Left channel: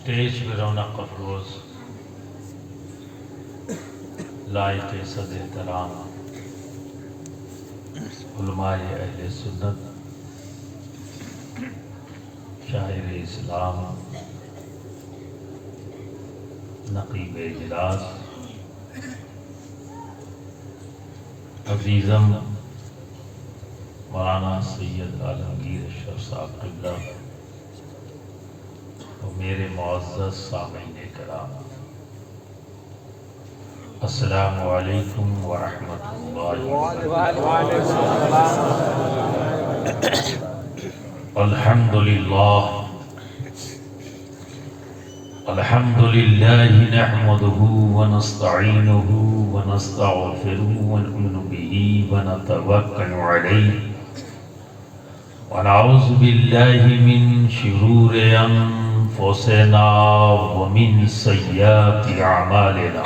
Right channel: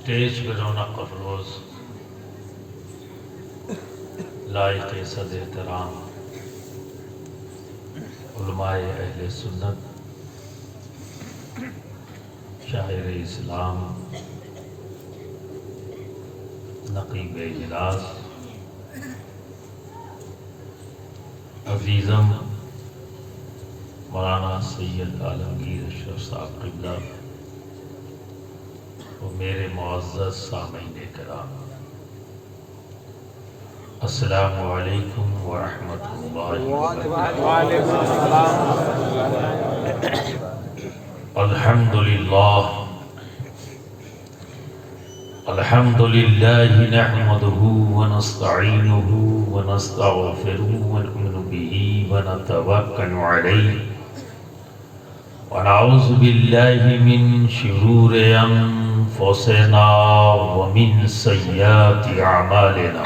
Stage پہ رونق افروز لائق صد احترام علماء اہل سنت، شاعر اسلام، نقیب اجلاس، عزیزم مولانا سید عالمگیر اشرف صاحب قبلہ و میرے معزز سامعین کرام، السلام علیکم ورحمۃ اللہ وبرکاتہ۔ الحمد للہ نحمده ونستعینه ونستغفره ونؤمن به ونتوکل علیہ ونعوذ باللہ من شرور انفسنا ومن سیئات اعمالنا،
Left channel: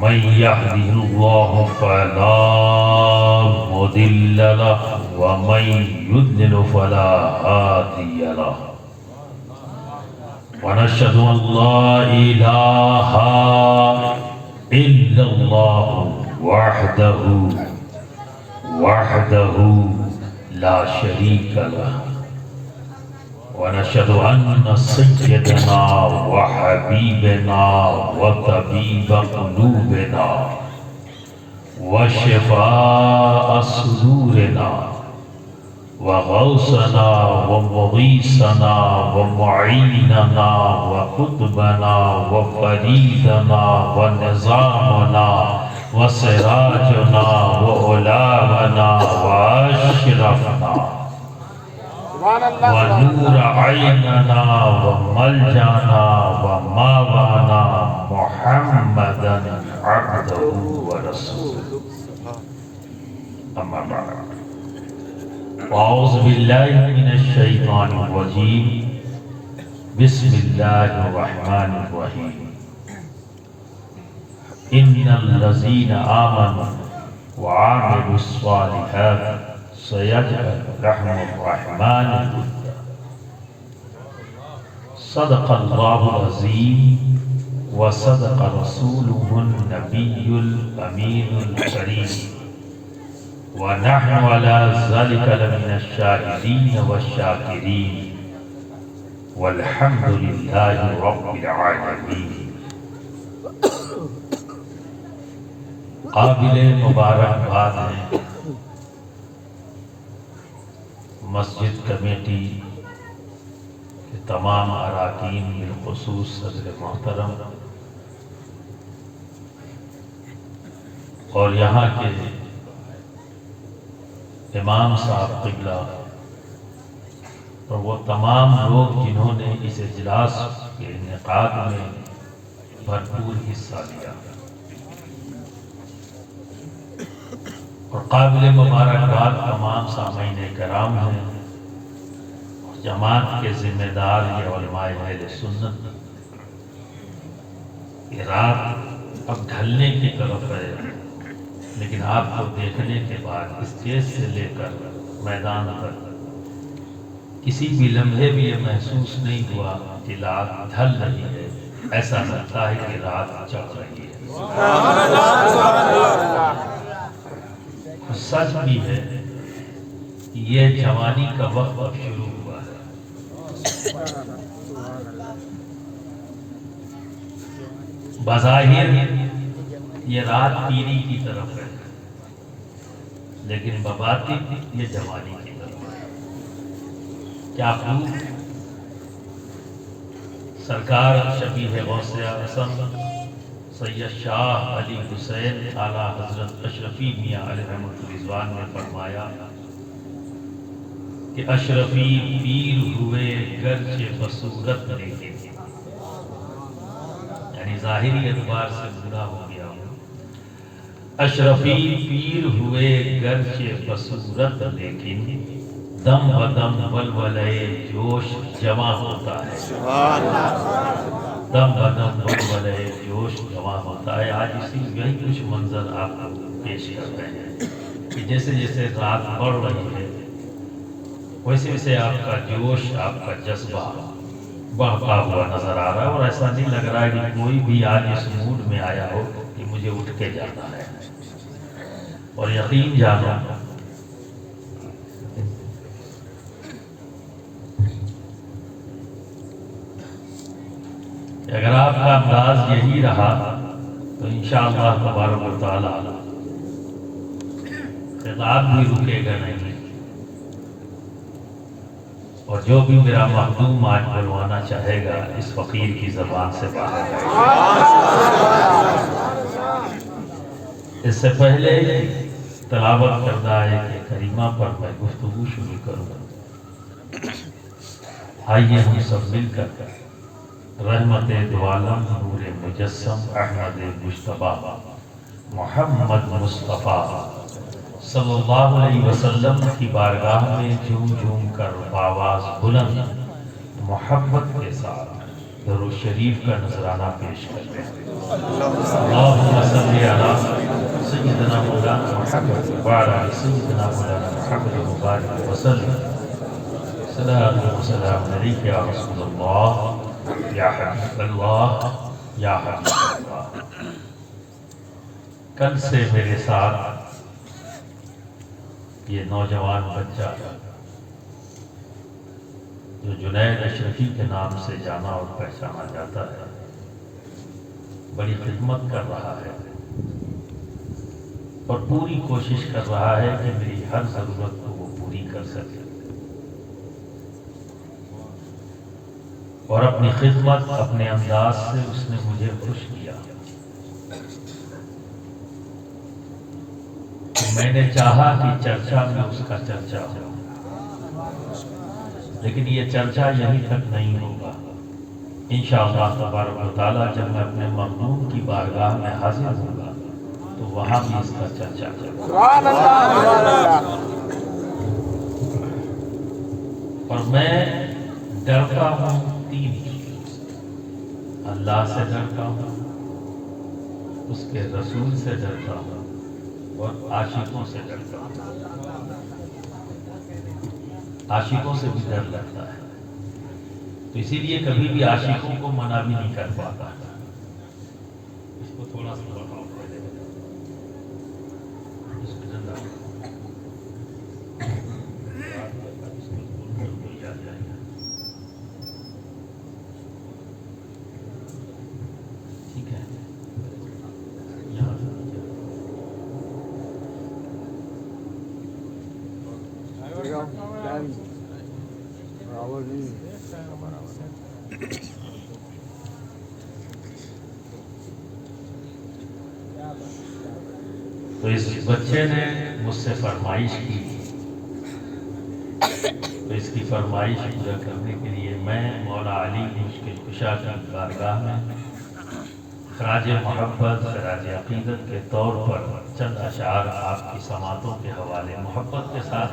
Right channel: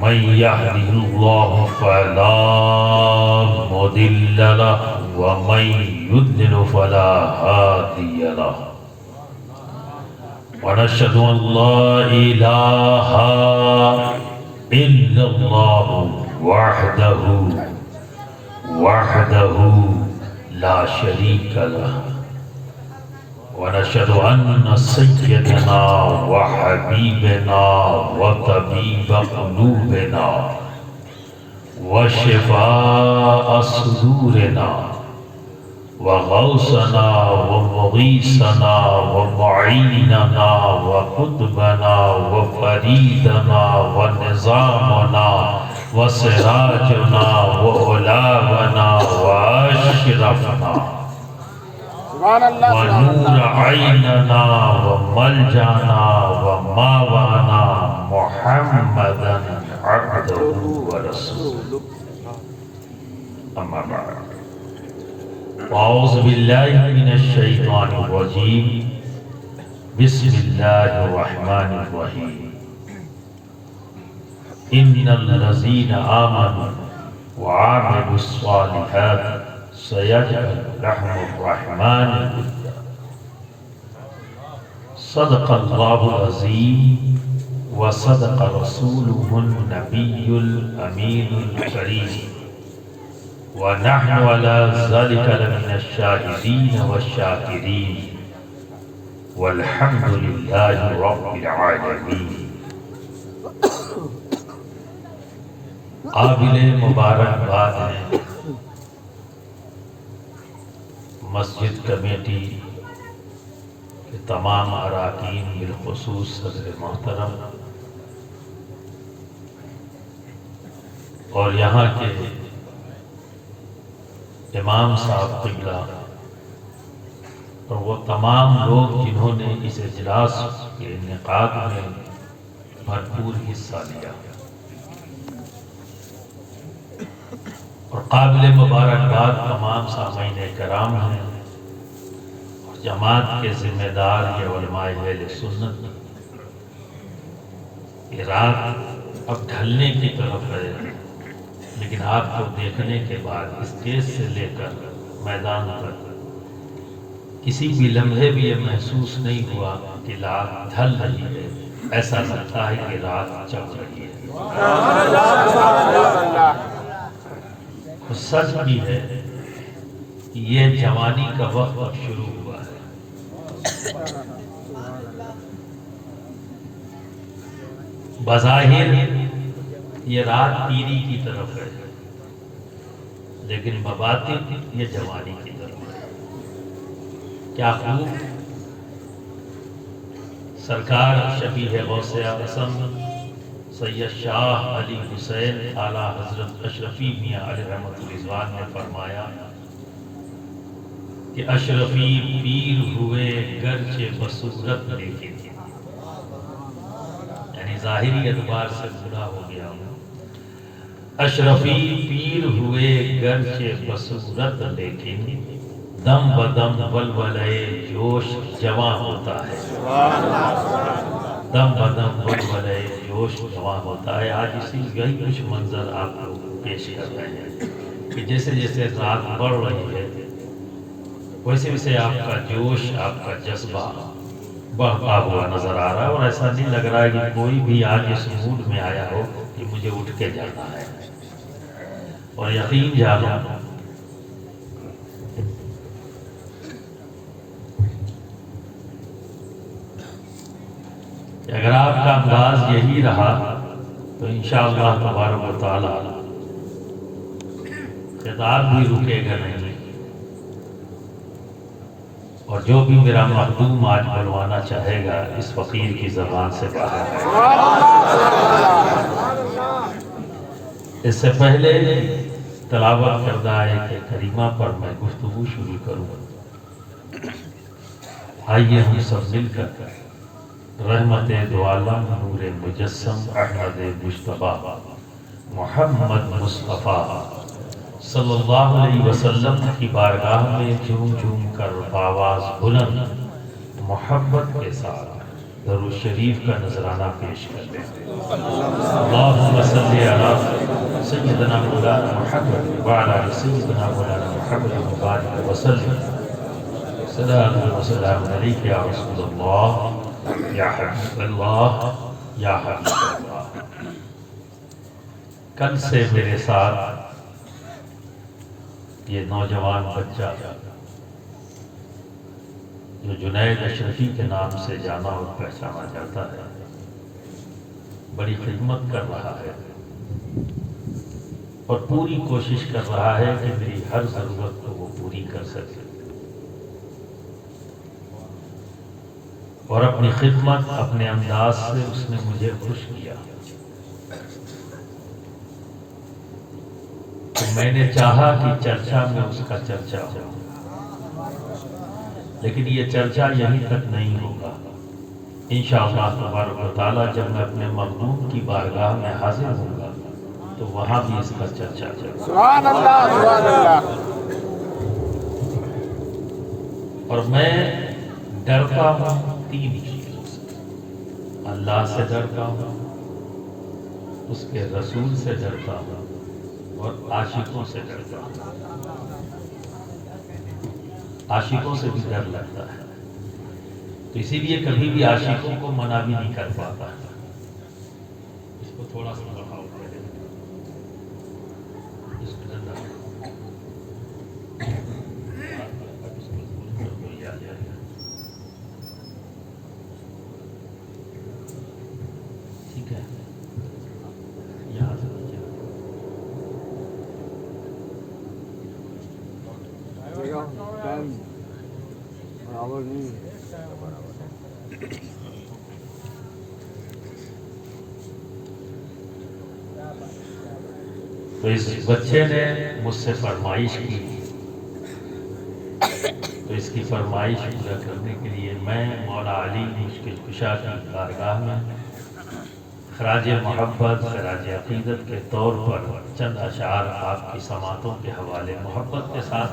من يهده الله فلا مضل له ومن يضلل فلا هادي له، ونشهد أن لا إله إلا الله وحده لا شريك له، ونشهد أن سيدنا وحبيبنا وطبيب قلوبنا وشفاء صدورنا وغوثنا ومغيثنا ومعيننا وقطبنا وفريدنا ونظامنا وسراجنا وعلاونا وأشرفنا ونور عيننا وملجانا وماوانا محمدا عبده ورسوله، أما بعد، أعوذ بالله من الشيطان الرجيم، بسم الله الرحمن الرحيم، إن الذين آمنوا وعملوا الصالحات سيجعل لهم الرحمن ودا، صدق الله العظيم وصدق رسوله النبي الأمين الكريم، ونحن على ذلك لمن الشاهدين والشاكرين، والحمد لله رب العالمين۔ قابل مبارکباد ہے مسجد کمیٹی کے تمام اراکین، بالخصوص صدر محترم اور یہاں کے امام صاحب قبلہ اور وہ تمام لوگ جنہوں نے اس اجلاس کے انعقاد میں بھرپور حصہ لیا، اور قابل مبارکباد تمام سامعین کرام ہیں اور جماعت کے ذمہ دار یہ علماء اہل سنت۔ یہ رات اب ڈھلنے کی طرف ہے، لیکن آپ کو دیکھنے کے بعد اسٹیج سے لے کر میدان تک کسی بھی لمحے بھی یہ محسوس نہیں ہوا کہ رات ڈھل رہی ہے، ایسا لگتا ہے کہ رات چڑھ رہی ہے۔ سچ بھی ہے کہ یہ جوانی کا وقت اب شروع ہوا ہے۔ بظاہر یہ رات پیری کی طرف ہے، لیکن بباطن یہ جوانی کی طرف ہے۔ کیا خوب سرکار شفیع غوث اعظم سید شاہ علی حسین اعلیٰ حضرت اشرفی میاں علیہ رحمۃ الرضوان نے فرمایا کہ اشرفی پیر ہوئے گرچہ بصورت لیکن، یعنی ظاہری اعتبار سے برا ہو گیا ہوں، اشرفی پیر ہوئے گرچہ بصورت لیکن، دم بدم ولولے جوش جمع ہوتا ہے، دم بدم ولولے جوش جمع ہوتا ہے۔ آج اسی یہی کچھ منظر آپ کو پیش کر رہے ہیں کہ جیسے جیسے رات بڑھ رہی ہے ویسے ویسے آپ کا جوش، آپ کا جذبہ بڑھتا ہوا نظر آ رہا ہے، اور ایسا نہیں لگ رہا ہے کہ کوئی بھی آج اس موڈ میں آیا ہو کہ مجھے اٹھ کے جانا ہے. اور یقین جانا کہ اگر آپ کا انداز یہی رہا تو انشاءاللہ تبارک و تعالی خطاب بھی رکے گا نہیں، اور جو بھی میرا مخدوم آج بلوانا چاہے گا اس فقیر کی زبان سے باہر آئے گا. اس سے پہلے تلاوت کردہ آیت کریمہ پر میں گفتگو شروع کروں. آئیے ہم سب مل کر رحمت دو عالم نور مجسم احمد مجتبیٰ محمد مصطفیٰ صلی اللہ علیہ وسلم کی بارگاہ میں جھوم جھوم کر آواز بلند محبت کے ساتھ درود شریف کا نذرانہ پیش کرتے ہیں. اللہم صلی علی سیدنا مولانا محمد وعلی آل سیدنا مولانا محمد وبارک وسلم. سلام و سلام علیک یا رسول اللہ یا حبیب اللہ یا حبیب اللہ. کل سے میرے ساتھ یہ نوجوان بچہ جو جنید اشرفی کے نام سے جانا اور پہچانا جاتا ہے بڑی خدمت کر رہا ہے اور پوری کوشش کر رہا ہے کہ میری ہر ضرورت کو وہ پوری کر سکے، اور اپنی خدمت اپنے انداز سے اس نے مجھے خوش کیا. میں نے چاہا کہ چرچا میں اس کا چرچا ہو، لیکن یہ چرچا یہیں تک نہیں ہوگا. انشاءاللہ تبارک و تعالی جب میں اپنے مخدوم کی بارگاہ میں حاضر ہوں گا تو وہاں بھی اس کا چرچا ہوگا. اور میں ڈرتا ہوں تین چیزوں سے. اللہ سے ڈرتا ہوں، اس کے رسول سے ڈرتا ہوں، اور عاشقوں سے ڈرتا ہوں. عاشقوں سے بھی ڈر لگتا ہے، تو اسی لیے کبھی بھی عاشقوں کو منع بھی نہیں کر پاتا. اس کو تھوڑا سا بتاؤ. ٹھیک ہے، یہاں سے تو اس بچے نے مجھ سے فرمائش کی، تو اس کی فرمائش پورا کرنے کے لیے میں مولا علی مشکل کشا کی بارگاہ میں خراج محبت خراج عقیدت کے طور پر چند اشعار آپ کی سماعتوں کے حوالے محبت کے ساتھ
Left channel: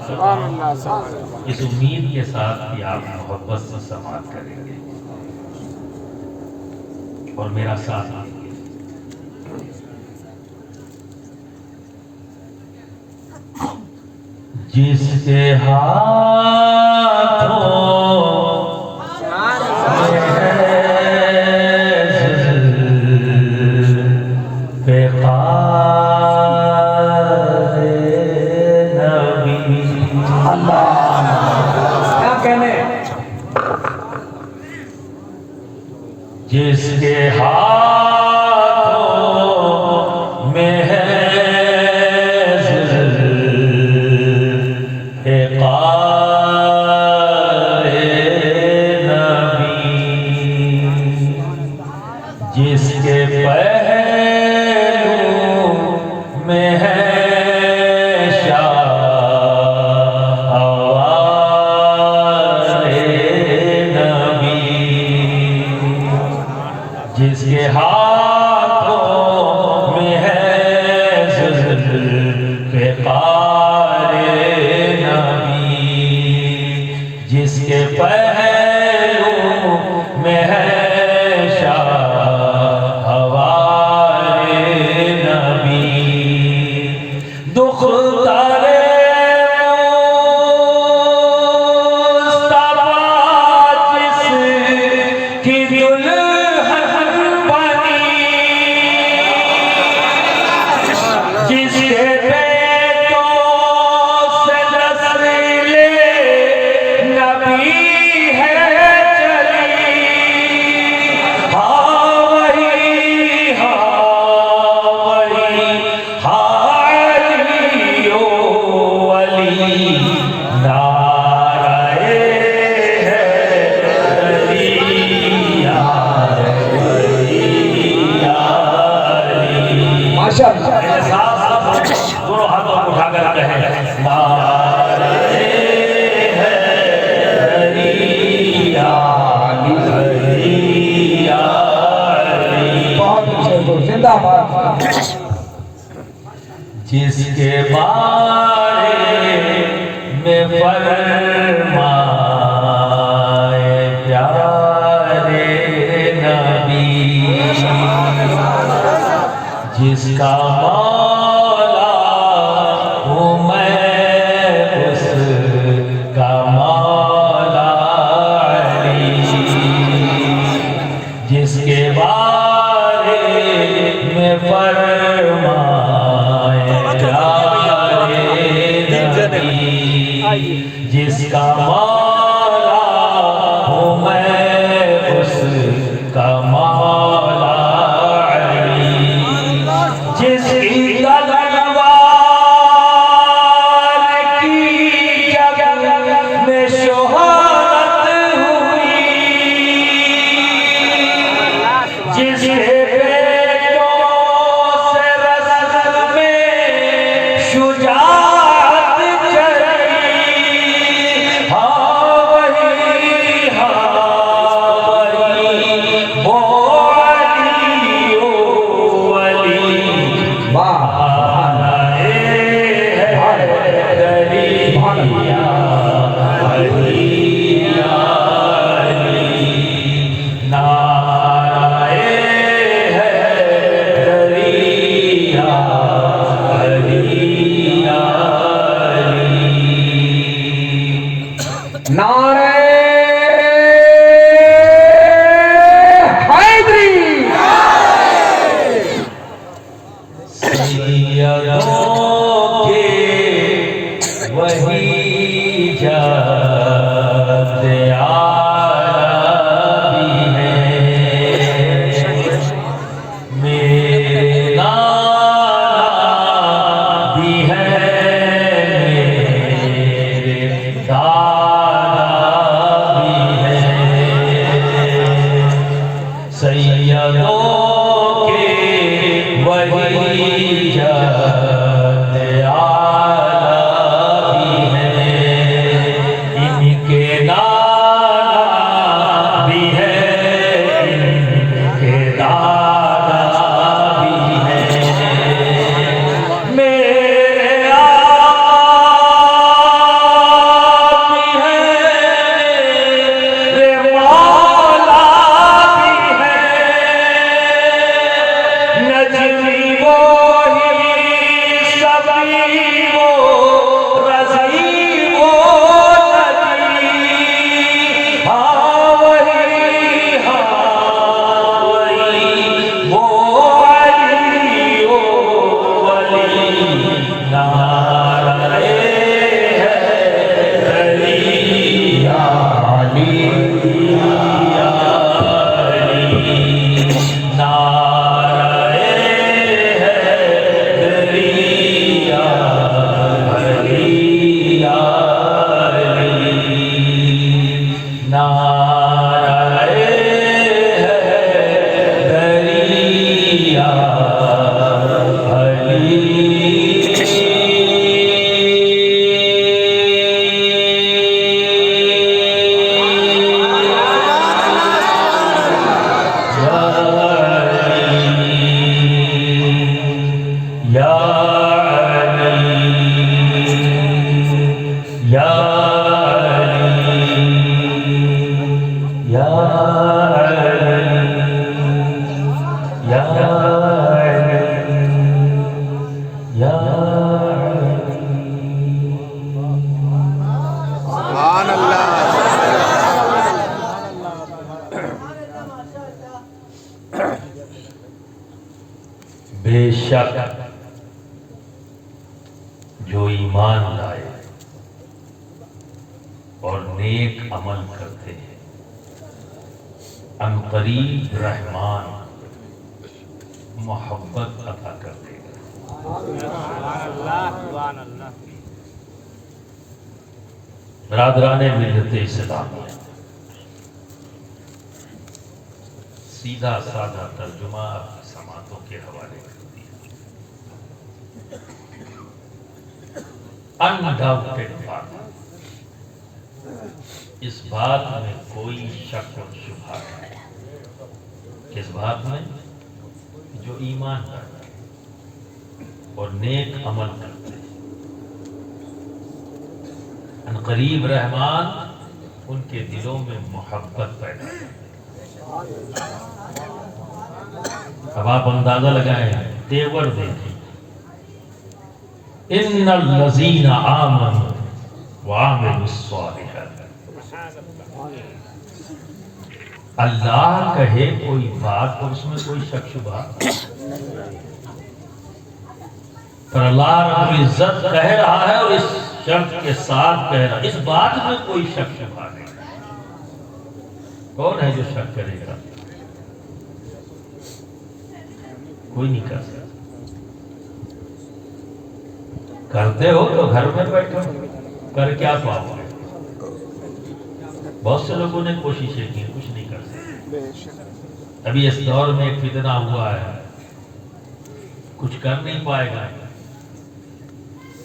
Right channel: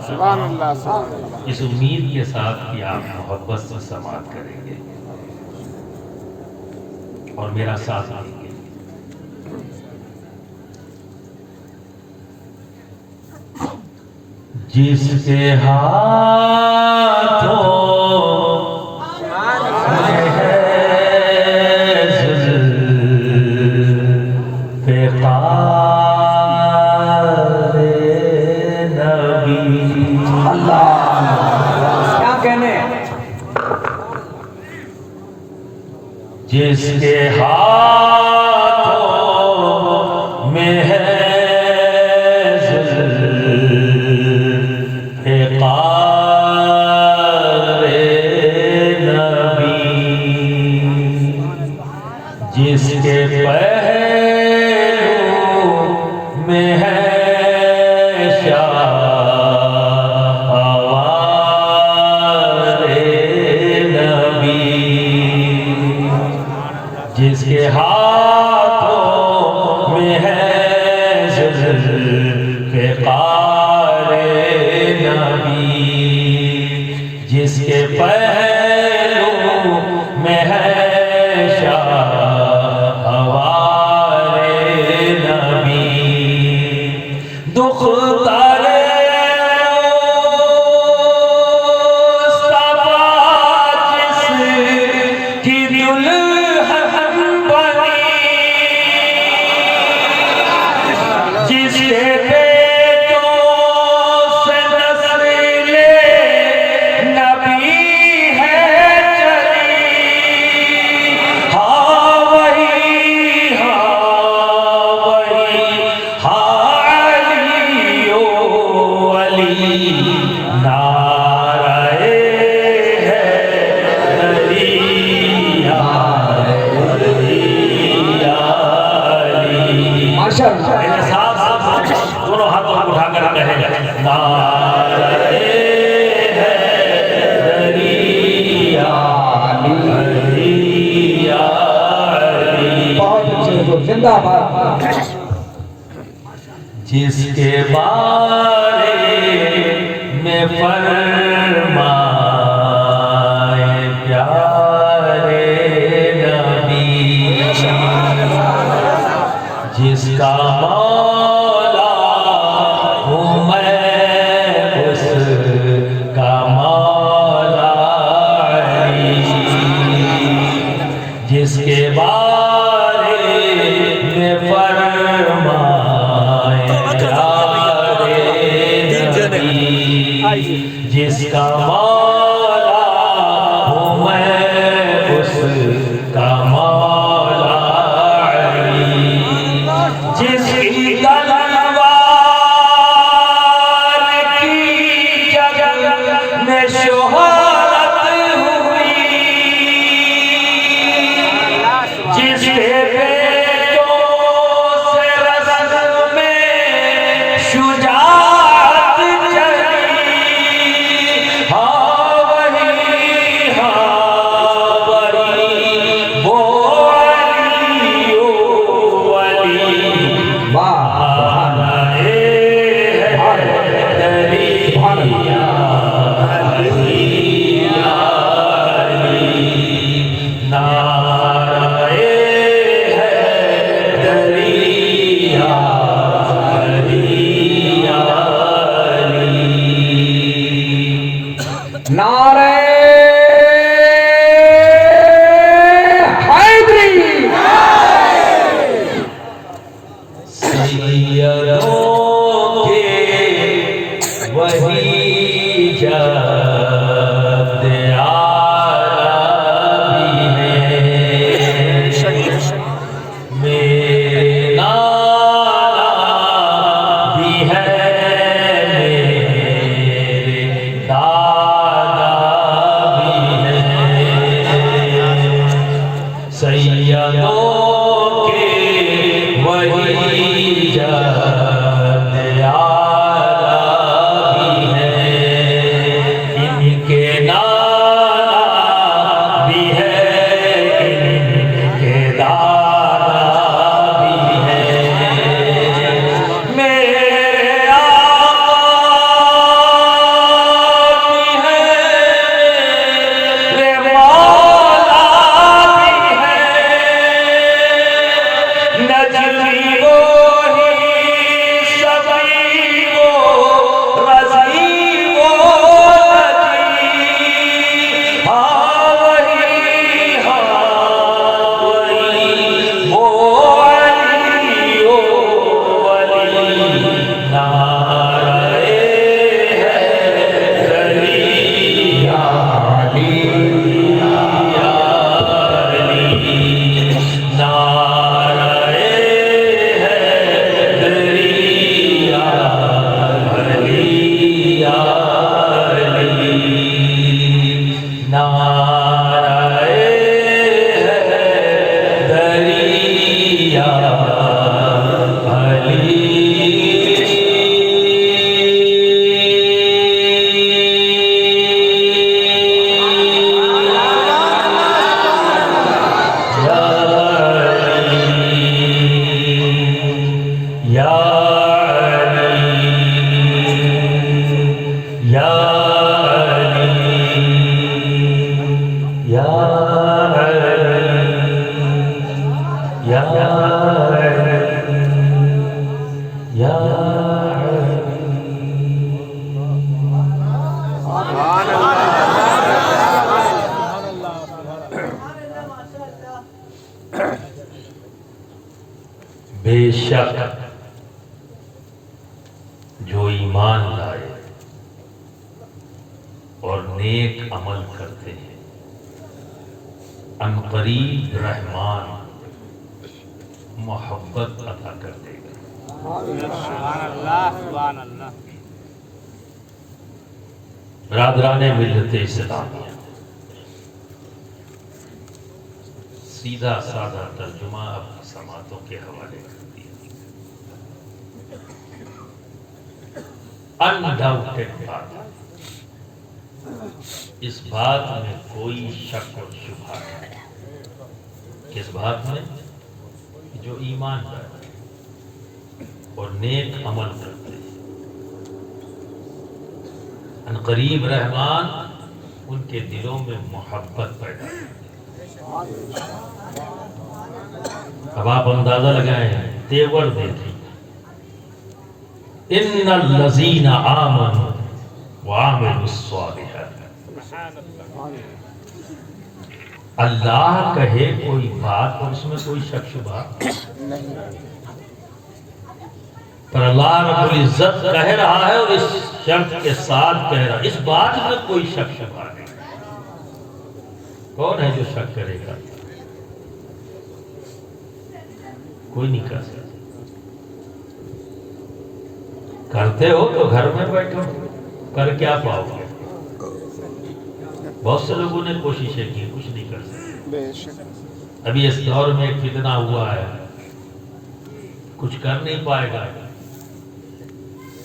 اس امید کے ساتھ کہ آپ محبت سے سماعت کریں گے اور میرا ساتھ دیں گے. جس کے ہاتھوں میں ہے جس کے ہاتھوں میں ہے فقار نبی، جس کے پہلو میں ہے جس کے ہاتھوں میں ہے ذوالفقار نبی، جس کے پہلو میں ہے شاہوار نبی. دکھ الحق بنی جس کے بیٹوں سے نسل نبی ہے چلی ہاں وہی علی او علی نعرہ حیدری یا علی ماشاءاللہ دونوں ہاتھوں کو اٹھا کر کہیں نعرہ حیدری یا علی یا علی بہت اچھے زندہ باد جس کے بارے میں فرمائے پیارے نبی جس کا مولا ہوں میں اس کا مولا علی جس کے بارے میں فرمائے پیارے نبی جس کا مولا ہوں میں اس کا مولا علی جس کی تلوار کی جگ میں شہرت ہوئی جس کے بیٹوں سے رسل میں شجاعت چلی ہاں وہی وہ علی او علی نعرہ حیدری سیدوں کے وہی جد عالمی ہے میرے نانا بھی ہے میرے دادا بھی ہے سیدوں کے وہی جد عالمی ہے ان کے نانا بھی ہے ان کے دادا بھی ہے میرے آپ بھی ہے میرے مولا بھی ہے نجمی وہی سبی وہ رضی وہ نجی ہاں وہی وہ علی او علی نعرہ حیدری یا علی یا علی نعرہ حیدری یا علی یا علی نعرہ حیدری یا علی یا علی یا علی یا علی یا علی یا علی بے شک جو ایمان لائے اور نیک عمل کرتے ہیں ان قریب رحمان محبت عطا کر دے گا۔ برادران ملت اسلامیہ، سیدھا سادہ ترجمہ آپ کی سماعتوں کے حوالے کر دیا۔ انڈاؤٹڈ بات، اس بات میں کوئی شک اور شبہ نہیں، کس بات میں؟ جو ایمان کرتے اور نیک عمل کرتے ہیں ان قریب رحمان ان کے دلوں میں محبت پیدا ہے۔ اب آپ اندازہ لگائیں، تیور دیکھیں، ان الذین آمنوا وعملوا الصالحات، اللہ کہے کوئی بات اور اس میں کوئی شک شبہ، پر اللہ رب العزت کہہ رہا ہے اور اس شرط کے ساتھ کہہ رہا ہے، اس بات میں کوئی شک شبہ نہیں۔ کون ہے جو شک کرے گا؟ کوئی نہیں کر سکتا۔ کرتے ہو تو گھر میں بیٹھو، کر کیا پاؤ گے؟ بہت سے لوگوں نے کوششیں کی، کچھ نہیں کر سکتے۔ ابھی اس دور میں ایک فتنہ ہوا ہے، کچھ کر نہیں پائے گا۔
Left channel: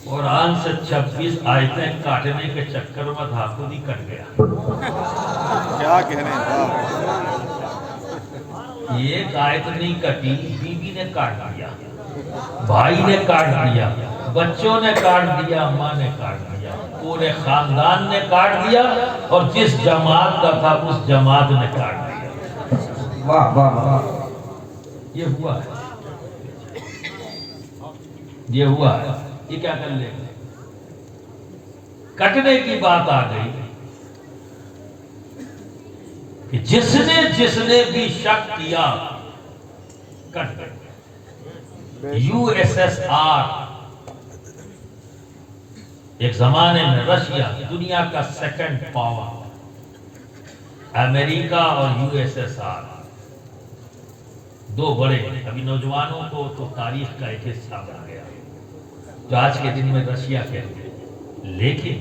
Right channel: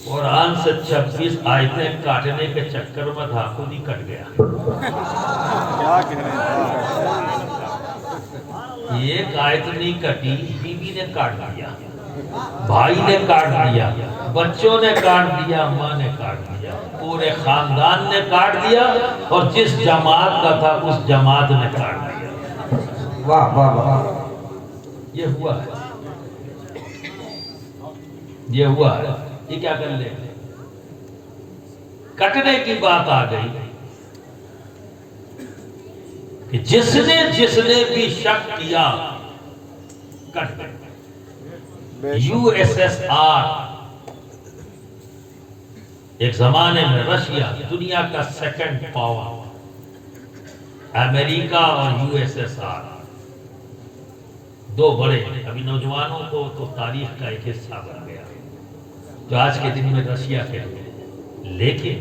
قرآن سے 26 آیتیں کاٹنے کے چکر میں تھا، خود ہی کٹ گیا۔ کیا کہنے ایک آیت نہیں کٹی، بیوی نے کاٹ دیا، بھائی نے کاٹ دیا، بچوں نے کاٹ دیا، ماں نے کاٹ دیا، پورے خاندان نے کاٹ دیا، اور جس جماعت کا تھا اس جماعت نے کاٹ دیا۔ واہ واہ واہ، یہ ہوا ہے، یہ ہوا ہے۔ یہ کیا کر لے؟ کٹنے کی بات آ گئی کہ جس نے بھی شک کیا کٹ گئے۔ USSR ایک زمانے میں رشیا دنیا کا سیکنڈ پاور، امریکہ اور USSR دو بڑے، ابھی نوجوانوں کو تو تاریخ کا ایک حصہ بن گیا جو آج کے دن میں رشیا کے لیے، لیکن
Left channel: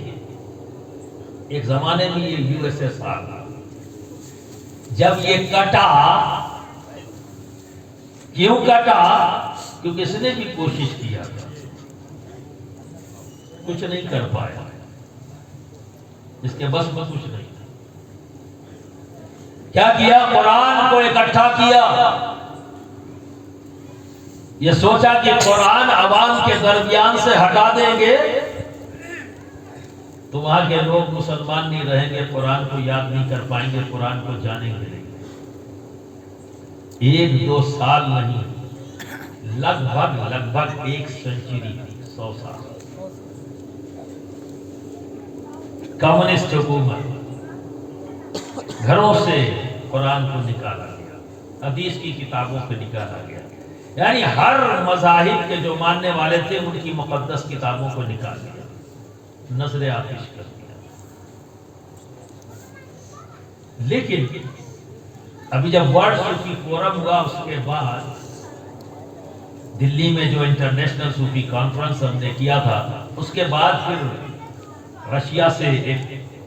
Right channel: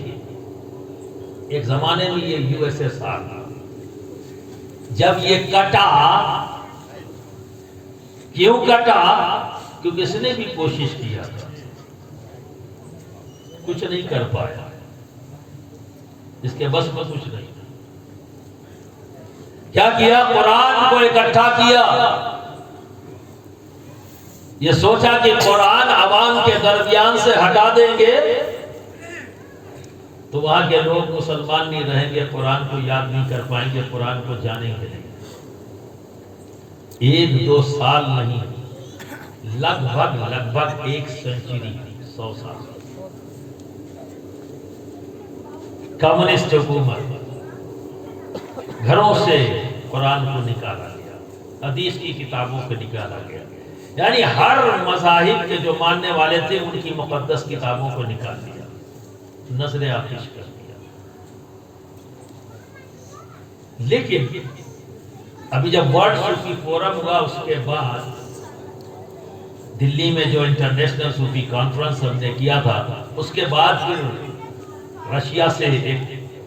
ایک زمانے میں یہ USSR جب یہ کٹا، کیوں کٹا؟ کیونکہ اس نے بھی کوشش کیا تھا، کچھ نہیں کر پایا، اس کے بس میں کچھ نہیں تھا۔ کیا کیا؟ قرآن کو اکٹھا کیا، یہ سوچا کہ قرآن عوام کے درمیان سے ہٹا دیں گے تو وہاں کے لوگ مسلمان نہیں رہیں گے، قرآن کو یاد نہیں کر پائیں گے، قرآن کو جانیں گے نہیں۔ 1-2 سال نہیں، لگ بھگ 1 سنچری، 100 سال کمیونسٹ حکومت گھروں سے قرآن کو نکالا گیا، حدیث کی کتابوں کو نکالا گیا، یعنی ہر مذاہب کے جو ماننے والے تھے ان کی مقدس کتابوں کو نکال دیا، نظر آتش کر دیا۔ لیکن ابھی جب ورلڈ صوفی فورم ہوا، اس کے بعد دلی میں جو انٹرنیشنل صوفی کانفرنس ہم نے کیا تھا، اس کے بعد پھر رشیا سے ایک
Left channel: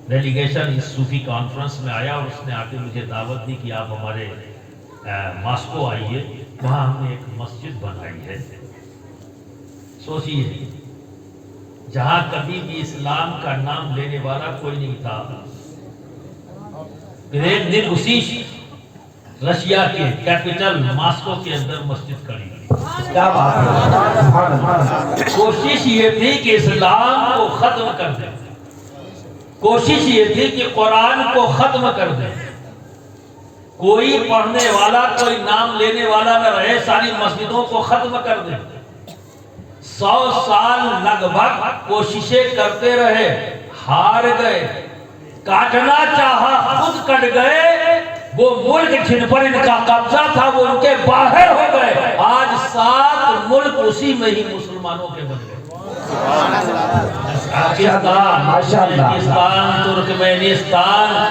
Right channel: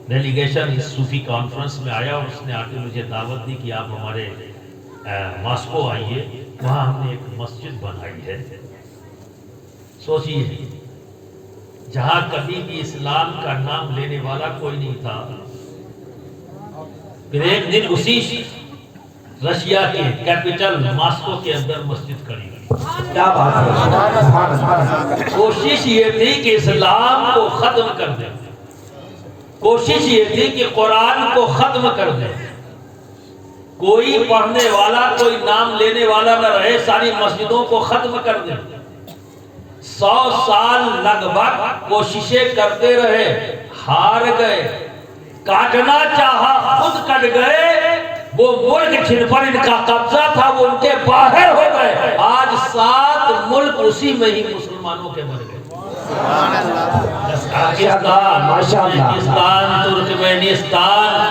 ڈیلیگیشن اس صوفی کانفرنس میں آیا اور اس نے آ کے مجھے دعوت دی کہ آپ ہمارے ماسکو آئیے، وہاں ہم نے ایک مسجد بنائی ہے۔ سوچیے، جہاں کبھی بھی اسلام کا نام لینے والا کوئی نہیں تھا، پھر ایک دن اسی رشیا کے کیپٹل ماسکو کے اندر مسجد کھڑی ہوئی۔ کیا بات ہے! کوشش یہ تھی کہ اسلام کو ختم کر دیں، کوشش یہ تھی کہ قرآن کو ختم کر دیں، کوئی پڑھنے والا، کوئی نام لینے والا نہ رہے، ساری مسجدوں کو ختم کر دیں۔ 100 سال لگ بھگ کوششیں کرتے رہے، ہار گئے، کاٹنا چاہا خود کٹ گئے، وہ ملک جن پر ان کا قبضہ تھا وہ ان کے باہر ہو گئے۔ آج 7 اسی میں ہی مسلمانوں کے بن گئے. ماشاء اللہ. پاکستان، ترکمینستان،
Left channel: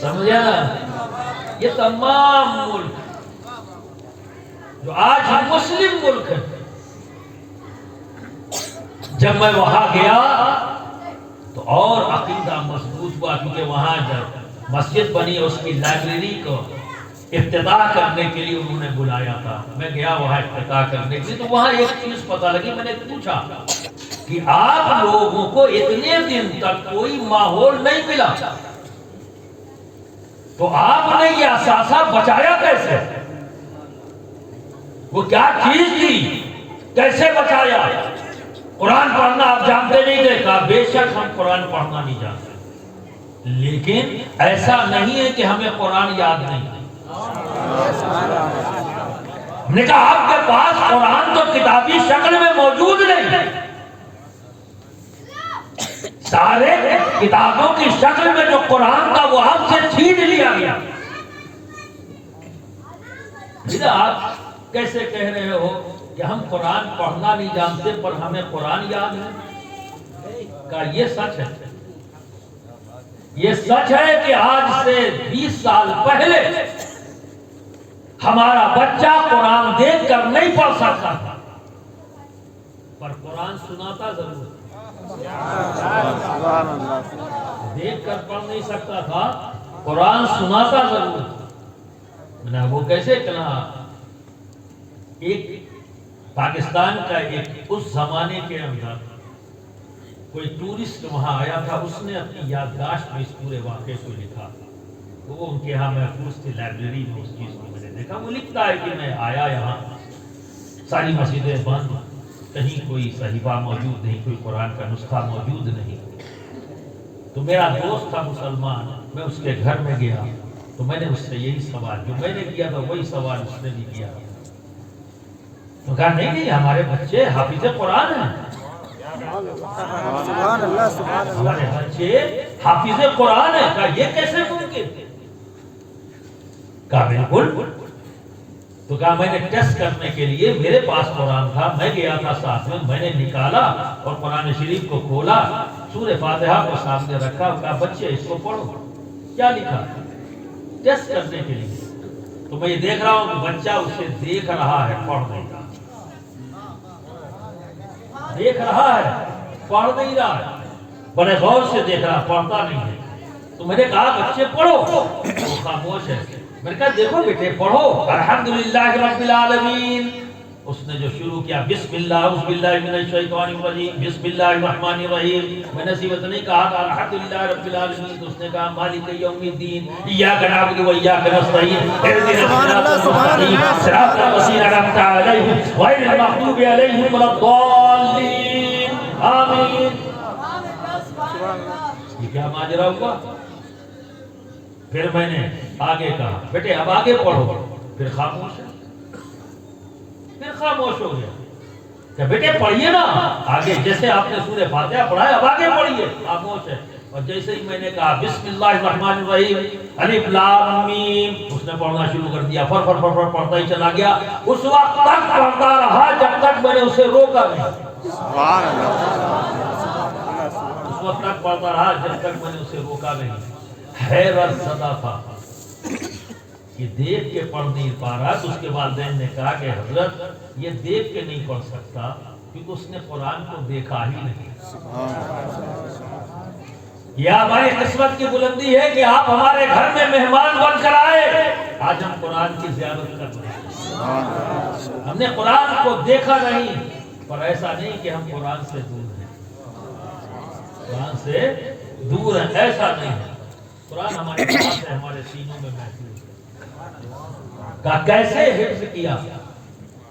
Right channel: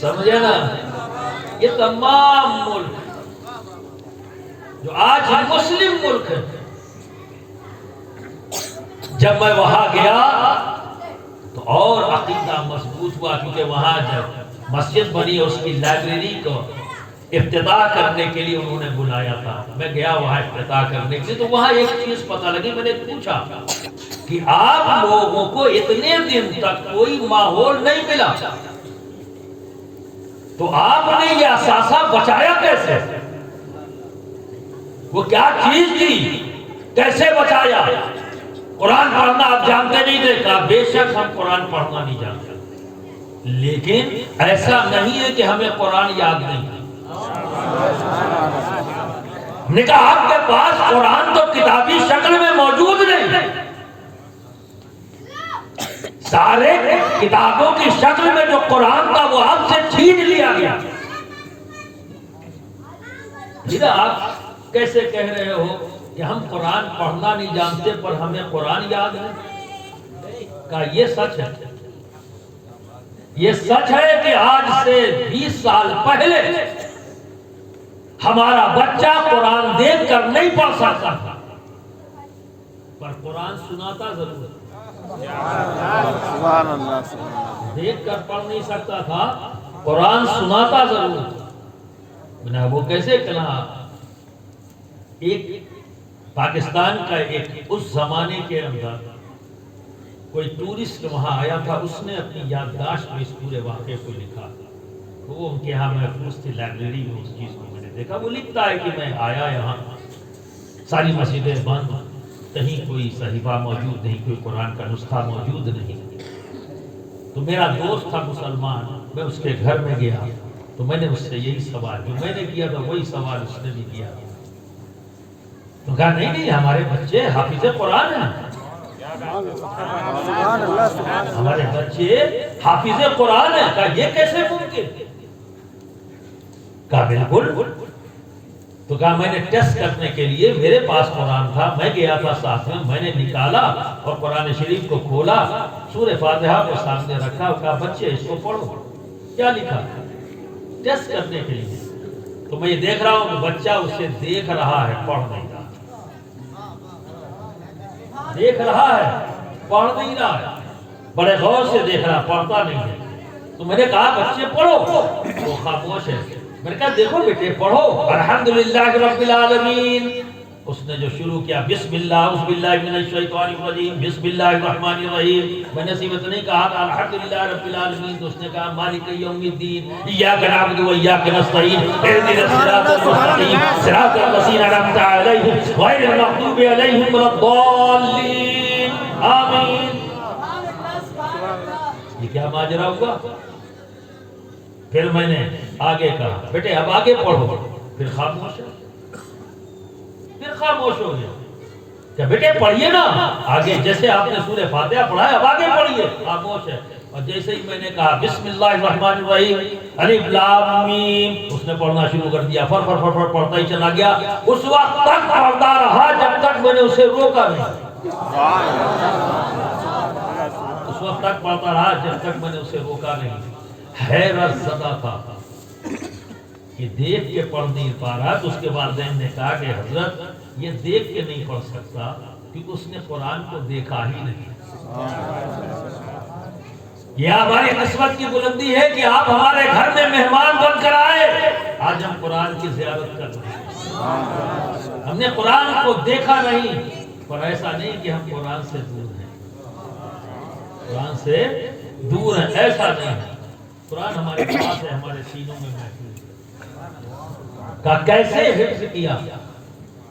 سمجھے نا، یہ تمام ملک جو آج مسلم ملک ہے. جب میں وہاں گیا تو اور عقیدہ مضبوط ہوا، کیونکہ وہاں جب مسجد بنی اس کی لائبریری کو افتتاح کرنے کے لیے انہوں نے بلایا تھا. میں گیا وہاں افتتاح کرنے کے لیے، تو وہاں ایک چیز پتہ لگی. میں نے پوچھا کہ آپ لوگوں کو اتنے دن تک کوئی ماحول نہیں ملا، تو آپ نے یہ اثاثہ بچایا کیسے؟ وہ کیا چیز تھی، کیسے بچایا؟ قرآن پڑھنا آپ جانتے نہیں تھے. کہا بے شک ہم قرآن پڑھنا نہیں جانتے، لیکن ایسا نہیں ہے کہ ہمیں قرآن یاد نہیں. ہم نے کہا آپ کے پاس قرآن تو کتابی شکل میں موجود نہیں، سارے کتابوں کی شکل میں جو قرآن تھا وہ آپ سے چھین لیا گیا. آپ کیسے کہہ رہے ہو کہ ہم قرآن پڑھنا نہیں جانتے پر ہمیں قرآن یاد ہے؟ کہا یہ سچ ہے. یہ سچ ہے کہ آج سے 20 سال پہلے ہمارا بچہ قرآن دیکھ کر نہیں پڑھ سکتا تھا، پر قرآن سناتا ضرور ہے. دیکھ کر پڑھ نہیں سکتا تھا، قرآن سناتا ضرور تھا. وہ کیسے کہا؟ ایک پاکستان کا ایک اس زمانے کے اندر کوئی ٹورسٹ وہاں آیا تھا، اس نے اپنی یادداشت میں اس پورے واقعے کو لکھا. وہ ان کے یہاں محفوظ تھی لائبریری میں، اس چیز کو میں نے دیکھا. وہ لکھتا ہے کہ میں آیا یہاں، ساری مسجدیں بند، کہیں کوئی صحیفہ موجود نہیں، کوئی قرآن کا نسخہ موجود نہیں. تو میرا دوست تھا مسلمان، میں اس کے گھر میں گیا تو میں نے اس سے یہی سوال، جو میں نے کیا تھا وہی سوال اس نے بھی کیا. تو کہا نہیں ہمارے بچے حافظ قرآن ہیں، ہمارے بچے حافظ قرآن ہیں. کہا یہ کیسے ممکن؟ کہا بالکل. تو کہا میں نے ٹیسٹ کرنے کے لیے، میرے پاس قرآن تھا، میں گیا تھا ساتھ میں نے نکالا اور قرآن شریف کو کھولا، سورہ فاتحہ کو سامنے رکھا، کہا بچے اس کو پڑھو. کیا لکھا؟ ٹیسٹ کرنے کے لیے. تو میں یہ دیکھ رہا ہوں کہ بچہ اسے دیکھ رہا ہے، پڑھ نہیں رہا. دیکھ رہا ہے، پڑھ نہیں رہا ہے، بڑے غور سے دیکھ رہا، پڑھتا نہیں ہے. تو میں نے کہا بچے پڑھو، وہ خاموش ہے. میں نے کہا دیکھو بیٹے پڑھو، الحمدللہ رب العالمین. اس نے جو شروع کیا بسم اللہ اعوذ باللہ من الشیطان الرجیم بسم اللہ الرحمن الرحیم. میں نے سیمت نہیں کہا تھا الحمدللہ رب العالمین، تو اس نے کہا مالک یوم الدین ایاک نعبد و ایاک نستعین اهدنا الصراط المستقیم صراط الذین انعمت علیہم غیر المغضوب علیہم ولا الضالین آمین. یہ کیا ماجرا ہوا؟ پھر میں نے آگے کہا بیٹے اب آگے پڑھو. پھر خاموش ہے، پھر خاموش ہو گیا کہ بیٹے پڑھیے نا آگے، جیسے آپ نے سورہ فاتحہ پڑھا ہے اب آگے پڑھیے. خاموش ہے. اور جیسے ہی میں نے کہا بسم اللہ الرحمن الرحیم الف لام میم، اس نے پڑھنا شروع کر دیا. فر فر فر فر پڑھتا ہی چلا گیا. اس وقت تک پڑھتا رہا جب تک میں نے اسے روکا نہیں. اس وقت تک پڑھتا رہا جب تک میں نے اسے روکا نہیں. حیرت زدہ تھا کہ دیکھ کے پڑھ نہیں پا رہا. تو اس کے والدین نے کہا کہ حضرت یہ دیکھ کے نہیں پڑھ سکتا کیونکہ اس نے قرآن کو دیکھا ہی نہیں. یہ ہماری قسمت کی بلندی ہے کہ آپ ہمارے گھر میں مہمان بن کر آئے. آج ہم قرآن کی زیارت کر رہے ہیں. ہم نے قرآن کو دیکھا نہیں، پر ایسا نہیں کہ ہم قرآن سے دور ہیں. قرآن سے دور ہیں ایسا نہیں ہے. قرآن ہمارے پاس ہے، ہمارے سینوں میں محفوظ ہے. کہ کیسے حفظ کیا؟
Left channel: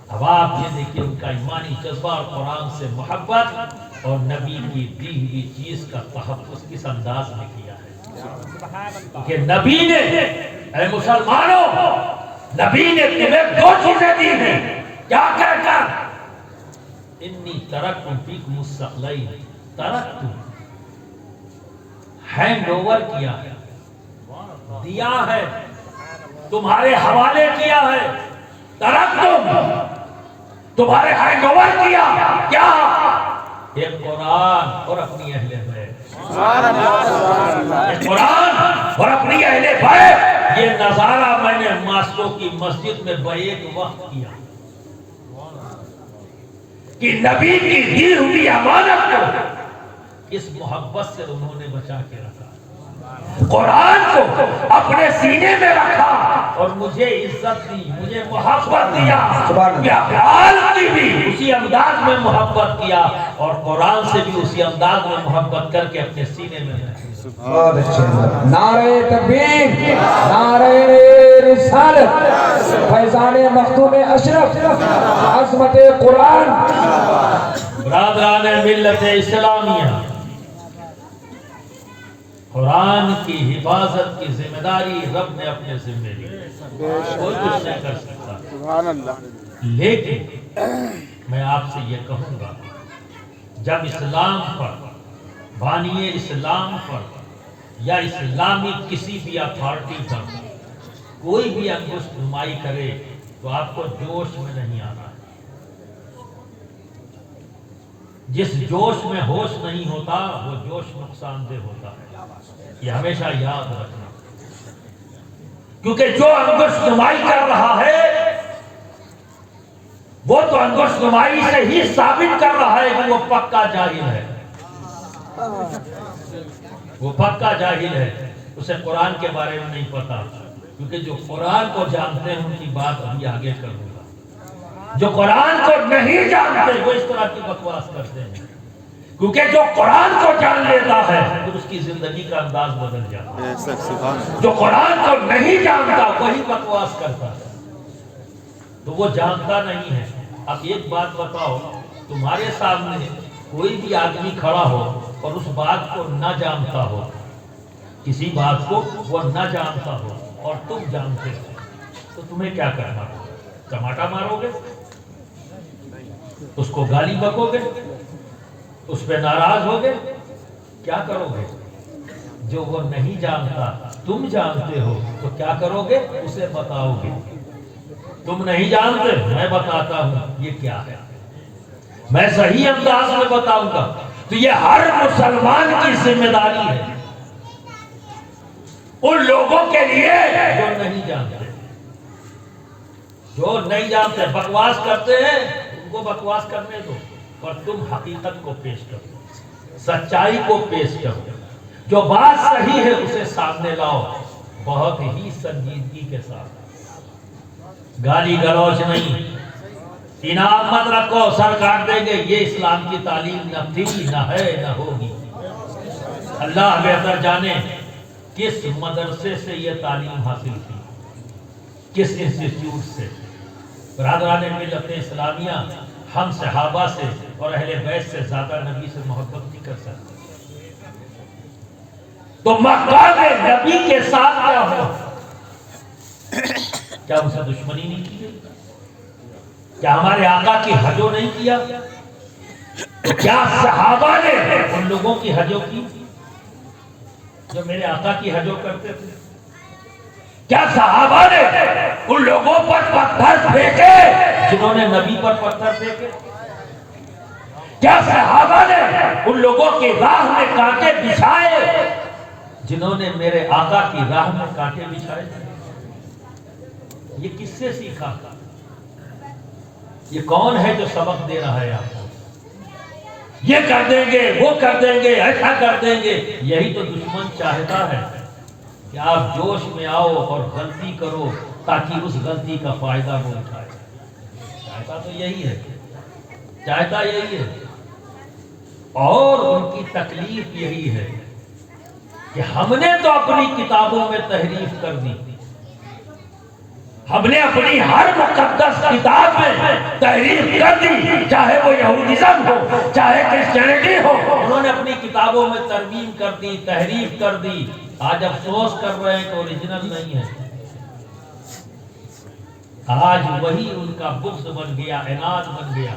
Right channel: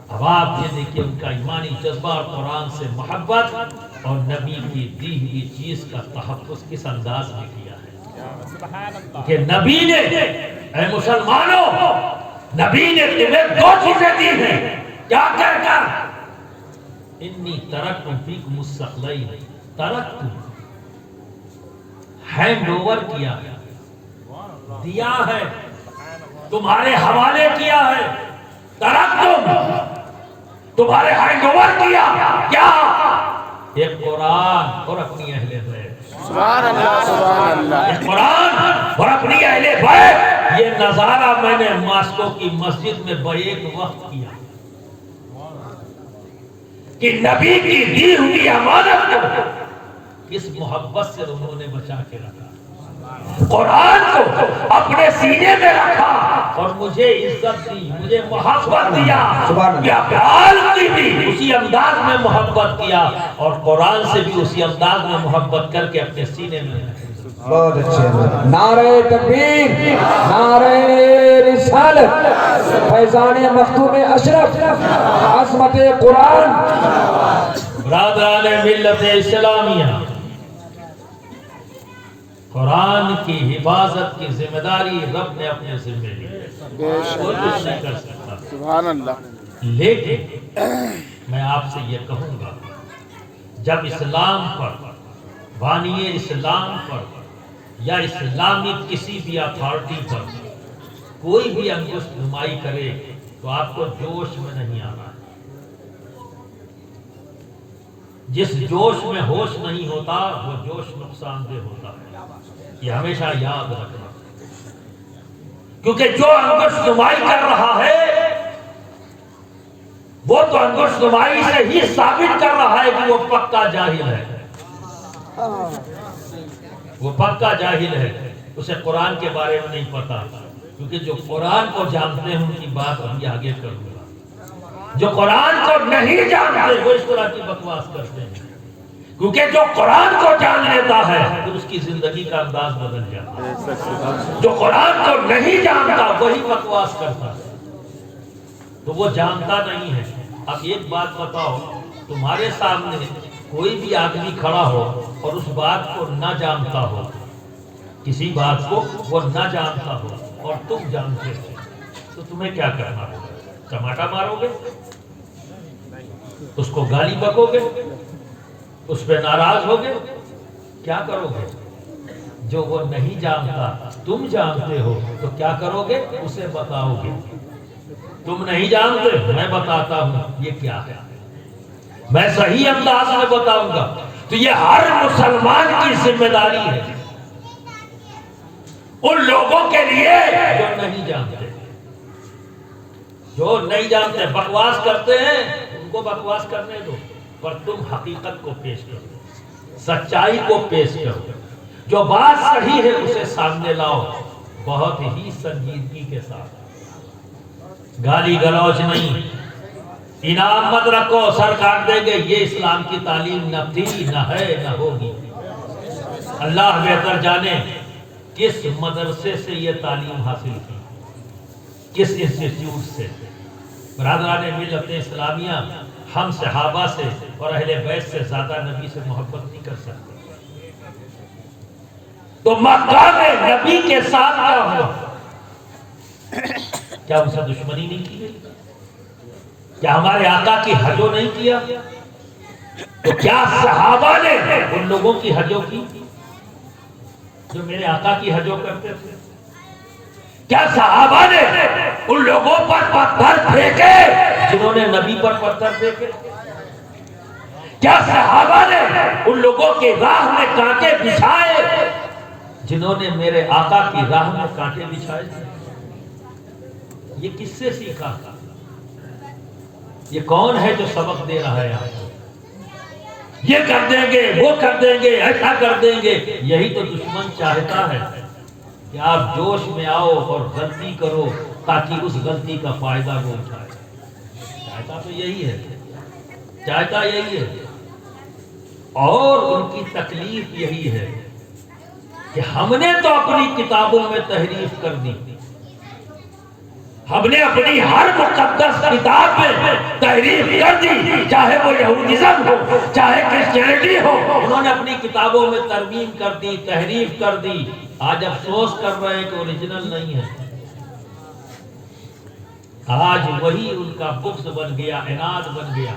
اب آپ یہ دیکھیے ان کا ایمانی جذبہ اور قرآن سے محبت اور نبی کی دی ہوئی چیز کا تحفظ کس انداز میں کیا ہے. کہ نبی نے، اے مسلمانوں، نبی نے تمہیں 2 چیزیں دی ہیں. کیا کہہ کر؟ انی ترکتم فیکم الثقلین، ترکتم ہینڈ اوور کیا ہے، دیا ہے، تمہارے حوالے کیا ہے. ترکتم تمہارے ہینڈ اوور کیا کیا؟ ایک قرآن اور اپنی اہل بیت، سبحان اللہ سبحان اللہ. ایک قرآن اور اپنی اہل بیت. یہ نظارہ میں نے ماسکو کی مسجد میں بیک وقت کیا کہ نبی کی دی ہوئی امانت کو کس محبت سے انہوں نے بچا کے رکھا، قرآن کو اپنے سینے میں رکھا اور مجھے عزت دی، مجھے محبت دیا. قرآن کی بھی اسی انداز میں محبت کیا اور قرآن سے بھی اسی انداز میں محبت کر کے اپنے سینے میں رکھا. بہت اچھے. نعرہ تکبیر، نعرہ رسالت، فیضان مختوم اشرف، عظمت قرآن. برادران ملت اسلامیہ، قرآن کی حفاظت کی ذمہ داری رب نے اپنے ذمہ لی، کوئی کچھ نہیں کر سکتا. سبحان اللہ. لیکن میں آپ سے یہ کہوں گا، جب اسلام پر، بانی اسلام پر یا اسلامی کسی بھی اتھارٹی پر کوئی بھی انگشت نمائی کرے تو آپ کو جوش میں نہیں آنا. جس جوش میں ہوش نہیں ہوتا وہ جوش نقصان دہ ہوتا ہے، یہ ہمیشہ یاد رکھنا. کیونکہ جو انگشت نمائی کر رہا ہے وہ تو انگشت نمائی سے ہی ثابت کر رہا ہے کہ وہ پکا جاہل ہے، وہ پکا جاہل ہے، اسے قرآن کے بارے میں نہیں پتا. کیونکہ جو قرآن کو جانتے ہیں ان کی بات ابھی آگے کروں گا. جو قرآن کو نہیں جانتے وہ اس طرح کی بکواس کرتے ہیں. کیونکہ جو قرآن کو جان لیتا ہے پھر اس کی زندگی کا انداز بدل جاتا ہے. جو قرآن کو نہیں جانتا وہی بکواس کرتا ہے، تو وہ جانتا نہیں ہے. اب ایک بات بتاؤ، تمہارے سامنے کوئی بھی آدمی کھڑا ہو اور اس بات کو نہ جانتا ہو، کسی بات کو وہ نہ جانتا ہو اور تم جانتے ہو، تو تمہیں کیا کرنا ہوگا؟ ٹماٹا مارو گے؟ اس کو گالی بکو گے؟ اس پہ ناراض ہوگے؟ کیا کرو گے؟ جو وہ نہیں جانتا تم جانتے ہو تو کیا کرو گے؟ اسے بتاؤ گے. تم نہیں جانتے، میں بتاتا ہوں یہ کیا ہے، میں صحیح انداز میں بتاؤں گا. تو یہ ہر مسلمان کی ذمہ داری ہے ان لوگوں کے لیے جو نہیں جانتے. جو نہیں جانتے بکواس کرتے ہیں، ان کو بکواس کرنے دو، پر تم حقیقت کو پیش کرو، سچائی کو پیش کرو. جو بات صحیح ہے اسے سامنے لاؤ بہت ہی سنجیدگی کے ساتھ. گالی گلوچ نہیں، انعام مت رکھو سر کاٹ دیں گے، یہ اسلام کی تعلیم نہ تھی، نہ ہے، نہ ہوگی. اللہ بہتر جانے کس مدرسے سے یہ تعلیم حاصل کی، کس انسٹیٹیوٹ سے. برادران ملت اسلامیہ، ہم صحابہ سے اور اہل بیت سے زیادہ نبی سے محبت نہیں کر سکتے. تو مقام نبی کے ساتھ کیا ہو؟ کیا ان سے دشمنی نہیں کی گئی؟ کیا ہمارے آقا کی حجوں نہیں کیا؟ تو کیا صحابہ نے ان لوگوں کی حجوں کی جو میرے آقا کی حجوں کرتے تھے؟ کیا صحابہ نے ان لوگوں پر پتھر پھینکے جنہوں نے نبی پر پتھر پھینکے؟ کیا صحابہ نے ان لوگوں کی راہ میں کانٹے بچھائے جنہوں نے میرے آقا کی راہ میں کانٹے بچھائے؟ یہ کس سے سیکھا؟ یہ کون ہے جو سبق دے رہا ہے آپ کو؟ یہ کر دیں گے، وہ کر دیں گے، ایسا کر دیں گے. یہی تو دشمن چاہتا ہے کہ آپ جوش میں آؤ اور غلطی کرو تاکہ اس غلطی کا فائدہ وہ اٹھائے. چاہتا تو یہی ہے، چاہتا یہی ہے. اور ان کی تکلیف یہی ہے کہ ہم نے تو اپنی کتابوں میں تحریف کر دی، ہم نے اپنی ہر مقدس کتاب میں تحریف کر دی، چاہے وہ یہودیزم ہو چاہے کرسچینٹی ہو، انہوں نے اپنی کتابوں میں ترمیم کر دی، تحریف کر دی. آج افسوس کر رہے ہیں کہ اوریجنل نہیں ہے. آج وہی ان کا بغض بن گیا، عناد بن گیا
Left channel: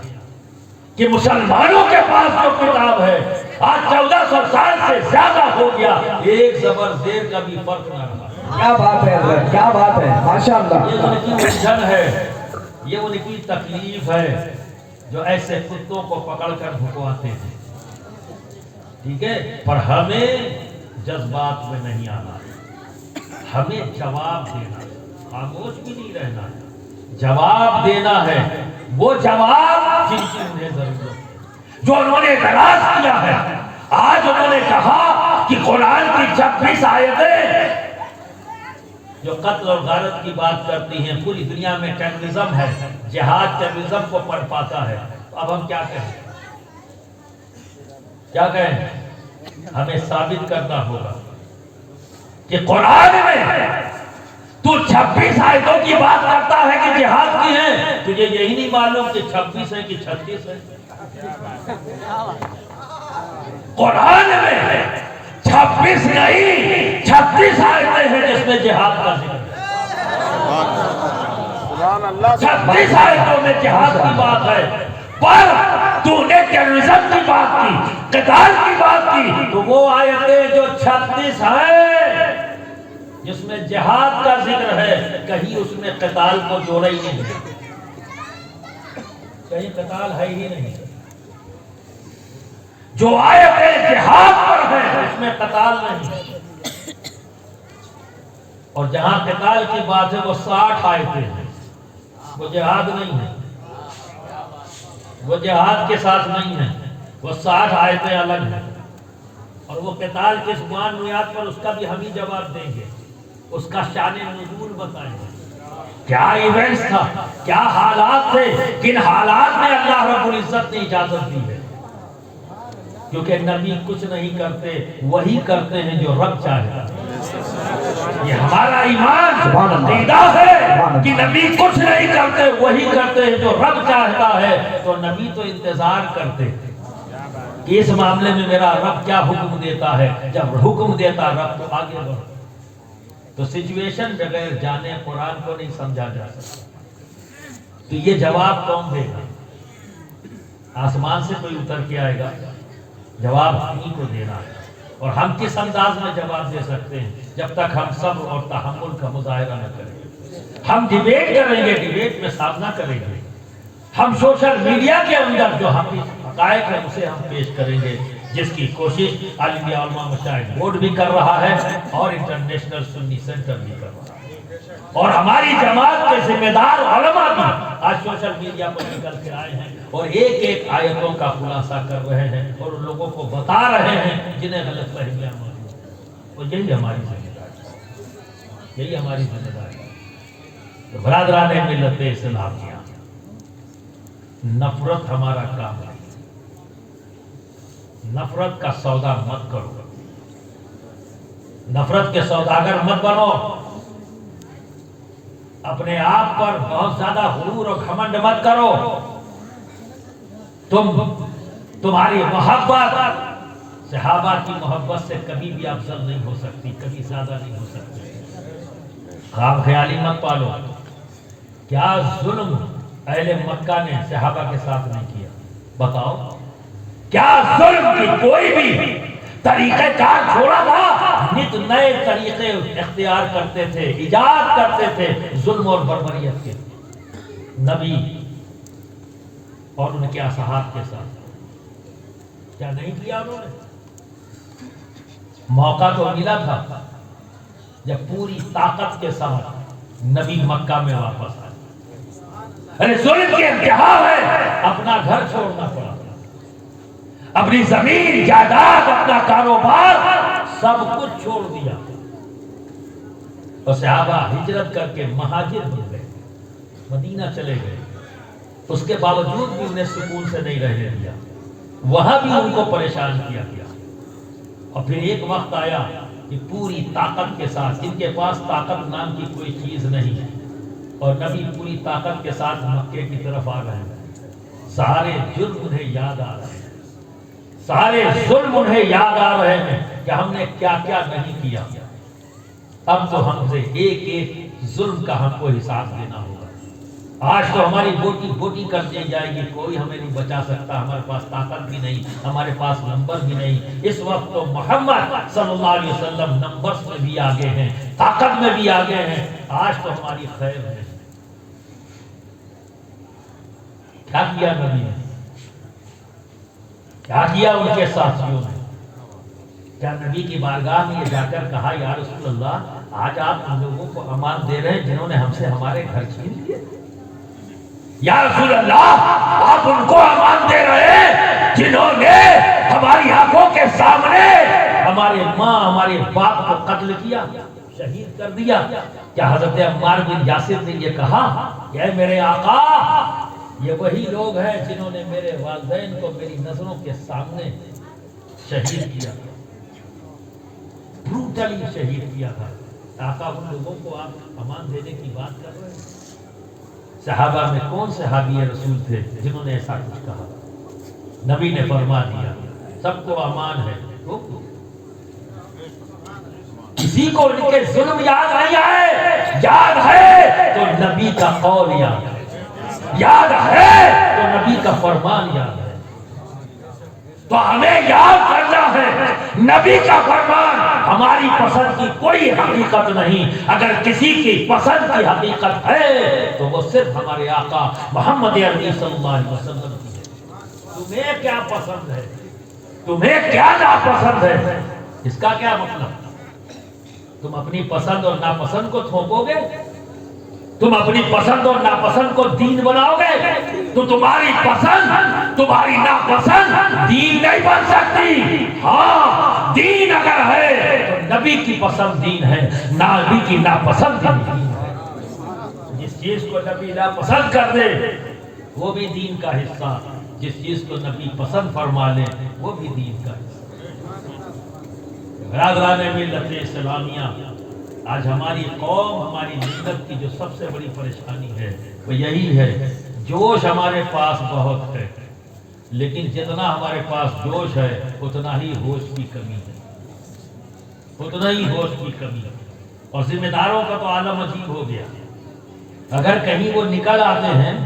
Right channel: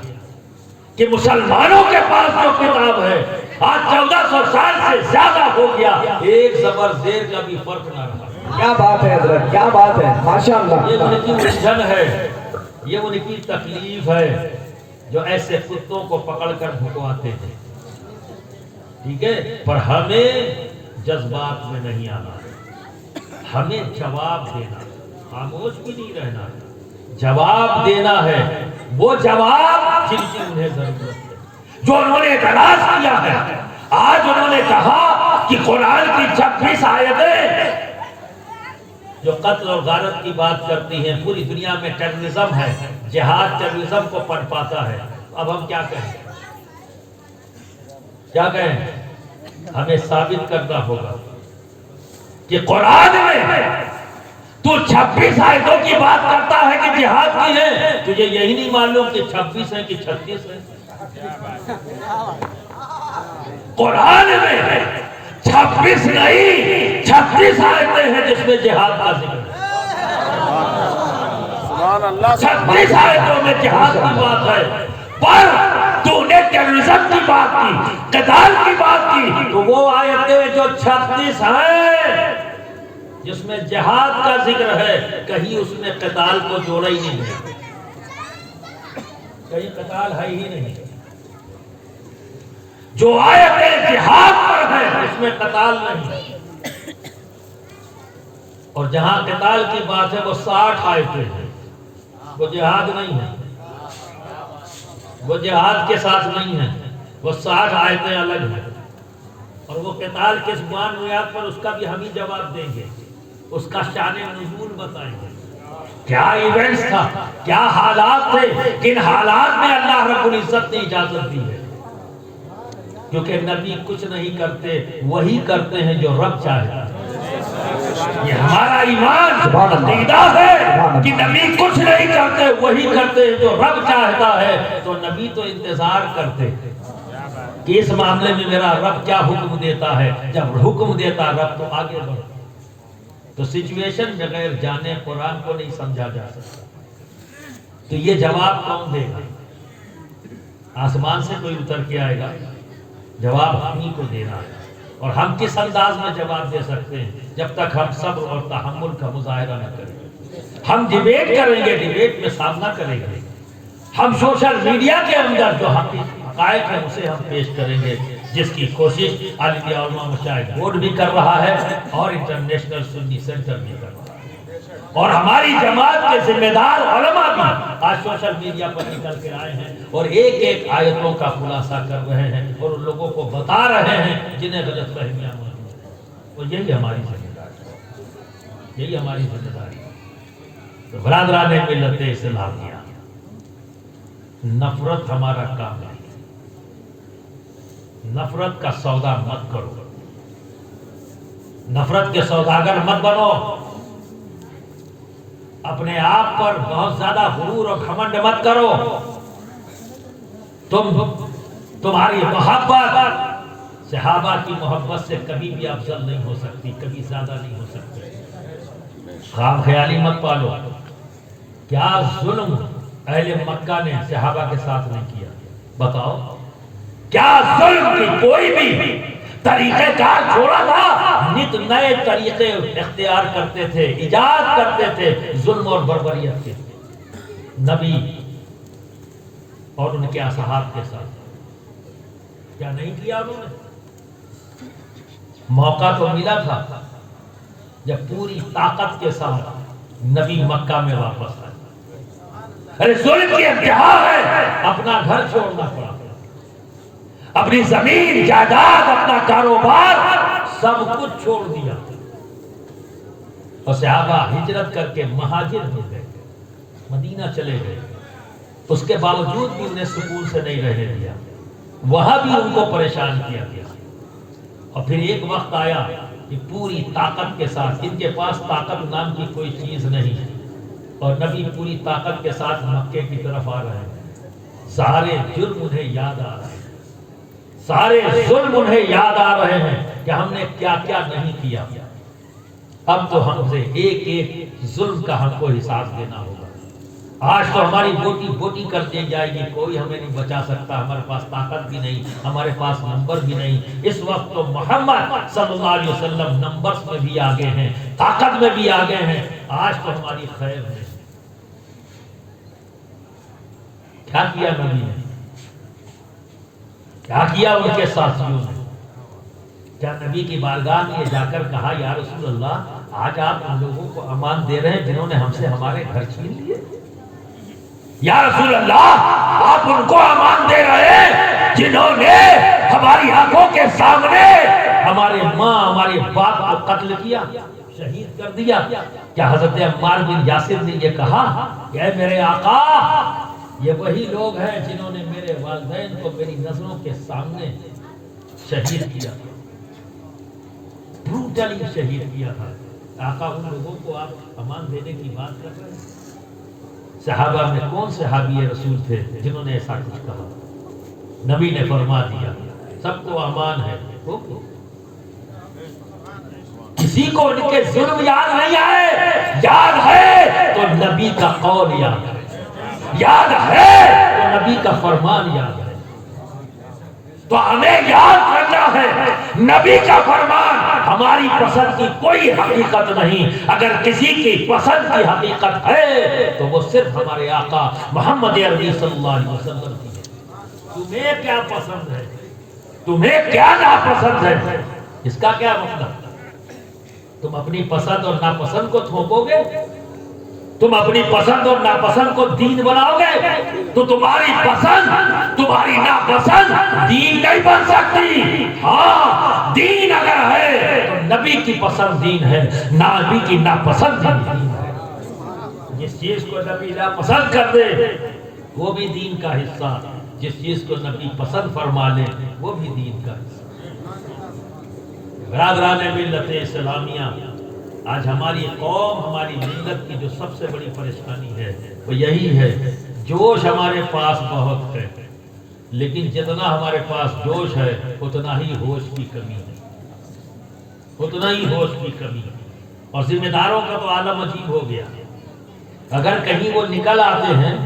کہ مسلمانوں کے پاس جو کتاب ہے آج 1400 سال سے زیادہ ہو گیا، ایک زبر زیر کا بھی فرق نہ رہا. کیا بات ہے حضرت، کیا بات ہے، ماشاءاللہ. یہ ان کی الجھن ہے، یہ ان کی تکلیف ہے جو ایسے کتوں کو پکڑ کر بھکواتے ہیں، ٹھیک ہے، پر ہمیں جذبات میں نہیں آنا، ہمیں جواب دینا، خاموش بھی نہیں رہنا، جواب دینا ہے، وہ جواب جن کی انہیں ضرورت ہے، جو انہوں نے تلاش کیا ہے۔ آج انہوں نے کہا کہ قرآن کی 26 آیتیں جو قتل اور غارت کی بات کرتی ہیں، پوری دنیا میں ٹیررزم ہے، جہاد ٹیررزم کو پڑ پاتا ہے۔ اب ہم کیا کہیں؟ کیا کہیں؟ ہمیں ثابت کرنا ہوگا کہ قرآن میں تو 26 آیتوں کی بات کرتا ہے کہ جہاد کی ہے، تجھے یہی نہیں معلوم کہ 26 ہے کہ 36 ہے؟ قرآن میں 26 نہیں 36 آیتیں ہیں جس میں جہاد کا ذکر ہے۔ 36 آیتوں میں جہاد کی بات ہے، پر تو نے ٹیررزم کی بات کی، قتال کی بات کی، تو وہ آیتیں جو 36 ہیں جس میں جہاد کا ذکر ہے، کہیں اس میں قتال کو جوڑا ہی نہیں ہے، کہیں قتال ہے ہی نہیں۔ جو آیتیں جہاد پر ہے اس میں قتال نہیں، اور جہاں قتال کی بات ہے وہ 60 آیتیں ہیں، وہ جہاد نہیں ہے، وہ جہاد کے ساتھ نہیں ہے، وہ 60 آیتیں الگ ہیں، اور وہ قتال کس بنیاد پر، اس کا بھی ہم ہی جواب دیں گے، اس کا شان نزول بتائیں گے، کیا ایونٹس تھا، کیا حالات تھے، کن حالات میں اللہ رب العزت نے اجازت دی ہے، کیونکہ نبی کچھ نہیں کرتے، وہی کرتے ہیں جو رب چاہتا ہے۔ یہ ہمارا ایمان عقیدہ ہے کہ نبی کچھ نہیں کرتے، وہی کرتے ہیں جو رب چاہتا ہے۔ تو نبی تو انتظار کرتے کہ اس معاملے میں میرا رب کیا حکم دیتا ہے، جب حکم دیتا رب تو آگے بڑھو۔ تو سچویشن بغیر جانے قرآن کو نہیں سمجھا جا سکتا۔ تو یہ جواب کون دے گا؟ آسمان سے کوئی اتر کے آئے گا؟ جواب ہم ہی کو دینا ہے، اور ہم کس انداز میں جواب دے سکتے ہیں؟ جب تک ہم صبر اور تحمل کا مظاہرہ نہ کریں۔ ہم ڈیبیٹ کریں گے، ڈیبیٹ میں سامنا کریں گے، ہم سوشل میڈیا کے اندر جو ہم حقائق ہیں اسے ہم پیش کریں گے، جس کی کوشش عالمی علماء مشاہد بورڈ بھی کر رہا ہے اور انٹرنیشنل سنی سینٹر بھی کر رہا ہے، اور ہماری جماعت کے ذمہ دار علماء بھی آج سوشل میڈیا پر نکل کے آئے ہیں اور ایک ایک آیتوں کا خلاصہ کر رہے ہیں اور ان لوگوں کو بتا رہے ہیں جنہیں غلط فہمیاں موجود ہیں۔ اور یہی ہماری ذمہ داری ہے، یہی ہماری ذمہ داری ہے۔ تو برادران ملت اسلامیہ، نفرت ہمارا کام نہیں، نفرت کا سودا مت کرو، نفرت کے سوداگر مت بنو، اپنے آپ پر بہت زیادہ غرور اور گھمنڈ مت کرو۔ تمہاری محبت صحابہ کی محبت سے کبھی بھی افضل نہیں ہو سکتی، کبھی زیادہ نہیں ہو سکتی۔ خام خیالی مت پالو۔ کیا ظلم اہل مکہ نے صحابہ کے ساتھ نہیں کیا؟ بتاؤ، کیا ظلم کی کوئی بھی طریقہ کار چھوڑا تھا؟ نت نئے طریقے اختیار کرتے تھے، ایجاد کرتے تھے ظلم اور بربریت کے، نبی اور ان کے اصحاب کے ساتھ۔ کیا نہیں کیا انہوں نے؟ موقع تو ملا تھا جب پوری طاقت کے ساتھ نبی مکہ میں واپس آئے۔ ارے ظلم کی انتہا ہے، اپنا گھر چھوڑنا پڑا، اپنی زمین جائیداد، اپنا کاروبار سب کچھ چھوڑ دیا، اور صحابہ ہجرت کر کے مہاجر ہو گئے، مدینہ چلے گئے۔ اس کے باوجود بھی انہیں سکون سے نہیں رہنے دیا، وہاں بھی ان کو پریشان کیا گیا۔ اور پھر ایک وقت آیا کہ پوری طاقت کے ساتھ، ان کے پاس طاقت نام کی کوئی چیز نہیں، اور نبی پوری طاقت کے ساتھ مکے کی طرف آ رہے ہیں۔ سارے جرم انہیں یاد آ رہے ہیں، سارے ظلم انہیں یاد آ رہے ہیں کہ ہم نے کیا کیا نہیں کیا۔ اب تو ہم سے ایک ایک ظلم کا ہم کو حساب دینا ہوگا۔ آج تو ہماری بوٹی بوٹی کر دی جائے گی، کوئی ہمیں نہیں بچا سکتا، ہمارے پاس طاقت بھی نہیں، ہمارے پاس نمبر بھی نہیں۔ اس وقت تو محمد صلی اللہ علیہ وسلم نمبرز میں بھی آگے ہیں، طاقت میں بھی آگے ہیں، آج تو ہماری خیر ہے۔ کیا کیا نبی نے؟ کیا کیا ان کے ساتھیوں نے؟ کیا نبی کی بارگاہ میں جا کر کہا یا رسول اللہ آج آپ ہم لوگوں کو امان دے رہے ہیں جنہوں نے ہم سے ہمارے گھر چھین لیے؟ یا رسول اللہ آپ ان کو امان دے رہے ہیں جنہوں نے ہماری آنکھوں کے سامنے ہمارے ماں ہمارے باپ کو قتل کیا، شہید کر دیا؟ کیا حضرت عمار بن یاسر نے یہ کہا کہ اے میرے آقا یہ وہی لوگ ہیں جنہوں نے میرے والدین کو میری نظروں کے سامنے شہید کیا، بروٹلی شہید کیا تھا؟ آقا ان لوگوں کو آپ امان دینے کی بات کر رہے ہیں؟ صحابہ میں کون صحابی رسول تھے جنہوں نے ایسا کچھ کہا؟ نبی نے فرما دیا سب کو امان ہے۔ کسی کو ان کے ظلم یاد نہیں آئے، یاد ہے تو نبی کا قول یاد ہے، یاد ہے تو نبی کا فرمان یاد ہے۔ تو ہمیں یاد کرنا ہے نبی کا فرمان۔ ہماری پسند کی کوئی حقیقت نہیں، اگر کسی کی پسند کی حقیقت ہے تو وہ صرف ہمارے آقا محمد عربی صلی اللہ علیہ وسلم کی ہے۔ تمہیں کیا پسند ہے، تمہیں کیا ناپسند ہے، اس کا کیا مطلب؟ تم اپنی پسند اور ناپسند کو تھوپو گے، تم اپنی پسند اور ناپسند کو دین بناؤ گے تو تمہاری پسند تمہاری ناپسند دین نہیں بن سکتی۔ ہاں دین اگر ہے تو نبی کی پسند دین ہے، نبی کی ناپسند دین ہے۔ جس چیز کو نبی ناپسند کر دے وہ بھی دین کا حصہ، جس چیز کو نبی پسند فرما لے وہ بھی دین کا حصہ۔ برادران ملت اسلامیہ، آج ہماری قوم ہماری ملت کی جو سب سے بڑی پریشانی ہے وہ یہی ہے، جوش ہمارے پاس بہت ہے لیکن جتنا ہمارے پاس جوش ہے اتنا ہی ہوش کی کمی ہے، اتنا ہی ہوش کی کمی ہے۔ اور ذمہ داروں کا تو عالم عجیب ہو گیا، اگر کہیں وہ نکل آتے ہیں،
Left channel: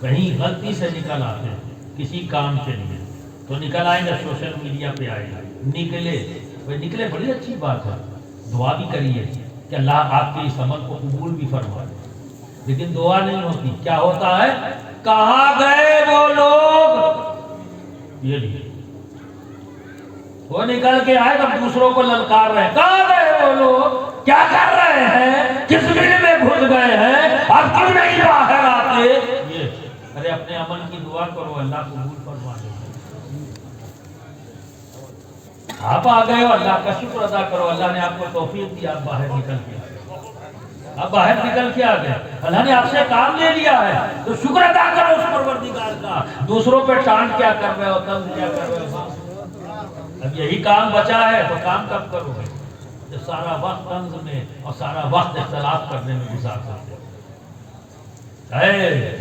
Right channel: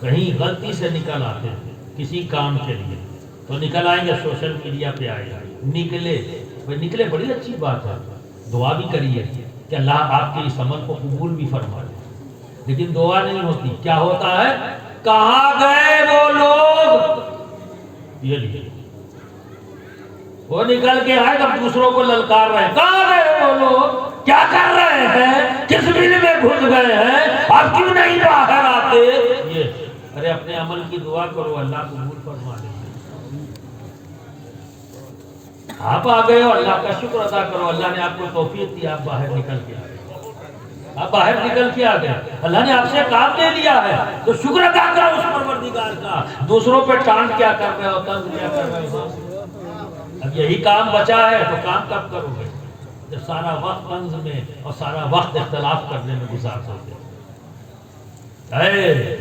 کہیں غلطی سے نکل آتے ہیں کسی کام کے لیے تو نکل آئیں گے، سوشل میڈیا پہ آئے گا، نکلے بڑی اچھی بات ہے، دعا بھی کریے کہ اللہ آپ کے اس عمل کو قبول بھی فرما دے، لیکن دعا نہیں ہوتی۔ کیا ہوتا ہے؟ کہاں گئے وہ لوگ؟ یہ لیے وہ نکل کے آئے تو دوسروں کو للکار رہے ہیں، کہاں گئے وہ لوگ؟ کیا کر رہے ہیں؟ کس بل میں گھس گئے ہیں؟ اب کیوں نہیں باہر آتے؟ یہ ارے اپنے عمل کی دعا کرو، اللہ قبول فرما دے۔ آپ آ گئے ہو، اللہ کا شکر ادا کرو، اللہ نے آپ کو توفیق دی، آپ باہر نکل کے آ گئے، آپ باہر نکل کے آ گئے، اللہ نے آپ سے کام لے لیا ہے تو شکر ادا کرو اس پروردگار کا۔ دوسروں پہ ٹانٹ کیا کر رہے ہو، تنگ کیا کر رہے ہو؟ اب یہی کام بچا ہے تو کام کب کرو گے جب سارا وقت طنز میں اور سارا وقت اختلاف کرنے میں گزار سکتے؟ اے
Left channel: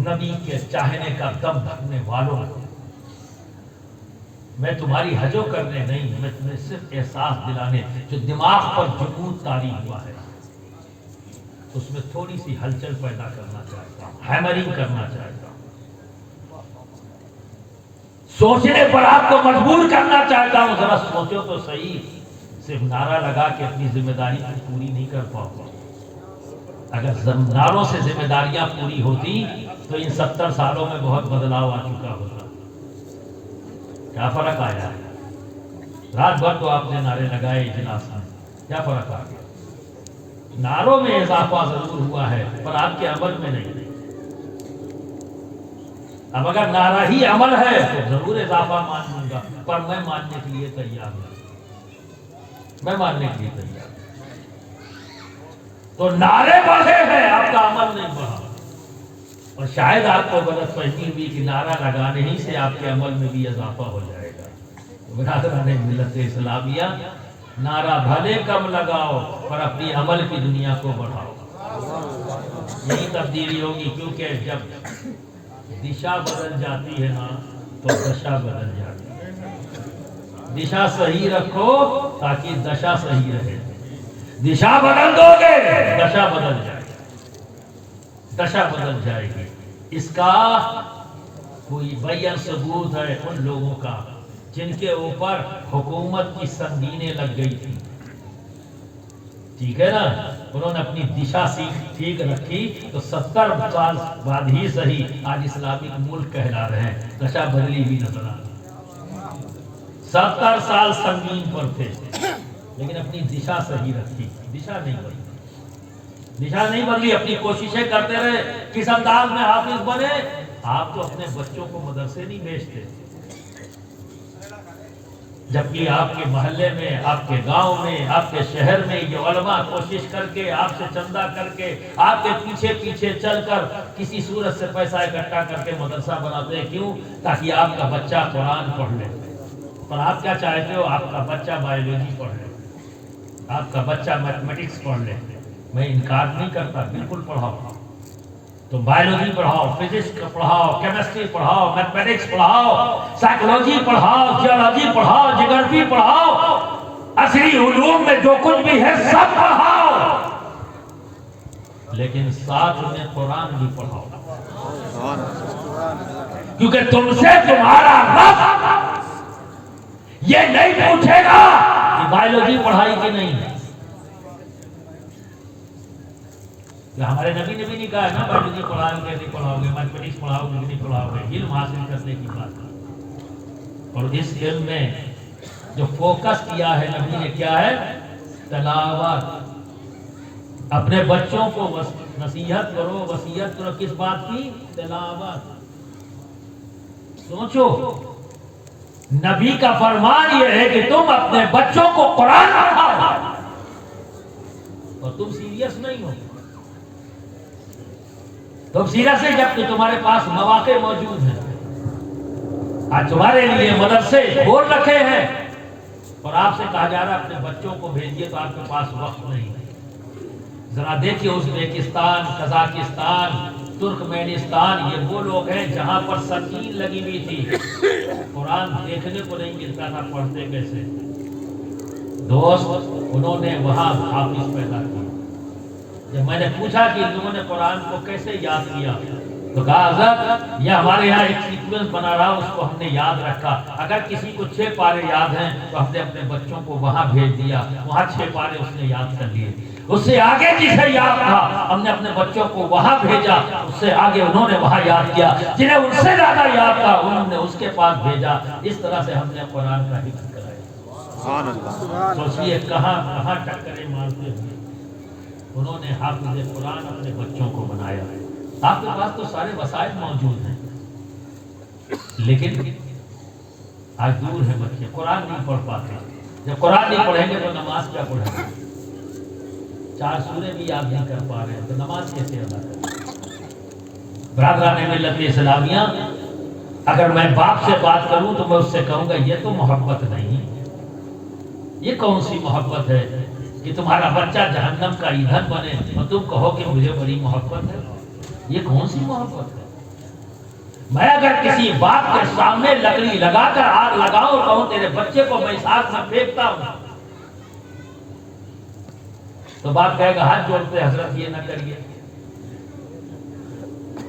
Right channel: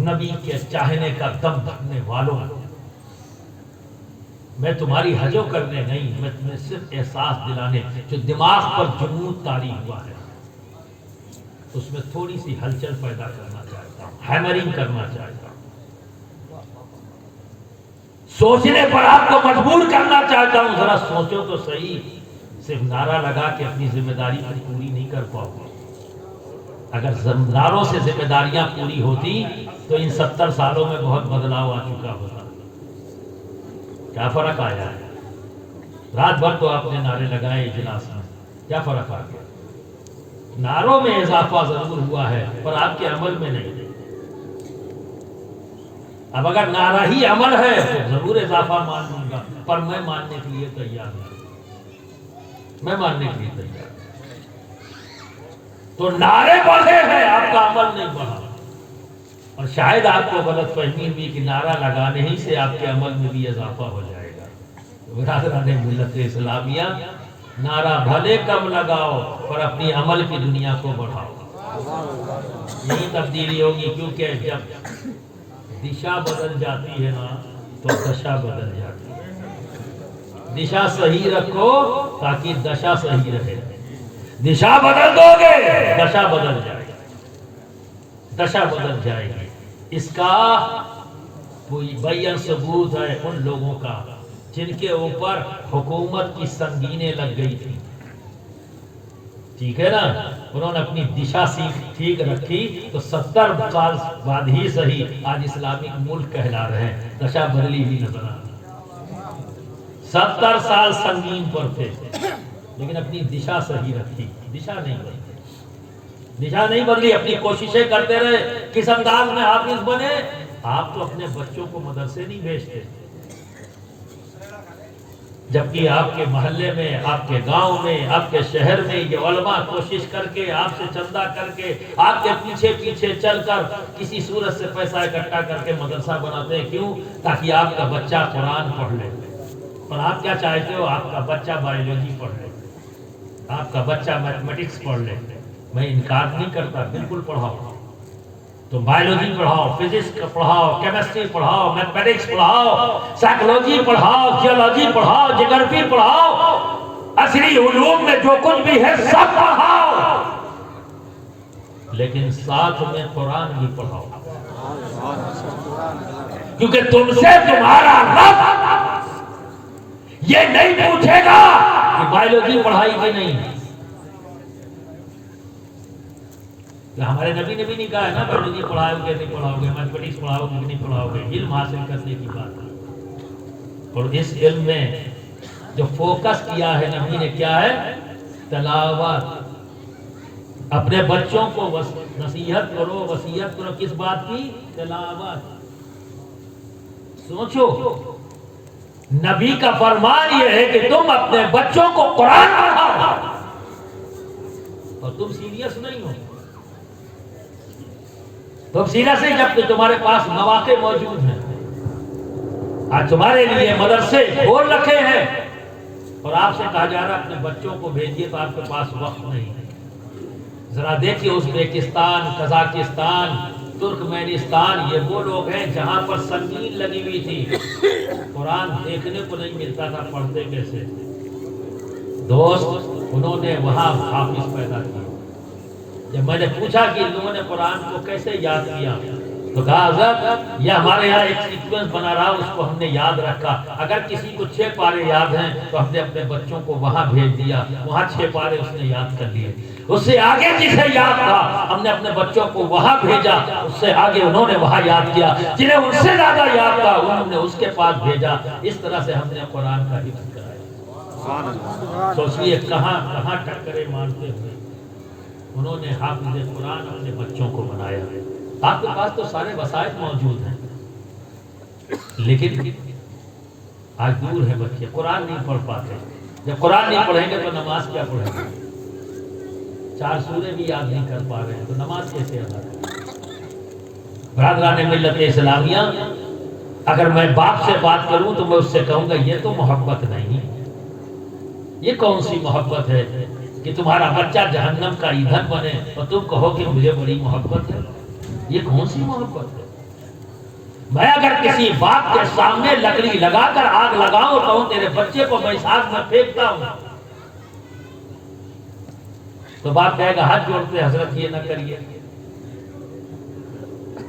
نبی کے چاہنے کا دم بھرنے والوں، میں تمہاری حجو کرنے نہیں، میں تمہیں صرف احساس دلانے، جو دماغ پر جمود طاری ہوا ہے اس میں تھوڑی سی ہلچل پیدا کرنا چاہتا ہوں، ہیمرنگ کرنا چاہتا ہوں، سوچنے پر آپ کو مجبور کرنا چاہتا ہوں۔ ذرا سوچو تو صحیح، صرف نعرہ لگا کے اپنی ذمہ داری پوری نہیں کر پاؤ گے۔ اگر نعروں سے ذمہ داریاں پوری ہوتی تو ان 70 سالوں میں بہت بدلاؤ آ چکا ہوتا۔ کیا فرق آیا ہے؟ رات بھر تو آپ نے نعرے لگائے اجلاس میں، کیا فرق آ گیا؟ نعروں میں اضافہ ضرور ہوا ہے پر آپ کے عمل میں نہیں۔ اب اگر نعرہ ہی عمل ہے تو ضرور اضافہ مان لوں گا، پر میں ماننے کے لیے تیار ہوں، میں ماننے کے لیے تیار ہوں۔ تو نعرے بڑھے ہیں، آپ کا عمل نہیں بڑھا، اور شاید آپ کو غلط فہمی ہوئی کہ نعرہ لگانے ہی سے آپ کے عمل میں بھی اضافہ ہو جائے گا۔ برادران ملت اسلامیہ، نعرہ بھلے کم لگاؤ پر اپنی عمل کی دنیا کو بڑھاؤ، یہی تبدیلی ہوگی، کیونکہ جب دشا بدل جاتی ہے نا تو دشا بدل جاتی ہے۔ دشا صحیح رکھو تاکہ دشا صحیح رہے، دشا بدل دو گے دشا بدل جائے گی، دشا بدل جائے گی۔ اس کا کوئی بیان ثبوت ہے ان لوگوں کا جن کے اوپر حکومت کی سنگینیں لگ گئی تھی، ٹھیک ہے نا؟ انہوں نے اپنی دشا ٹھیک رکھی تو 70 سال بعد ہی صحیح آج اسلامک ملک کہلا رہے ہیں، دشا بدلی بھی نظر آ رہی۔ 70 سال سنگین پر تھے لیکن اپنی دشا صحیح رکھی، دشا نہیں بدلی، دشا نہیں بدلی، اپنی کوششیں کرتے رہے۔ کس انداز میں حافظ بنے؟ آپ تو اپنے بچوں کو مدرسے نہیں بھیجتے، جبکہ آپ کے محلے میں، آپ کے گاؤں میں، آپ کے شہر میں یہ علماء کوشش کر کے، آپ سے چندہ کر کے، آپ کے پیچھے پیچھے چل کر کسی صورت سے پیسہ اکٹھا کر کے مدرسہ بناتے ہیں۔ کیوں؟ تاکہ آپ کا بچہ قرآن پڑھ لے۔ اور آپ کیا چاہتے ہو؟ آپ کا بچہ بایولوجی پڑھ لے، آپ کا بچہ میتھمیٹکس پڑھ لے۔ میں انکار نہیں کرتا، بالکل پڑھاؤ، تو بایولوجی پڑھاؤ، فزکس پڑھاؤ، کیمسٹری پڑھاؤ، میتھمیٹکس پڑھاؤ، سائیکولوجی پڑھاؤ، جیولوجی پڑھاؤ، جغرافی پڑھاؤ، عصری علوم میں جو کچھ بھی ہے سب پڑھاؤ، لیکن ساتھ میں قرآن بھی پڑھاؤ، کیونکہ تم سے تمہارا رب یہ نہیں پوچھے گا کہ بایولوجی پڑھائی کہ نہیں۔ کہ ہمارے نبی نے بھی نہیں کہا ہے نا بایولوجی پڑھاؤ گے نہیں پڑھاؤ گے، میتھمیٹکس پڑھاؤ گے نہیں پڑھاؤ گے، علم حاصل کرنے کی بات ہے۔ اور اس علم میں جو فوکس کیا ہے نبی نے کیا ہے؟ تلاوت۔ اپنے بچوں کو نصیحت کرو، وصیت کرو، کس بات کی؟ تلاوت۔ سوچو، نبی کا فرمان یہ ہے کہ تم اپنے بچوں کو قرآن پڑھاؤ، اور تم سیریس نہیں ہو۔ تم سیریس نہیں جب کہ تمہارے پاس مواقع موجود ہیں۔ آج تمہارے لیے مدرسے کھول رکھے ہیں اور آپ سے کہا جا رہا ہے اپنے بچوں کو بھیجیے، تو آپ کے پاس وقت نہیں ہے۔ ذرا دیکھیے ازبیکستان، قزاقستان، ترکمینستان، یہ وہ لوگ ہیں جہاں پر سنگین لگی ہوئی تھی، قرآن دیکھنے کو نہیں ملتا تھا، پڑھتے کیسے؟ دوست، انہوں نے وہاں حافظ پیدا کیا۔ جب میں نے پوچھا کہ ان لوگوں نے قرآن کو کیسے یاد کیا، تو کہا حضرت یہ ہمارے یہاں ایک سیکوینس بنا رہا، اس کو ہم نے یاد رکھا۔ اگر کسی کو 6 پارے یاد ہیں تو ہم نے اپنے بچوں کو وہاں بھیج دیا، وہاں 6 پارے اس نے یاد کر لیے۔ اس سے آگے جسے یاد تھا ہم نے اپنے بچوں کو وہاں بھیجا، اس سے آگے انہوں نے وہاں یاد کیا۔ جنہیں اس سے زیادہ یاد تھا انہوں نے اس کے پاس بھیجا۔ اس طرح سے ہم نے قرآن کا حفظ کرایا۔ تو اس لیے کہاں کہاں ٹکرے مارتے ہوئے انہوں نے حافظ قرآن اپنے بچوں کو بنایا۔ آپ کے پاس تو سارے وسائل موجود ہیں، لیکن آج دور ہے بچے، قرآن نہیں پڑھ پاتے۔ جب قرآن نہیں پڑھیں گے تو نماز کیا پڑھیں گے؟ 4 سورے بھی یاد نہیں کر پا رہے ہیں تو نماز کیسے ادا کریں؟ برادران ملت اسلامیہ، اگر میں باپ سے بات کروں تو میں اس سے کہوں گا یہ تو محبت نہیں، یہ کون سی محبت ہے کہ تمہارا بچہ جہنم کا ایندھن بنے اور تم کہو کہ مجھے بڑی محبت ہے؟ یہ کون سی محبت ہے؟ میں اگر کسی باپ کے سامنے لکڑی لگا کر آگ لگاؤں اور کہوں تیرے بچے کو میں اس آگ میں پھینکتا ہوں، تو باپ کہے گا ہاتھ جوڑتے حضرت یہ نہ کریے،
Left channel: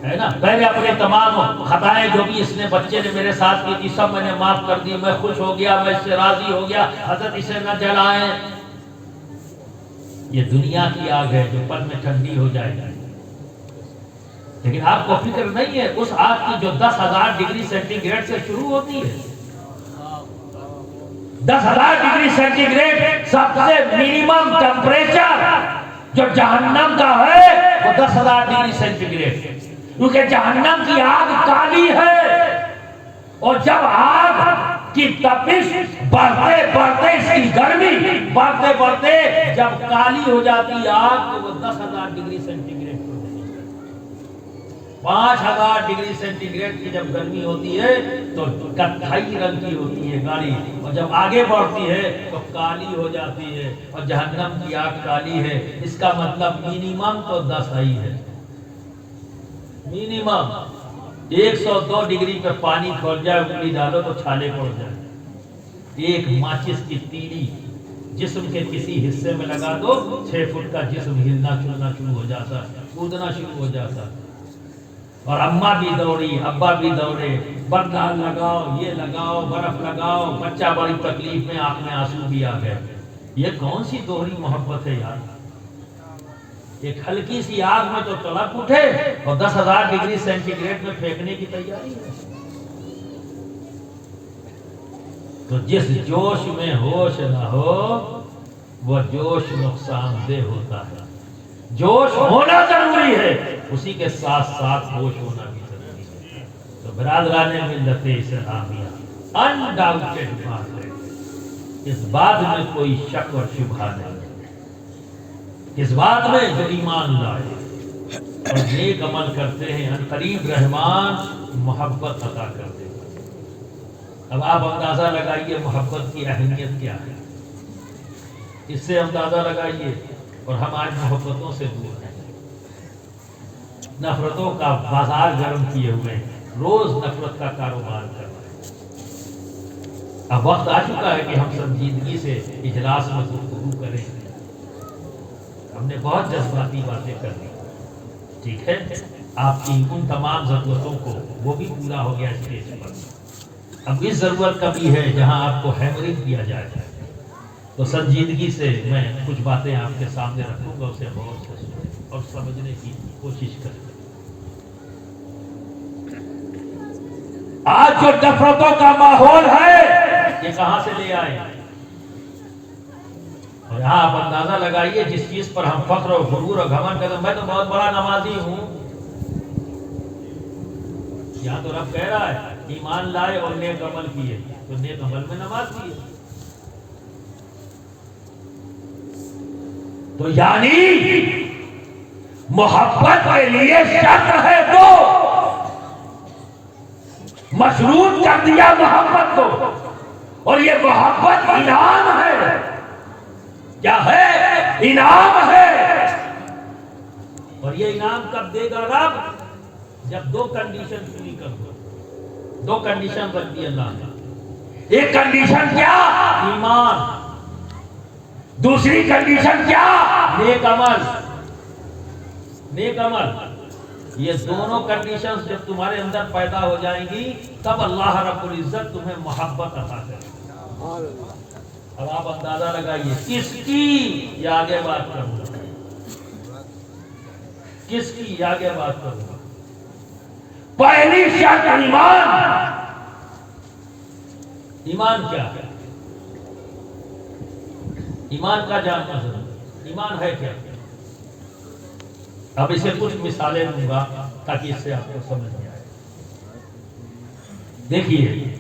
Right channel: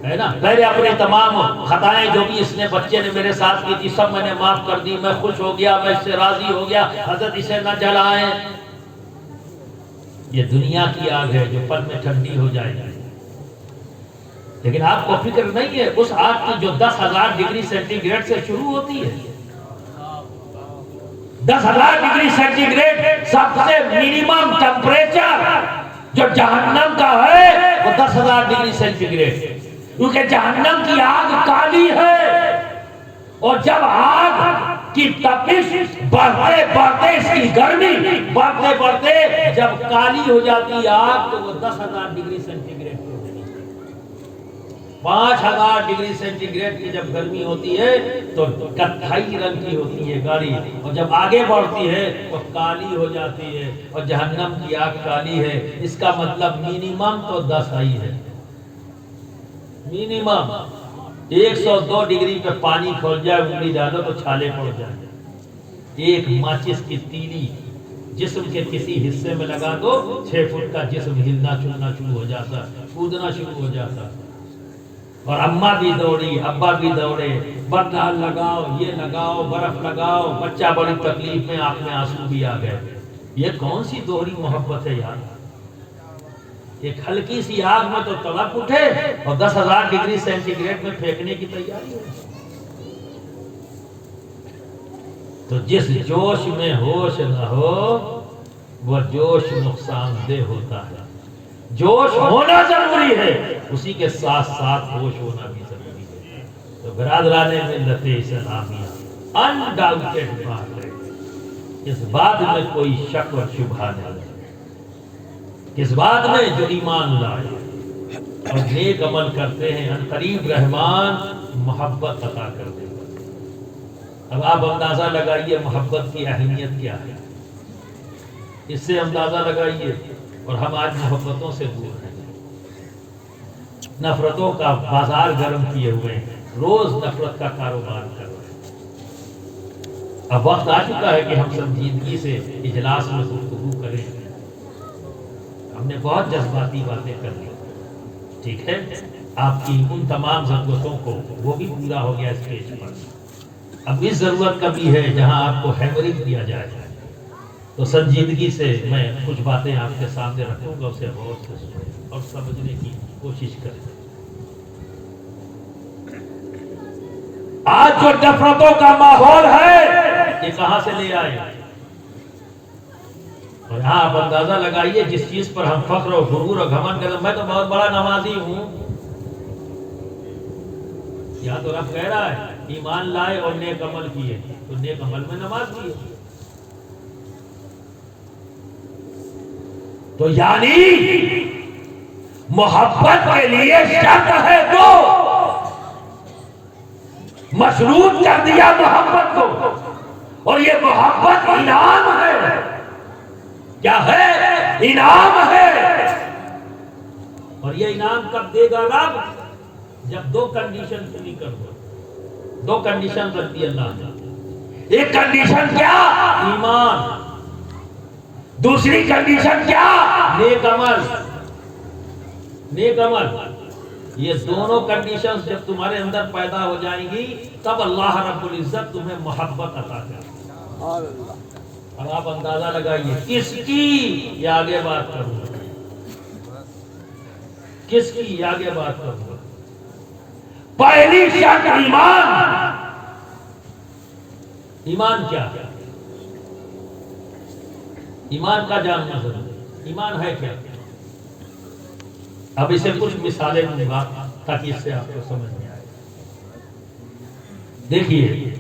ہے نا؟ پہلے اپنے تمام خطائیں جو بھی اس نے بچے نے میرے ساتھ کی تھی سب میں نے معاف کر دی، میں خوش ہو گیا، میں اس سے راضی ہو گیا، حضرت اسے نہ جلائیں۔ یہ دنیا کی آگ ہے جو پل میں ٹھنڈی ہو جائے گی، لیکن آپ کو فکر نہیں ہے اس آگ کی جو 10,000 ڈگری سینٹی گریڈ سے شروع ہوتی ہے۔ 10,000 ڈگری سینٹی گریڈ سب سے منیمم ٹیمپریچر جو جہنم کا ہے وہ 10,000 ڈگری سینٹی گریڈ، کیونکہ جہنم کی آگ کالی ہے، اور جب آگ کی تپش بڑھتے بڑھتے اس کی گرمی بڑھتے بڑھتے جب کالی ہو جاتی ہے آگ تو وہ 10,000 ڈگری سینٹی گریڈ پر ہوتی ہے۔ 5,000 ڈگری سینٹی گریڈ کی جب گرمی ہوتی ہے تو کتھائی رنگ کی ہوتی ہے گاڑی، اور جب آگے بڑھتی ہے تو کالی ہو جاتی ہے، اور جہنم کی آگ کالی ہے۔ اس کا مطلب منیمم تو 10 ہی ہے، منیمم 102 ڈگری پہ پانی کھول جائے، انگلی ڈالو تو چھالے پڑ جائے۔ ایک ماچس کی تیلی جسم کے کسی حصے میں لگا دو، 6 فٹ کا جسم ہلنا چلنا شروع ہو جاتا، کودنا شروع ہو جاتا۔ اور اماں بھی دوڑی، ابا بھی دوڑے، بردان لگاؤ، یہ لگاؤ، برف لگاؤ، بچہ بڑی تکلیف میں، آنکھ میں آنسو بھی آ گئے۔ یہ کون سی دوہری محبت ہے یار؟ ایک ہلکی سی آگ میں تو تڑپ اٹھے اور 10,000 ڈگری سینٹی گریڈ میں پھینکنے کی تیاری ہے. تو جس جوش میں ہوش نہ ہو وہ جوش نقصان دہ ہوتا ہے. جوش ہونا ضروری ہے، اسی کے ساتھ ساتھ ہوش ہونا بھی ضروری ہے. تو برادران ملت اسلامیہ انڈاؤٹڈ بات ہے، اس بات میں کوئی شک اور شبہ نہیں ہے، اس بات میں جو ایمان لائے اور نیک عمل کرتے ہیں ان قریب رحمان محبت عطا کر دے گا. اب آپ اندازہ لگائیے محبت کی اہمیت کیا ہے، اس سے اندازہ لگائیے. اور ہم آج محبتوں سے دور ہیں، نفرتوں کا بازار گرم کیے ہوئے ہیں، روز نفرت کا کاروبار کر رہے ہیں. اب وقت آ چکا ہے کہ ہم سنجیدگی سے اجلاس میں گفتگو کریں. ہم نے بہت جذباتی باتیں کر لی، ٹھیک ہے، آپ کی ان تمام ضرورتوں کو وہ بھی پورا ہو گیا اسٹیج پر. اب اس ضرورت کا بھی ہے جہاں آپ کو ہیمرنگ دیا جائے گا، تو سنجیدگی سے میں کچھ باتیں آپ کے سامنے رکھوں گا، اسے غور سے سنیں اور سمجھنے کی کوشش کریں. آج جو نفرتوں کا ماحول ہے یہ کہاں سے لے آئے؟ اور یہاں آپ اندازہ لگائیے جس چیز پر ہم فخر اور غرور اور گھمنڈ کرتے ہیں، میں تو بہت بڑا نمازی ہوں، یہاں تو رب کہہ رہا ہے ایمان لائے اور نیک عمل کیے، تو نیک عمل میں نماز کیے. تو یعنی محبت کے لیے شرط ہے تو مشروط کر دیا محبت کو، اور یہ محبت انعام ہے. کیا ہے؟ انعام ہے. اور یہ انعام کب دے گا رب؟ جب دو کنڈیشن پوری کر دو. دو کنڈیشن رکھ دی اللہ نے. ایک کنڈیشن کیا؟ ایمان. دوسری کنڈیشن کیا؟ نیک عمل. نیک عمل. یہ دونوں کنڈیشنز جب تمہارے اندر پیدا ہو جائیں گی تب اللہ رب العزت تمہیں محبت عطا کرے گا. اب آپ اندازہ لگائیے کس کی، یہ آگے بات کروں گا، کس کی یہ آگے بات کروں گا. پہلی شرط ایمان. ایمان کیا ہے؟ ایمان کا جاننا ضروری. ایمان ہے کیا؟ اب اسے کچھ مثالیں دوں گا تاکہ اس سے آپ کو سمجھ میں آئے. دیکھیے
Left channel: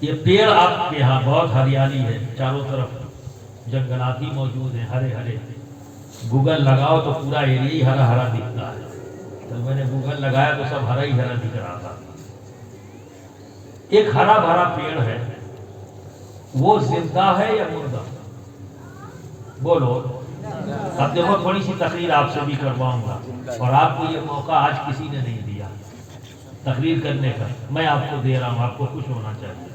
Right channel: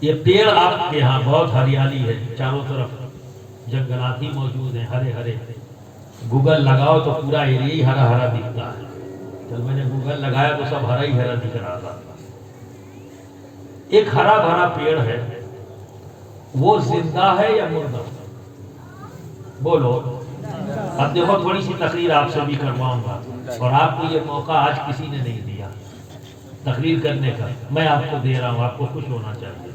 یہ پیڑ آپ کے یہاں بہت ہریالی ہے، چاروں طرف جنگلات ہی موجود ہیں، ہرے ہرے. گوگل لگاؤ تو پورا ایریا ہی ہرا ہرا دکھتا ہے. تو میں نے گوگل لگایا تو سب ہرا ہی ہرا دکھ رہا تھا. ایک ہرا بھرا پیڑ ہے، وہ زندہ ہے یا مردہ؟ بولو. اب دیکھو تھوڑی سی تقریر آپ سے بھی کرواؤں گا، اور آپ کو یہ موقع آج کسی نے نہیں دیا تقریر کرنے کا، میں آپ کو دے رہا ہوں. آپ کو خوش ہونا چاہیے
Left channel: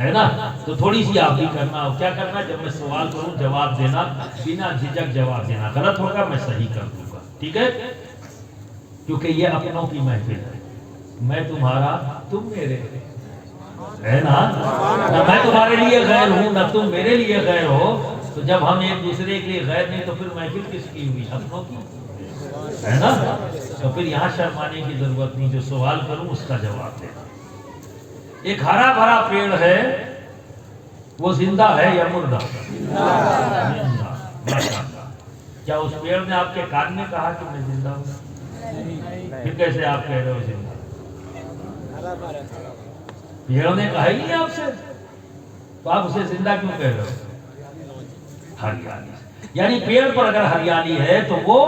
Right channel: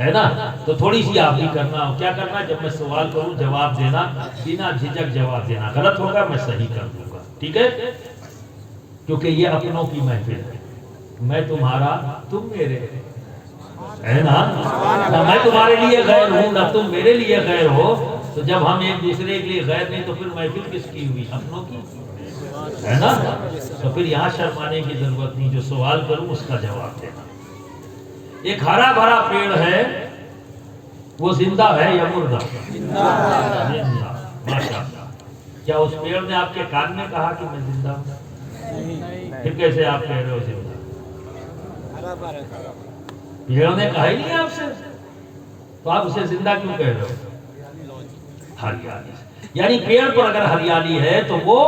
ہے نا؟ تو تھوڑی سی آپ بھی کرنا ہو. کیا کرنا؟ جب میں سوال کروں جواب دینا، بنا جھجک جواب دینا. غلط ہوگا میں صحیح کر دوں گا، ٹھیک ہے؟ کیونکہ یہ اپنوں کی محفل ہے. میں تمہارا، تم میرے، ہے نا؟ نہ میں تمہارے لیے غیر ہوں نہ تم میرے لیے غیر ہو. تو جب ہم ایک دوسرے کے لیے غیر نہیں تو پھر محفل کس کی ہوئی؟ اپنوں کی، ہے نا؟ تو پھر یہاں شرمانے کی ضرورت نہیں، جو سوال کروں اس کا جواب دینا. ایک ہرا بھرا پیڑ ہے، وہ زندہ ہے یا مردہ؟ زندہ. ماشاءاللہ. کیا اس پیڑ نے آپ کے کان میں کہا کہ میں زندہ ہوں؟ پھر کیسے آپ کہہ رہے ہو زندہ؟ پیڑ نے کہا ہی نہیں آپ سے، تو آپ اسے زندہ کیوں کہہ رہے ہو؟ ہریالی. یعنی پیڑ پر اگر ہریالی ہے تو وہ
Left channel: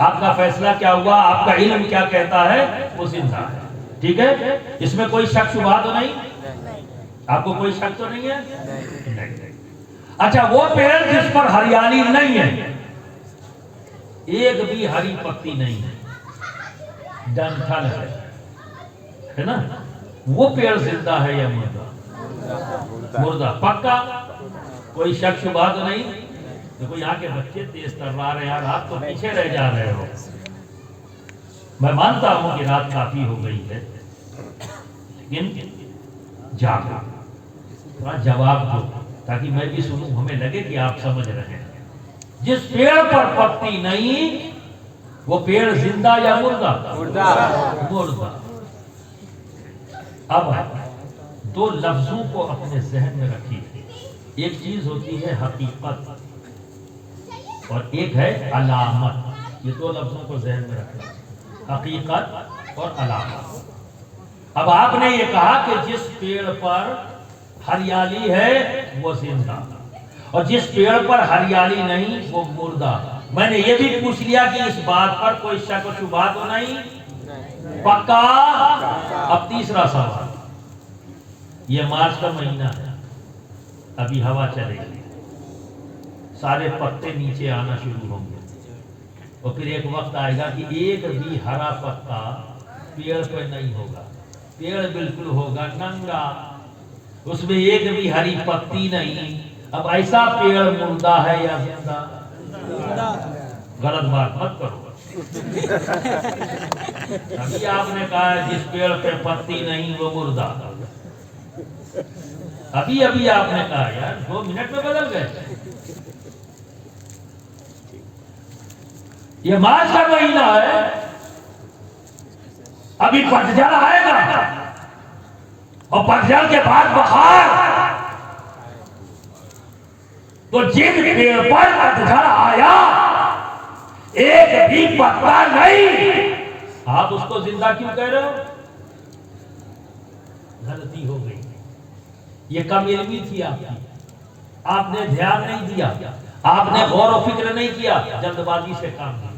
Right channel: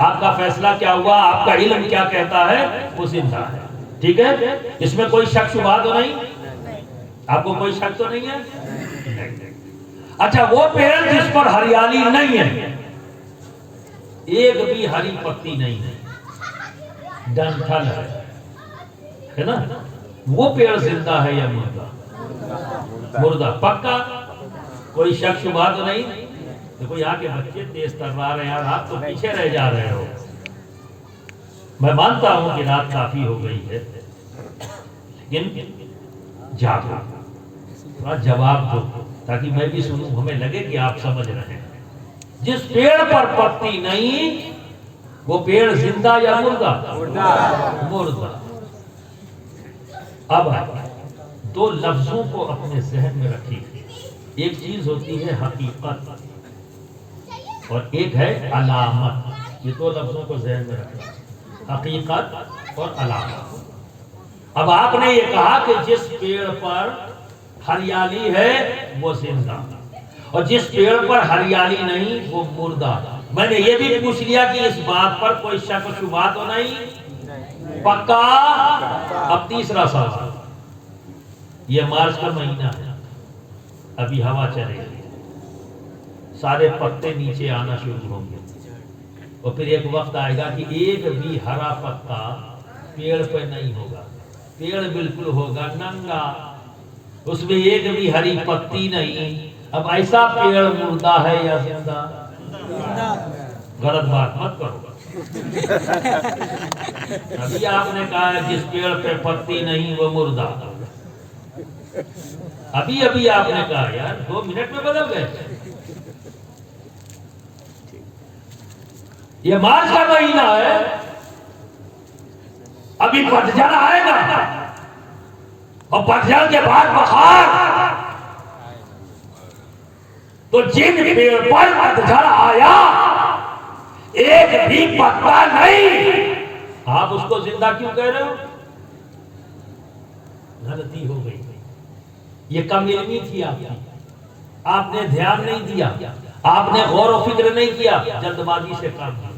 آپ کا فیصلہ کیا ہوا؟ آپ کا علم کیا کہتا ہے؟ وہ زندہ ہے. ٹھیک ہے؟ اس میں کوئی شک شبہ تو نہیں؟ آپ کو کوئی شک تو نہیں ہے؟ نہیں. اچھا وہ پیڑ جس پر ہریالی نہیں ہے، ایک بھی ہری پتی نہیں ہے، ڈنٹھل ہے نا، وہ پیڑ زندہ ہے یا مردہ؟ مردہ. پکا؟ کوئی شک شبہ تو نہیں؟ دیکھو یہاں کے بچے تیز ترا رہے ہیں، آپ تو پیچھے رہ جا رہے ہو. میں مانتا ہوں کہ رات کافی ہو گئی ہے، لیکن جاگو، تھوڑا جواب دو تاکہ میں بھی سنوں، ہمیں لگے کہ آپ سمجھ رہے ہیں. جس پیڑ پر پتی نہیں وہ پیڑ زندہ یا مردہ؟ مردہ۔ اب دو لفظوں کو اپنے ذہن میں رکھیے، ایک چیز ہوتی ہے حقیقت اور ایک ہے علامت۔ یہ دو لفظوں کو ذہن میں رکھیں، حقیقت اور علامت۔ اب آپ نے یہ کہا کہ جس پیڑ پر ہریالی ہے وہ زندہ اور جس پیڑ پر ہریالی نہیں وہ مردہ۔ میں نے یہ بھی پوچھ لیا کہ اس بات پر کوئی شک و شبہ تو نہیں؟ پکا؟ اب تیسرا سوال، یہ مارچ کا مہینہ ہے، ابھی ہوا چلے گی، سارے پتے نیچے آنا شروع ہوں گے اور پھر ایک وقت آئے گا کہ ایک بھی ہرا پتا پیڑ پہ نہیں ہوگا، پیڑ بالکل ہوگا ننگا، اس میں ایک بھی ہری پتی نہیں۔ اب ایسا پیڑ مردہ ہے یا زندہ؟ غلط بات مت کرو۔ ابھی آپ نے کہا ہے جس پیڑ پہ پتی نہیں وہ مردہ، ابھی آپ نے کہا، یار 2 منٹ میں بدل گئے۔ یہ مارچ کا مہینہ ہے، ابھی پتجھڑ آئے گا اور پتجھڑ کے بعد بہار، تو جن پیڑ پر پتجھڑ آیا ایک بھی پتا نہیں، آپ اس کو زندہ کیوں کہہ رہے ہو؟ غلطی ہو گئی، یہ کم علمی تھی آپ کی، آپ نے دھیان نہیں دیا، آپ نے غور و فکر نہیں کیا، جلد بازی سے کام کیا۔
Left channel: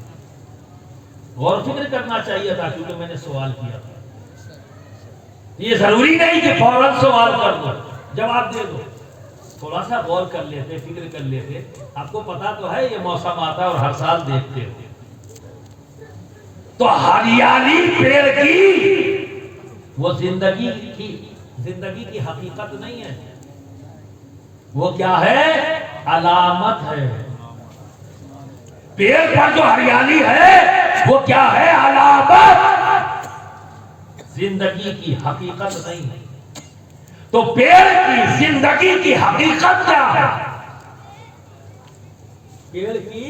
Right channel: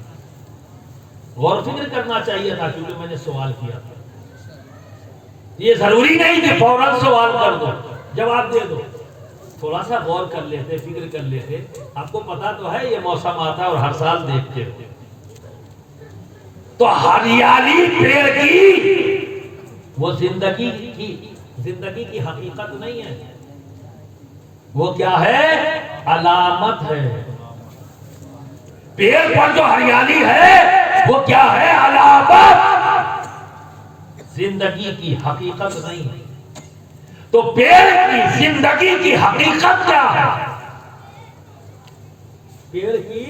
غور و فکر کرنا چاہیے تھا، کیونکہ میں نے سوال کیا تھا۔ یہ ضروری نہیں کہ فوراً سوال کر دو، جواب دے دو، تھوڑا سا غور کر لیتے، فکر کر لیتے۔ آپ کو پتا تو ہے یہ موسم آتا ہے اور ہر سال دیکھتے ہو، تو ہریالی پیڑ کی وہ زندگی کی حقیقت نہیں ہے، وہ کیا ہے؟ علامت ہے۔ پیڑ پر جو ہریالی ہے وہ کیا ہے؟ علامت، زندگی کی حقیقت نہیں ہے۔ تو پیڑ کی زندگی کی حقیقت کیا ہے؟ پیڑ کی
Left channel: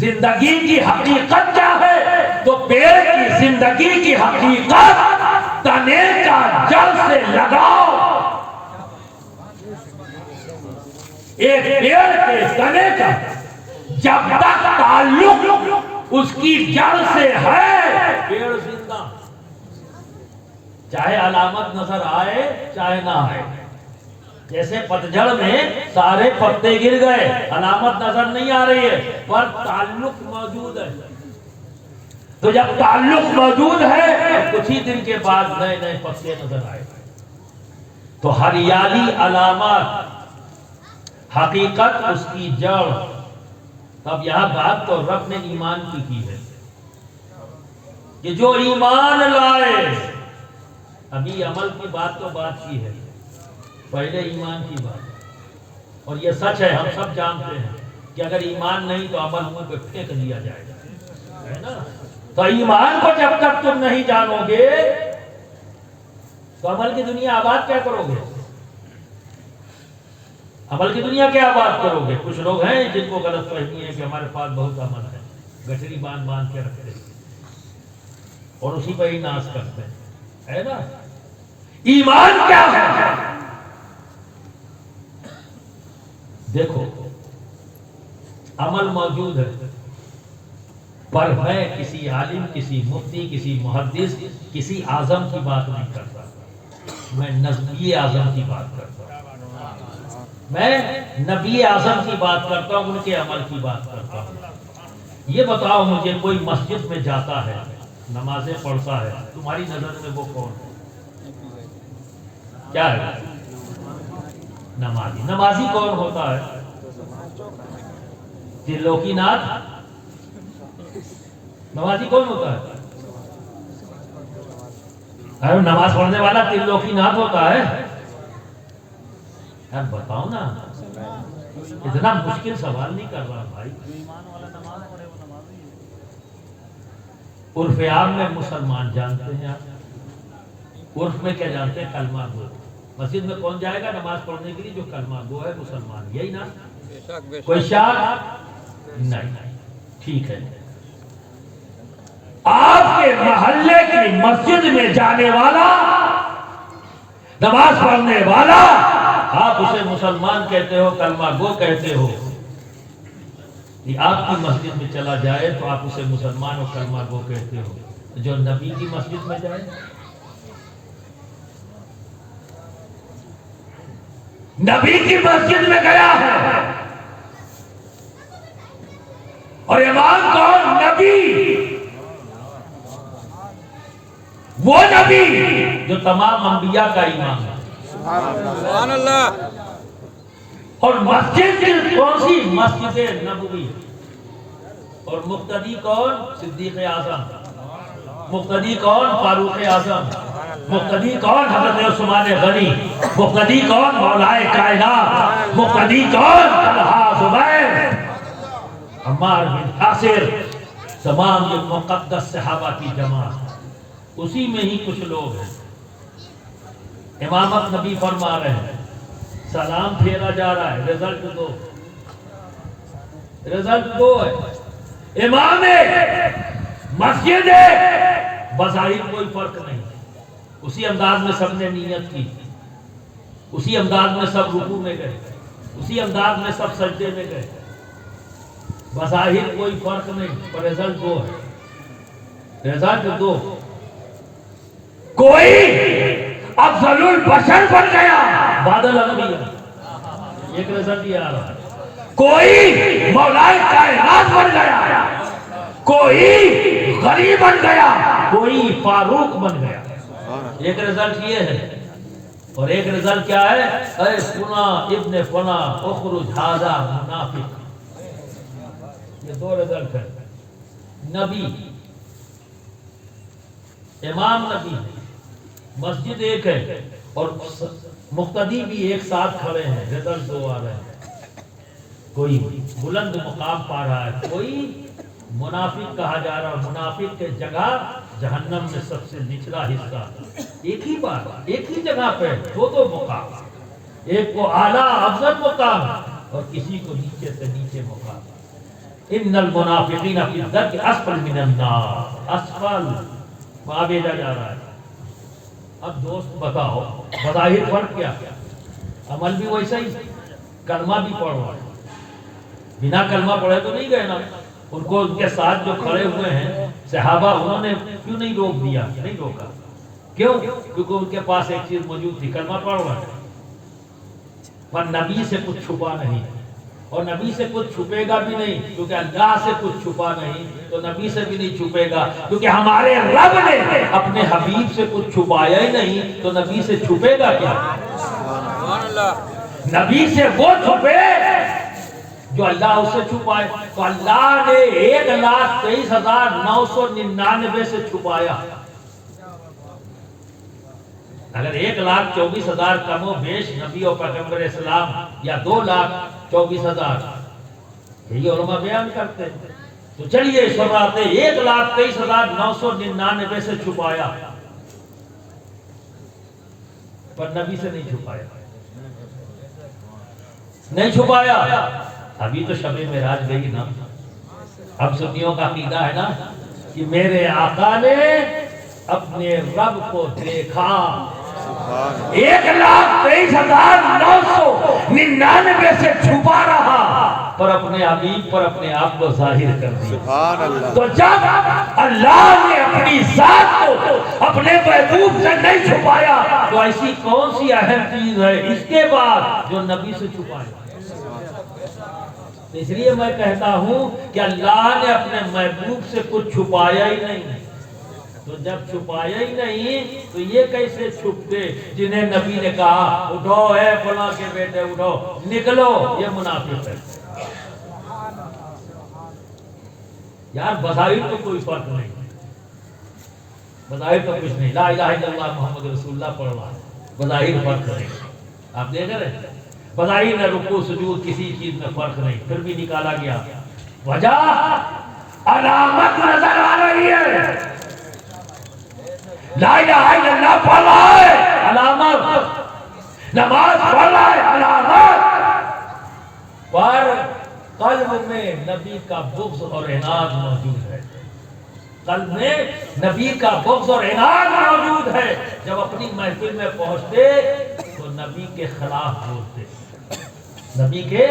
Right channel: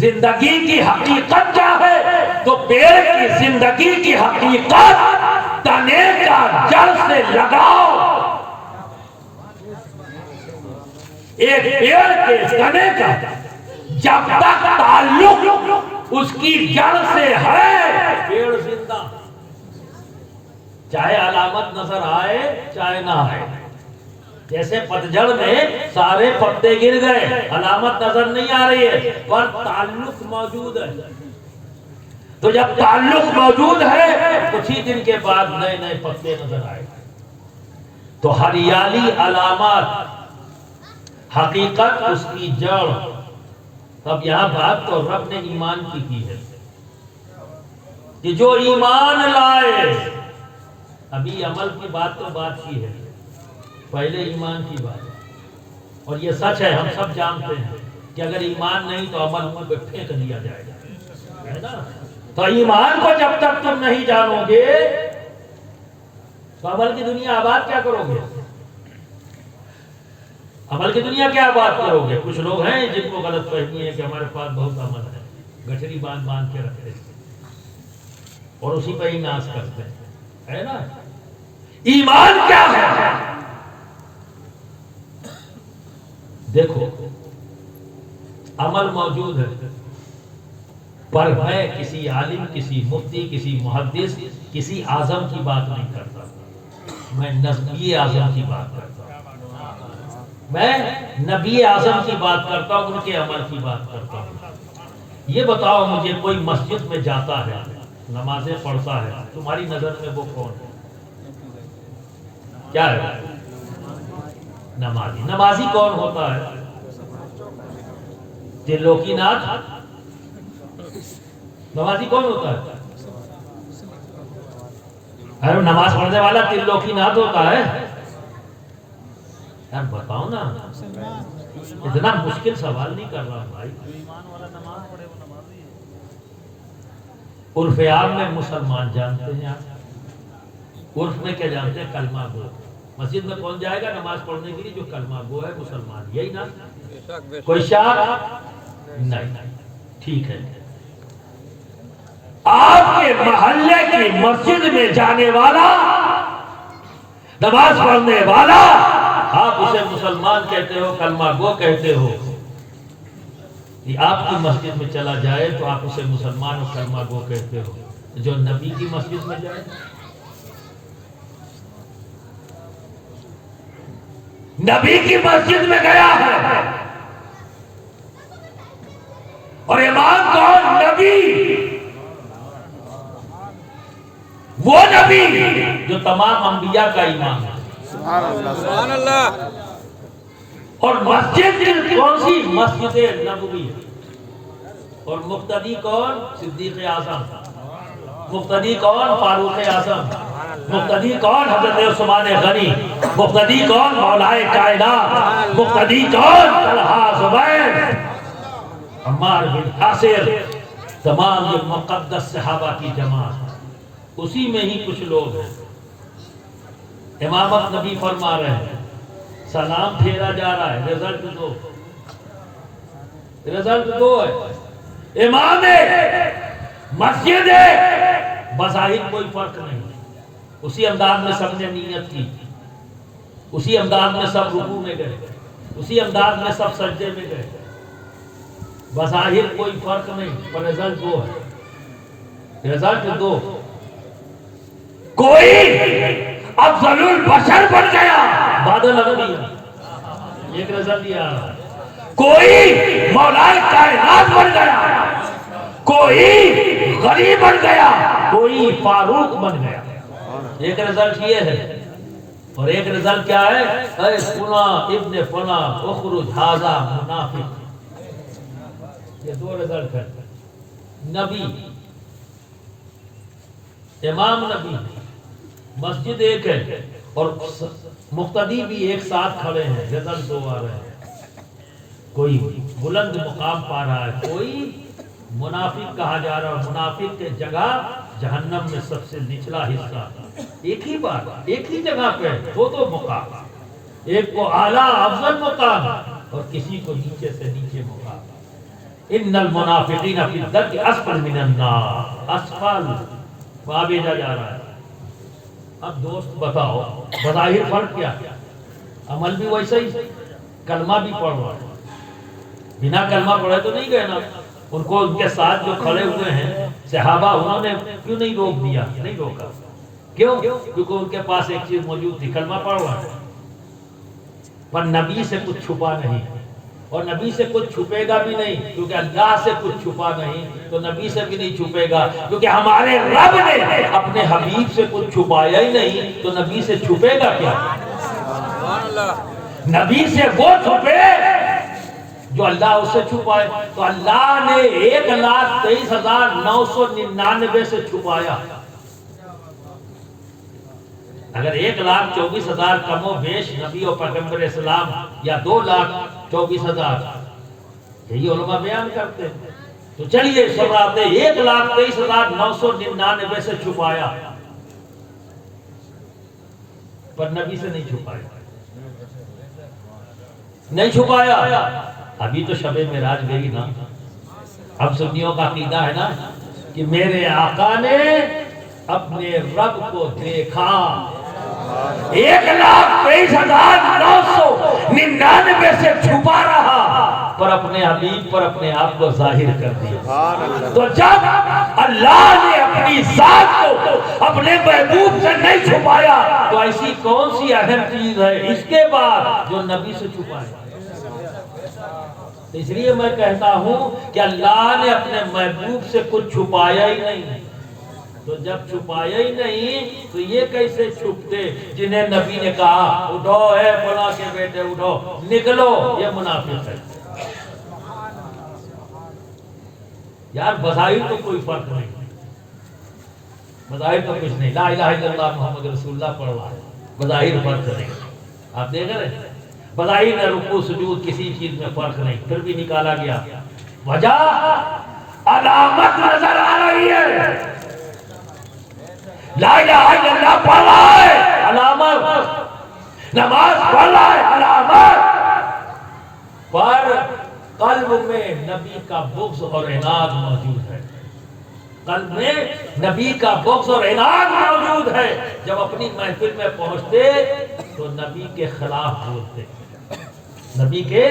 زندگی کی حقیقت کیا ہے؟ تو پیڑ کی زندگی کی حقیقت تنے کا جڑ سے لگاؤ۔ ایک پیڑ کے تنے کا جب تک تعلق اس کی جڑ سے ہے، پیڑ زندہ، چاہے علامت نظر آئے چاہے نہ آئے۔ جیسے پتجھڑ میں سارے پتے گر گئے، علامت نظر نہیں آ رہی ہے پر تعلق موجود ہے، تو جب تعلق موجود ہے کچھ ہی دن کے بعد نئے نئے پتے نظر آئے۔ تو ہریالی علامات، حقیقت اس کی جڑ۔ تب یہاں بات تو رب نے ایمان کی ہے کہ جو ایمان لائے، ابھی عمل کی بات تو بات کی ہے، پہلے ایمان کی بات۔ اور یہ سچ ہے، ہم سب جانتے ہیں کہ اگر ایمان نہیں تو عمل کو پھینک دیا جائے گا، ہے نا؟ تو ایمان کو جب تک تم نہیں جانو گے تو عمل کی دنیا آباد کیا کرو گے؟ عمل کی دنیا کیا بات کرو گے؟ کچھ لوگ ہیں جن کو غلط فہمی ہے کہ ہمارے پاس بہت عمل ہے، گٹھری باندھ کے رکھتے ہیں اور اسی پہ ہی ناز کرتے ہیں، ہے نا؟ ایمان کیا ہے؟ دیکھو، عمل موجود ہے پر میں کسی عالم، کسی مفتی، کسی محدث، کسی اعظم کی بات نہیں کرتا، میں نبی اعظم کی بات کرتا ہوں، میں نبی اعظم کی بات کرتا ہوں، ان کے عمل کی بات کرتا ہوں۔ یہ بتاؤ مجھے، کوئی مسجد میں جاتا ہے، نمازیں پڑھتا ہے، تمہاری نظر میں وہ کون ہے؟ کیا ہے؟ نمازی۔ نمازی کون ہوتا ہے؟ ترلوکی ناتھ۔ نمازی کون ہوتا ہے؟ ارے نماز پڑھنے والا ترلوکی ناتھ ہوتا ہے؟ یار بتاؤ نا، اتنا مشکل سوال نہیں کر رہا بھائی۔ عرف عام میں مسلمان جانتے ہیں، عرف میں کیا جانتے ہیں؟ کلمہ گو۔ مسجد میں کون جائے گا نماز پڑھنے کے لیے؟ جو کلمہ گو ہے، مسلمان، یہی نا؟ کوئی شاک؟ نہیں، ٹھیک ہے، آپ کے محلے کی مسجد میں جانے والا، نماز پڑھنے والا، آپ اسے مسلمان کہتے ہو، کلمہ گو کہتے ہو، یہ آپ کی مسجد میں چلا جائے تو آپ اسے مسلمان اور کلمہ گو کہتے ہو، جو نبی کی مسجد میں جائے، نبی کی مسجد میں گیا ہے، اور امام کون؟ نبی، وہ نبی جو تمام انبیاء کا امام ہے۔ سبحان اللہ۔ اور مسجد کون سی؟ مسجد نبوی، اور مقتدی کون؟ صدیق اعظم، مقتدی کون؟ فاروق اعظم، مقتدی کون؟ حضرت عثمان غنی، مقتدی کون؟ مولا کائنات، مقتدی کون؟ طلحہ، زبیر، عمار بن یاسر، تمام یہ مقدس صحابہ کی جماعت، اسی میں ہی کچھ لوگ ہیں۔ امامت نبی فرما رہے ہیں، سلام پھیرا جا رہا ہے، رزلٹ دو ہے، امام ہے، مسجد ہے، بظاہر کوئی فرق نہیں، اسی انداز میں سب نے نیت کی، اسی انداز میں سب رکوع میں گئے، اسی انداز میں سب سجدے میں گئے، بظاہر کوئی فرق نہیں، پر رزلٹ دو ہے، رزلٹ دو۔ کوئی افضل البشر بن گیا، بادل انبیاء، ایک رزلٹ یہ آ رہا ہے، کوئی مولا کائنات بن گیا، کوئی غنی بن گیا، کوئی فاروق بن گیا، ایک رزلٹ یہ ہے۔ اور ایک رزلٹ کیا ہے؟ اے فنا ابن فنا اخرج ھذا منافق، یہ دو رزلٹ ہے، نبی، امام نبی، مسجد ایک ہے، اور مقتدی بھی ایک ساتھ کھڑے ہیں، رزلٹ دو آ رہے ہیں، کوئی بلند مقام پا رہا ہے، کوئی منافق کہا جا رہا ہے، منافق کے جگہ جہنم میں سب سے نچلا حصہ، ایک ہی بات، ایک ہی جگہ پہ دو دو مقام، ایک کو اعلیٰ افضل مقام اور کسی کو نیچے سے نیچے مقام۔ ان المنافقین فی الدرک اسفل من النار، اسفل وہاں بھیجا جا رہا ہے۔ اب دوست بتاؤ، بظاہر فرق کیا؟ عمل بھی ویسا ہی، کلمہ بھی پڑھنا، بنا کلمہ پڑھے تو نہیں گئے نا، ان کو ان کے ساتھ جو کھڑے ہوئے ہیں صحابہ، انہوں نے کیوں نہیں روک دیا؟ نہیں روکا، کیوں؟ کیونکہ ان کے پاس ایک چیز موجود تھی، کلمہ پڑھنا، پر نبی سے کچھ چھپا نہیں، اور نبی سے کچھ چھپے گا بھی نہیں، کیونکہ اللہ سے کچھ چھپا نہیں تو نبی سے بھی نہیں چھپے گا، کیونکہ ہمارے رب نے اپنے حبیب سے کچھ چھپایا ہی نہیں تو نبی سے چھپے گا کیا؟ نبی سے وہ چھپے جو اللہ اسے چھپائے، تو اللہ نے 1,23,999 سے چھپایا۔ اگر 1,24,000 کم و بیش نبی اور پیغمبر اسلام، یا 2,24,000، یہی علماء بیان کرتے ہیں، تو چلیے شرعاتے 1,23,999 سے چھپایا، پر نبی سے نہیں چھپایا، نہیں چھپایا۔ ابھی تو شب معراج گئی نا، اب سنیوں کا عقیدہ ہے نا کہ میرے آقا نے اپنے رب کو دیکھا، 1,23,999 سے چھپا رہا، پر اپنے حبیب پر اپنے آپ کو ظاہر کر دیا۔ تو جب اللہ نے اپنی ذات کو اپنے محبوب سے نہیں چھپایا تو ایسی کون سی اہم چیز ہے اس کے بعد جو نبی سے چھپائے؟ اس لیے میں کہتا ہوں کہ اللہ نے اپنے محبوب سے کچھ چھپایا ہی نہیں، تو جب چھپایا ہی نہیں تو یہ کیسے چھپتے جنہیں نبی نے کہا اٹھو اے فلاں کے بیٹے اٹھو نکلو، یہ منافق ہے۔ یار بظاہر تو کوئی فرق نہیں، بظاہر تو کچھ نہیں، لا الہ الا اللہ محمد رسول اللہ پڑھ رہا ہے، بظاہر فرق نہیں، آپ دیکھ رہے ہیں بظاہر رکوع سجود کسی چیز میں فرق نہیں، پھر بھی نکالا گیا، وجہ علامت نظر آ رہی ہے، لا الہ الا اللہ پڑھ رہا ہے علامت، نماز پڑھ رہا ہے علامت، پر قلب میں نبی کا بغض اور عناد موجود ہے، قلب میں نبی کا بغض اور عناد موجود ہے۔ جب اپنی محفل میں پہنچتے تو نبی کے خلاف بولتے، نبی کے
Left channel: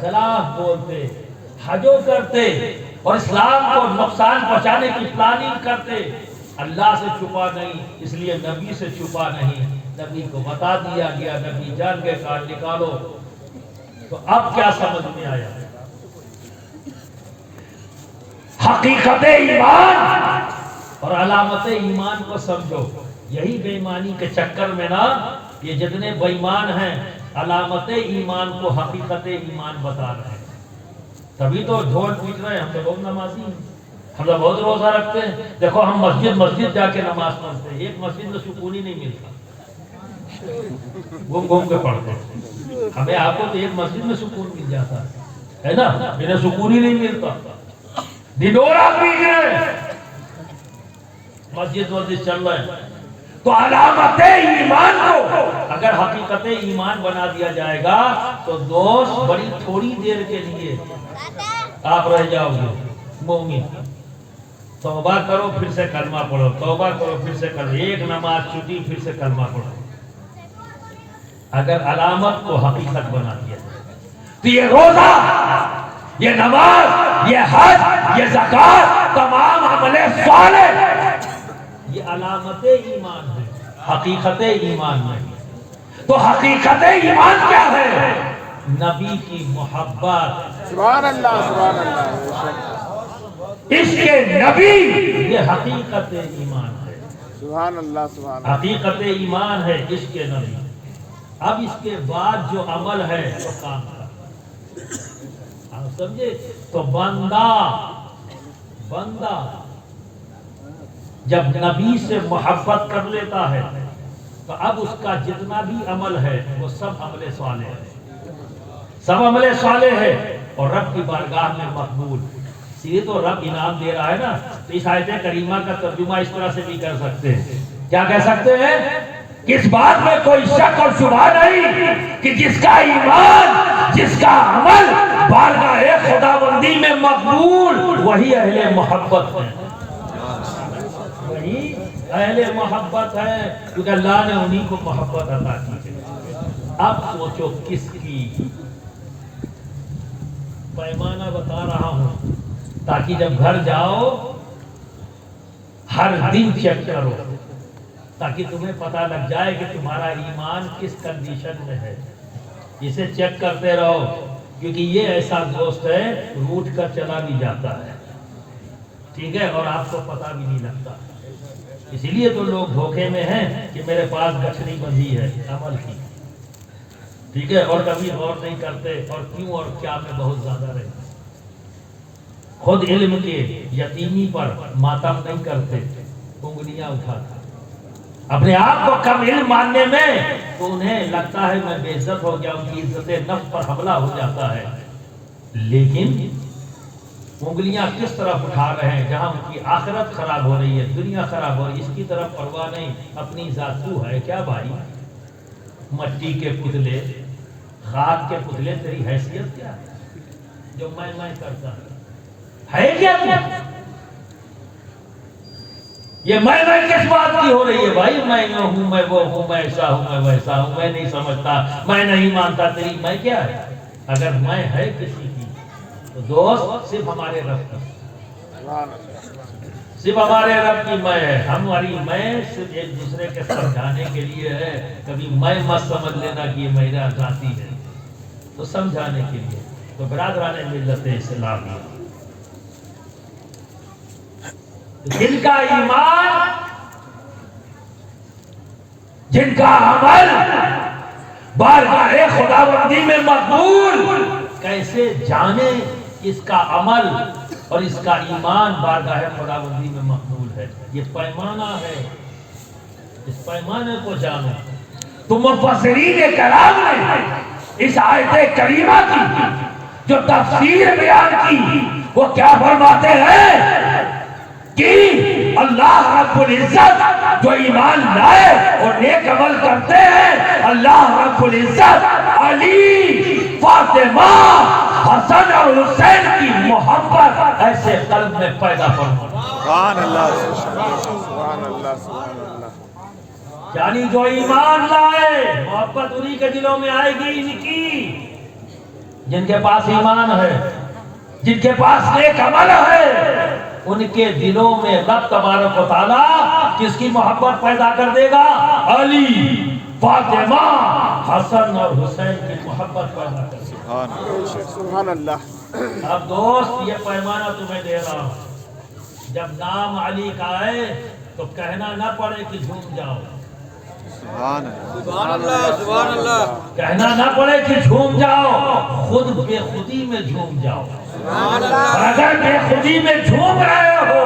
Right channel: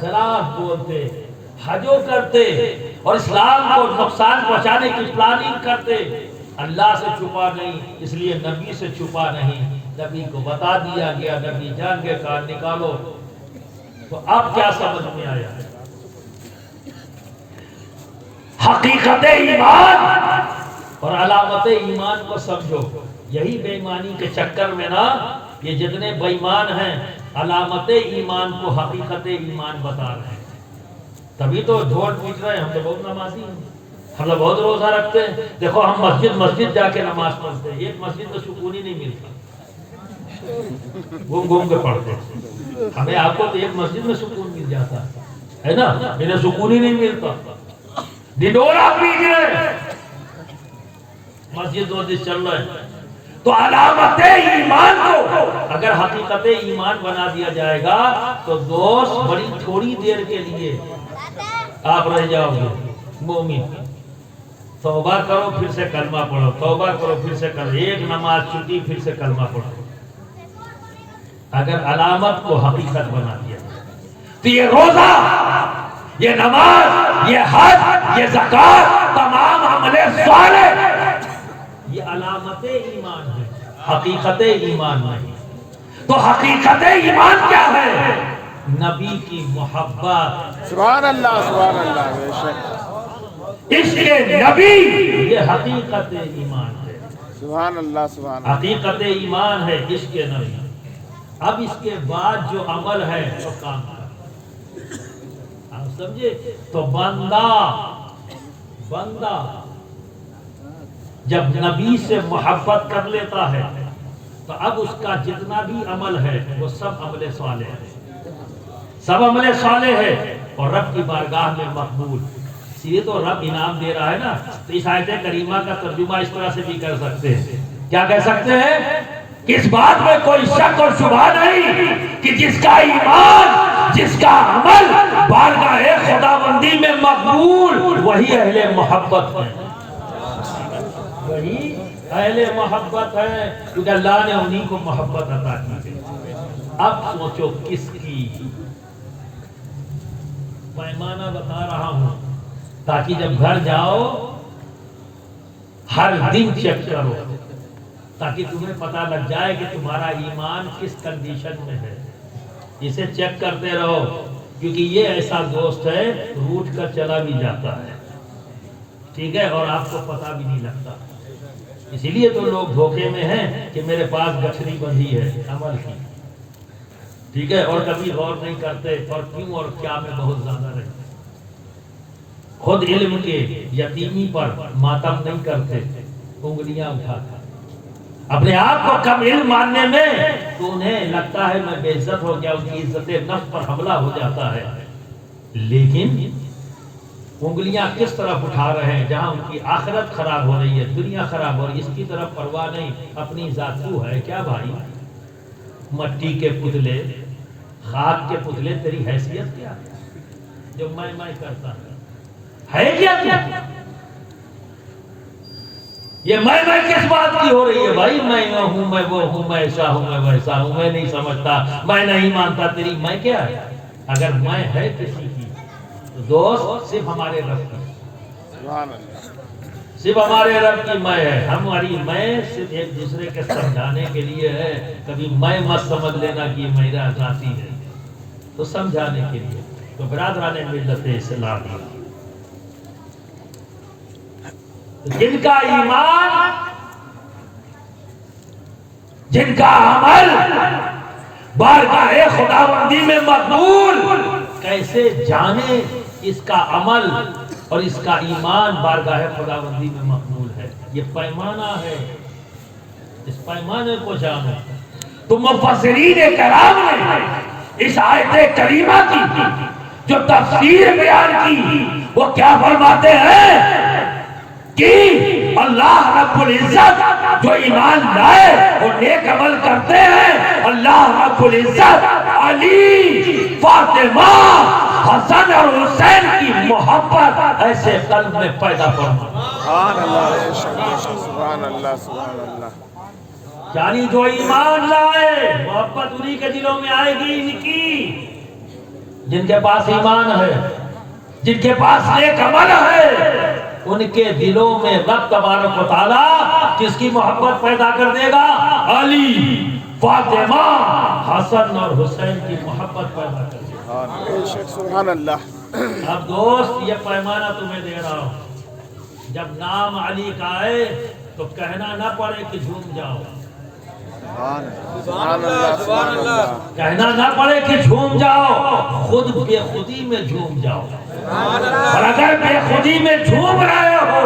خلاف بولتے، حجو کرتے اور اسلام کو نقصان پہنچانے کی پلاننگ کرتے۔ اللہ سے چھپا نہیں، اس لیے نبی سے چھپا نہیں، نبی کو بتا دیا گیا، نبی جان کے کان نکالو۔ تو اب کیا سمجھ میں آیا؟ حقیقت ایمان اور علامت ایمان کو سمجھو۔ یہی بے ایمانی کے چکر میں نا یہ جتنے بے ایمان ہیں علامت ایمان کو حقیقت ایمان بتا رہے ہیں، تبھی تو ڈھول پیٹ رہے ہیں۔ ہم تو بہت نمازی ہیں، ہم تو بہت روزہ رکھتے ہیں، دیکھو ہم مسجد جا کے نماز پڑھتے ہیں، ایک مسجد میں سکون ہی نہیں ملتا، گھوم کے پڑھتے ہیں۔ ہمیں آپ کو تو ایک مسجد میں سکون مل جاتا ہے نا، انہیں سکون ہی نہیں ملتا، ڈنڈورا پیٹ رہے، مسجد چل رہے ہیں۔ تو علامت ایمان کو اگر حقیقت ایمان بنا دیا جائے گا تو دوست بڑی تھوڑی دیر کے لیے آپ رہ جاؤ گے مومن۔ توبہ کرو پھر سے کلمہ پڑھو، توبہ کرو پھر سے کلمہ، ایک نماز چھوٹی پھر سے کلمہ پڑھو۔ اگر علامت کو حقیقت بنا دیا تو یہ روزہ، یہ نماز، یہ حج، یہ زکات، تمام عمل صالح یہ علامت ایمان ہے، حقیقت ایمان نہیں۔ تو حقیقت ایمان کیا ہے؟ نبی کی محبت، سبحان اللہ سبحان اللہ، عشق نبی، یہ حقیقت ایمان ہے، سبحان اللہ سبحان اللہ۔ حقیقت ایمان ہے عشق نبی۔ اب اس کے بعد جو عمل ہے وہ کام کر، آپ سمجھے؟ تو بندہ جب نبی سے محبت کر لیتا ہے تو اب اس کا جتنا بھی عمل ہے وہ سب عمل صالح ہے، سب عمل صالح ہے اور رب کی بارگاہ میں مقبول۔ اس لیے تو رب انعام دے رہا ہے نا۔ تو اس آیت کریمہ کا ترجمہ اس طرح سے بھی کر سکتے ہیں، کیا کہہ سکتے ہیں؟ کہ اس بات میں کوئی شک اور شبہ نہیں کہ جس کا ایمان، جس کا عمل بارگاہ خداوندی میں مقبول، وہی اہل محبت ہے، وہی اہل محبت ہے، کیونکہ اللہ نے انہی کو محبت عطا کی ہے۔ اب سوچو کس کی پیمانہ بتا رہا ہوں تاکہ جب گھر جاؤ ہر دن چیک کرو، تاکہ تمہیں پتہ لگ جائے کہ تمہارا ایمان کس کنڈیشن میں ہے۔ اسے چیک کرتے رہو، کیونکہ یہ ایسا دوست ہے روٹ کر چلا بھی جاتا ہے، ٹھیک ہے، اور آپ کو پتہ بھی نہیں لگتا۔ اسی لیے تو لوگ دھوکے میں ہیں کہ میرے پاس گٹھڑی بندھی ہے عمل کی، ٹھیک ہے، اور کبھی غور نہیں کرتے اور کیوں اور کیا میں بہت زیادہ رہتے، خود علم کے یتیمی پر ماتم نہیں کرتے، انگلیاں اٹھاتے، اپنے آپ کو کم علم ماننے میں تو انہیں لگتا ہے میں بے عزت ہو گیا، ان کی عزت نفس پر حملہ ہو جاتا ہے، لیکن انگلیاں کس طرف اٹھا رہے ہیں؟ جہاں ان کی آخرت خراب ہو رہی ہے، دنیا خراب ہو رہی ہے، اس کی طرف پرواہ نہیں۔ اپنی ذات تو ہے کیا بھائی؟ مٹی کے پتلے، خاک کے پتلے، تیری حیثیت کیا جو میں کرتا ہے کیا تو؟ یہ میں کس بات کی ہو رہی ہے بھائی؟ میں ہوں، میں وہ ہوں، میں ایسا ہوں، میں ویسا ہوں، میں نہیں سمجھتا، میں نہیں مانتا، تیری میں کیا ہے؟ اگر میں ہے کسی کی تو دوست صرف ہمارے رب کی، صرف ہمارے رب کی میں ہے، ہماری میں صرف ایک دوسرے کے سمجھانے کے لیے ہے۔ کبھی میں مت سمجھ لینا کہ یہ میرا ذاتی ہے، تو سمجھانے کے لیے۔ تو برادران ملت اسلامی، جن کا ایمان، جن کا عمل بارگاہ خداوندی میں مقبول، کیسے جانے اس کا عمل اور اس کا ایمان بارگاہ خداوندی میں مقبول ہے؟ یہ پیمانہ ہے، اس پیمانے کو جانو۔ تو مفسرین کرام نے اس آیت کریمہ کی جو تفسیر بیان کی وہ کیا فرماتے ہیں کہ اللہ رب العزت جو ایمان لائے اور نیک عمل کرتے ہیں، اللہ رب العزت علی، فاطمہ، حسن اور حسین کی محبت ایسے قلب میں پیدا فرما۔ سبحان اللہ، بے شک بے شک، سبحان اللہ سبحان اللہ۔ یعنی جو ایمان لائے محبت انہی کے دلوں میں آئے گی، ان کی جن کے پاس ایمان ہے، جن کے پاس نیک عمل ہے، ان کے دلوں میں رب تبارک و تعالیٰ کس کی محبت پیدا کر دے گا؟ علی، فاطمہ، حسن اور حسین کی محبت پیدا کر دے گا۔ بے شک، سبحان اللہ۔ اب دوست یہ پیمانہ تمہیں دے رہا ہوں، جب نام علی کا آئے تو کہنا نہ پڑے کہ جھوم جاؤ، سبحان اللہ سبحان اللہ۔ کہنا نہ پڑے کہ جھوم جاؤ، خود بے خودی میں جھوم جاؤ۔ اور اگر بے خودی میں جھوم رہے ہو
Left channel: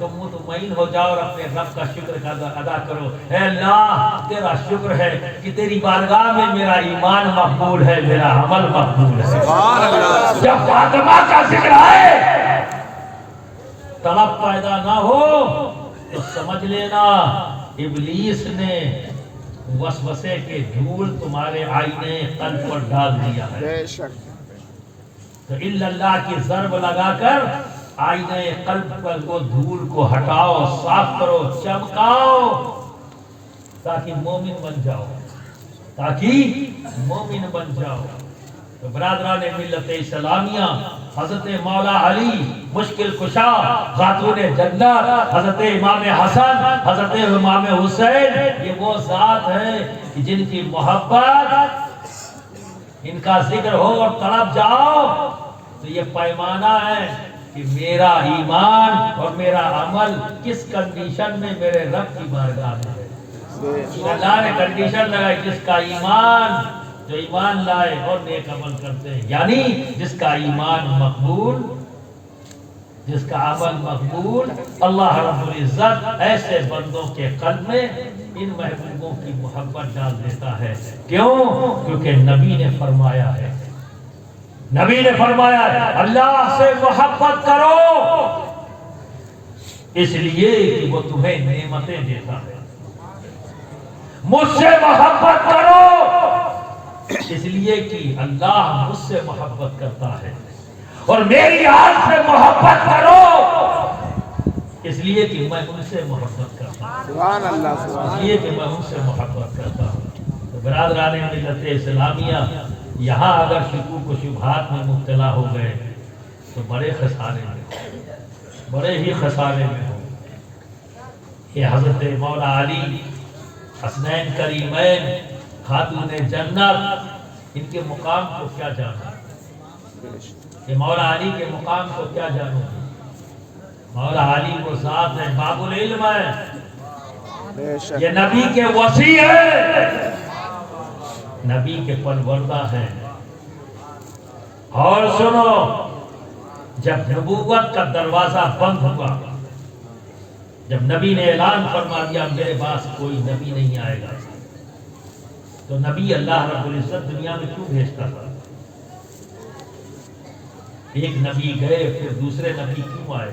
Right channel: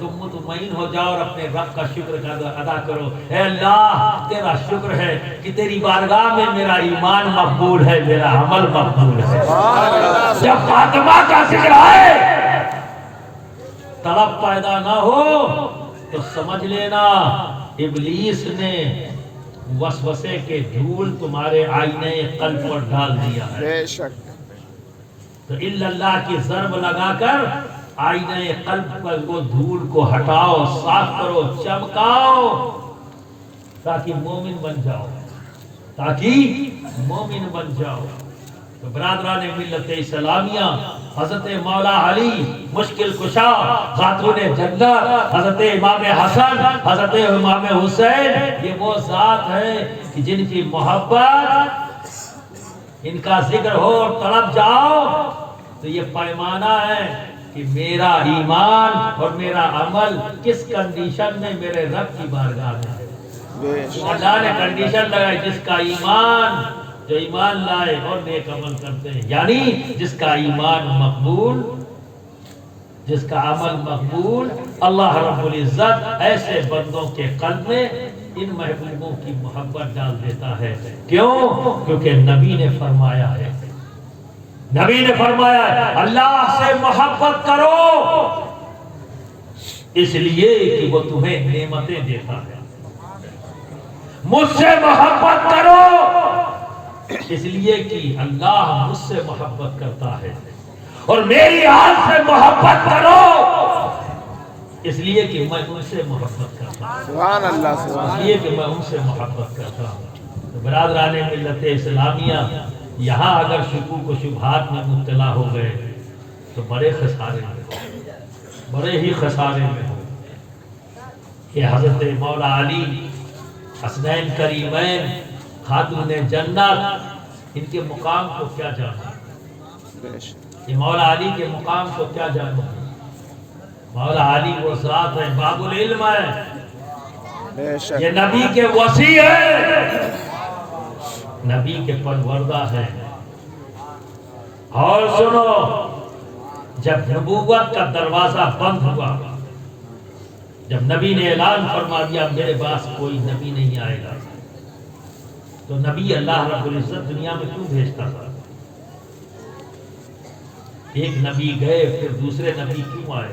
تو مطمئن ہو جاؤ اور اپنے رب کا شکر ادا کرو۔ اے اللہ تیرا شکر ہے کہ تیری بارگاہ میں میرا ایمان مقبول ہے، میرا عمل مقبول ہے۔ جب فاطمہ کا ذکر آئے طلب پیدا نہ ہو تو سمجھ لینا ابلیس نے وسوسے کے دھول تمہارے آئینے قلب پر ڈال دیا ہے۔ بے شک، تو الا اللہ کی ضرب لگا کر آئینے قلب پر وہ دھول کو ہٹاؤ، صاف کرو، چمکاؤ، تاکہ مومن بن جاؤ، تاکہ مومن بن جاؤ۔ تو برادران ملت اسلامیہ، حضرت مولا علی مشکل کشا، خاتون جنت، حضرت امام حسن، حضرت امام حسین، یہ وہ ذات ہے کہ جن کی محبت، ان کا ذکر ہو اور طلب جاؤ تو یہ پیمانہ ہے کہ میرا ایمان اور میرا عمل کس کنڈیشن میں میرے رب کی بارگاہ میں ہے۔ بے شک، اللہ نے کنڈیشن لگائی، جس کا ایمان، جو ایمان لائے اور نیک عمل کرتے ہیں، یعنی جس کا ایمان مقبول، جس کا عمل مقبول، اللہ رب العزت ایسے بندوں کے قلب میں ان محبوبوں کی محبت ڈال دیتا ہے۔ کیوں؟ کیونکہ نبی نے فرمایا ہے، نبی نے فرمایا ہے اللہ سے محبت کرو اس لیے کہ وہ تمہیں نعمتیں دیتا ہے، مجھ سے محبت کرو اس لیے کہ اللہ مجھ سے محبت کرتا ہے، اور میری آل سے محبت کرو اس لیے کہ میں ان سے محبت کرتا ہوں، سبحان اللہ سبحان اس لیے کہ میں ان سے محبت کرتا ہوں۔ برادران ملت اسلامیہ، یہاں اگر شکوک و شبہات میں مبتلا ہو گئے تو بڑے خسارے میں، بڑے ہی خسارے میں ہو کہ حضرت مولا علی، حسنین کریمین، خاتون جنت، ان کے مقام کو کیا جانا، بے شک، یہ مولا علی کے مقام کو کیا جانا۔ مولا علی وہ ذات ہے، باب العلم ہے، بے شک، یہ نبی کے وصی ہے، نبی کے پروردہ ہیں۔ اور سنو، جب نبوت کا دروازہ بند ہوا، جب نبی نے اعلان فرما دیا میرے پاس کوئی نبی نہیں آئے گا، تو نبی اللہ رب العزت دنیا میں کیوں بھیجتا تھا؟ ایک نبی گئے پھر دوسرے نبی کیوں آئے؟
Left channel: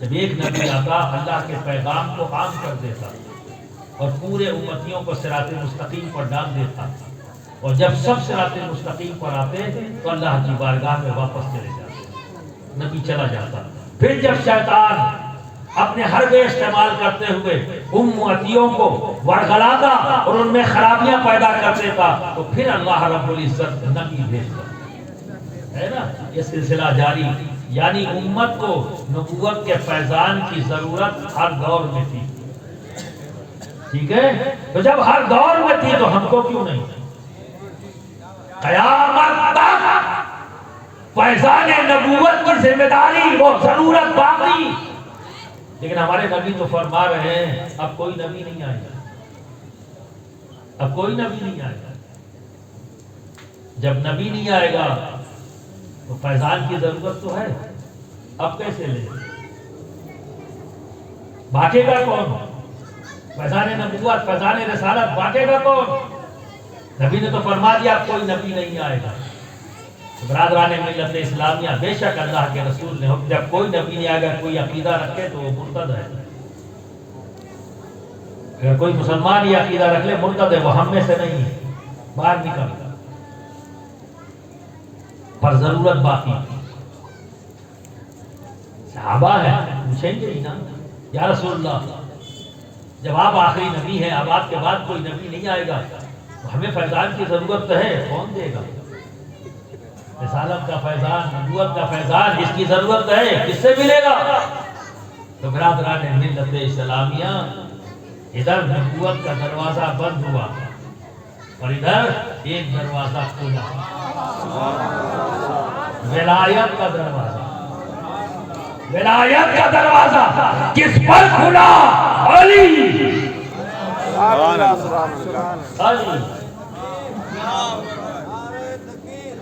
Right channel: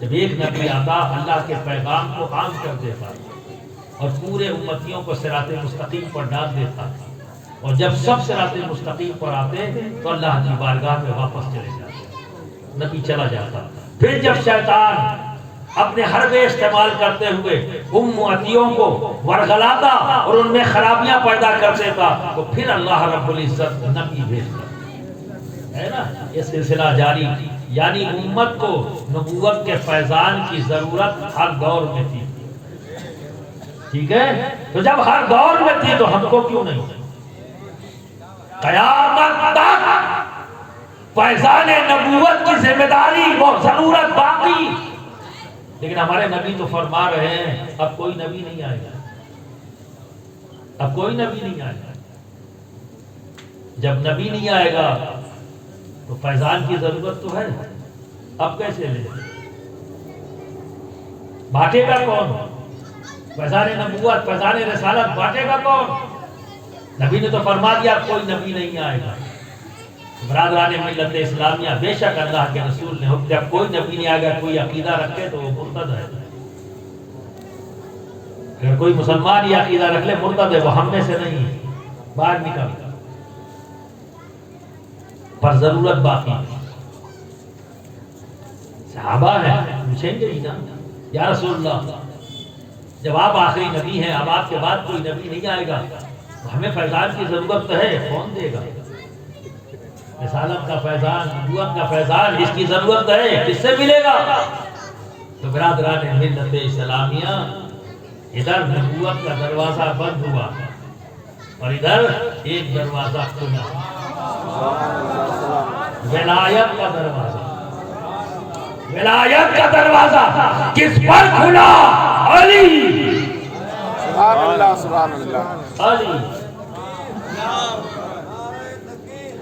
جب ایک نبی آتا اللہ کے پیغام کو عام کر دیتا اور پورے امتیوں کو صراط مستقیم پر ڈال دیتا، اور جب سب صراط مستقیم پر آتے تو اللہ کی بارگاہ میں واپس چلے جاتے، نبی چلا جاتا۔ پھر جب شیطان اپنے حربے استعمال کرتے ہوئے امتیوں کو ورغلاتا اور ان میں خرابیاں پیدا کر دیتا تو پھر اللہ رب العزت نبی بھیجتا ہے نا۔ یہ سلسلہ جاری، یعنی امت کو نبوت کے فیضان کی ضرورت ہر دور میں تھی، ٹھیک ہے؟ تو جب ہر دور میں تھی تو ہم کو کیوں نہیں؟ قیامت تک فیضان نبوت کی ذمہ داری، وہ ضرورت باقی، لیکن ہمارے نبی تو فرما رہے ہیں اب کوئی نبی نہیں آئے گا، اب کوئی نبی نہیں آئے گا۔ جب نبی نہیں آئے گا تو فیضان کی ضرورت تو ہے، اب کیسے لے؟ بانٹے گا کون؟ فیضان نبوت، فیضان رسالت بانٹے گا کون؟ نبی نے تو فرما دیا کوئی نبی نہیں آئے گا۔ برادران ملت اسلامیہ، بے شک اللہ کے رسول نے حکم دیا کوئی نبی نہیں آئے گا، کوئی عقیدہ رکھے تو وہ مرتد ہے، اگر کوئی مسلمان یہ عقیدہ رکھ لے مرتد ہے، وہ ہم میں سے نہیں ہے، باہر نکل۔ پر ضرورت باقی تھی۔ صحابہ ہیں، پوچھیں گے نا یا رسول اللہ جب آپ آخری نبی ہیں، اب آپ کے بعد کوئی نبی نہیں آئے گا، تو ہمیں فیضان کی ضرورت تو ہے، کون دے گا؟ رسالت کا فیضان، نبوت کا فیضان، اس کی ضرورت ہے، کس سے ملے گا؟ تو برادران ملت اسلامیہ، ادھر نبوت کا دروازہ بند ہوا اور ادھر ایک دروازہ کھلا، ولایت کا دروازہ۔ ولایت کا دروازہ کس پر کھلا؟ علی، علی۔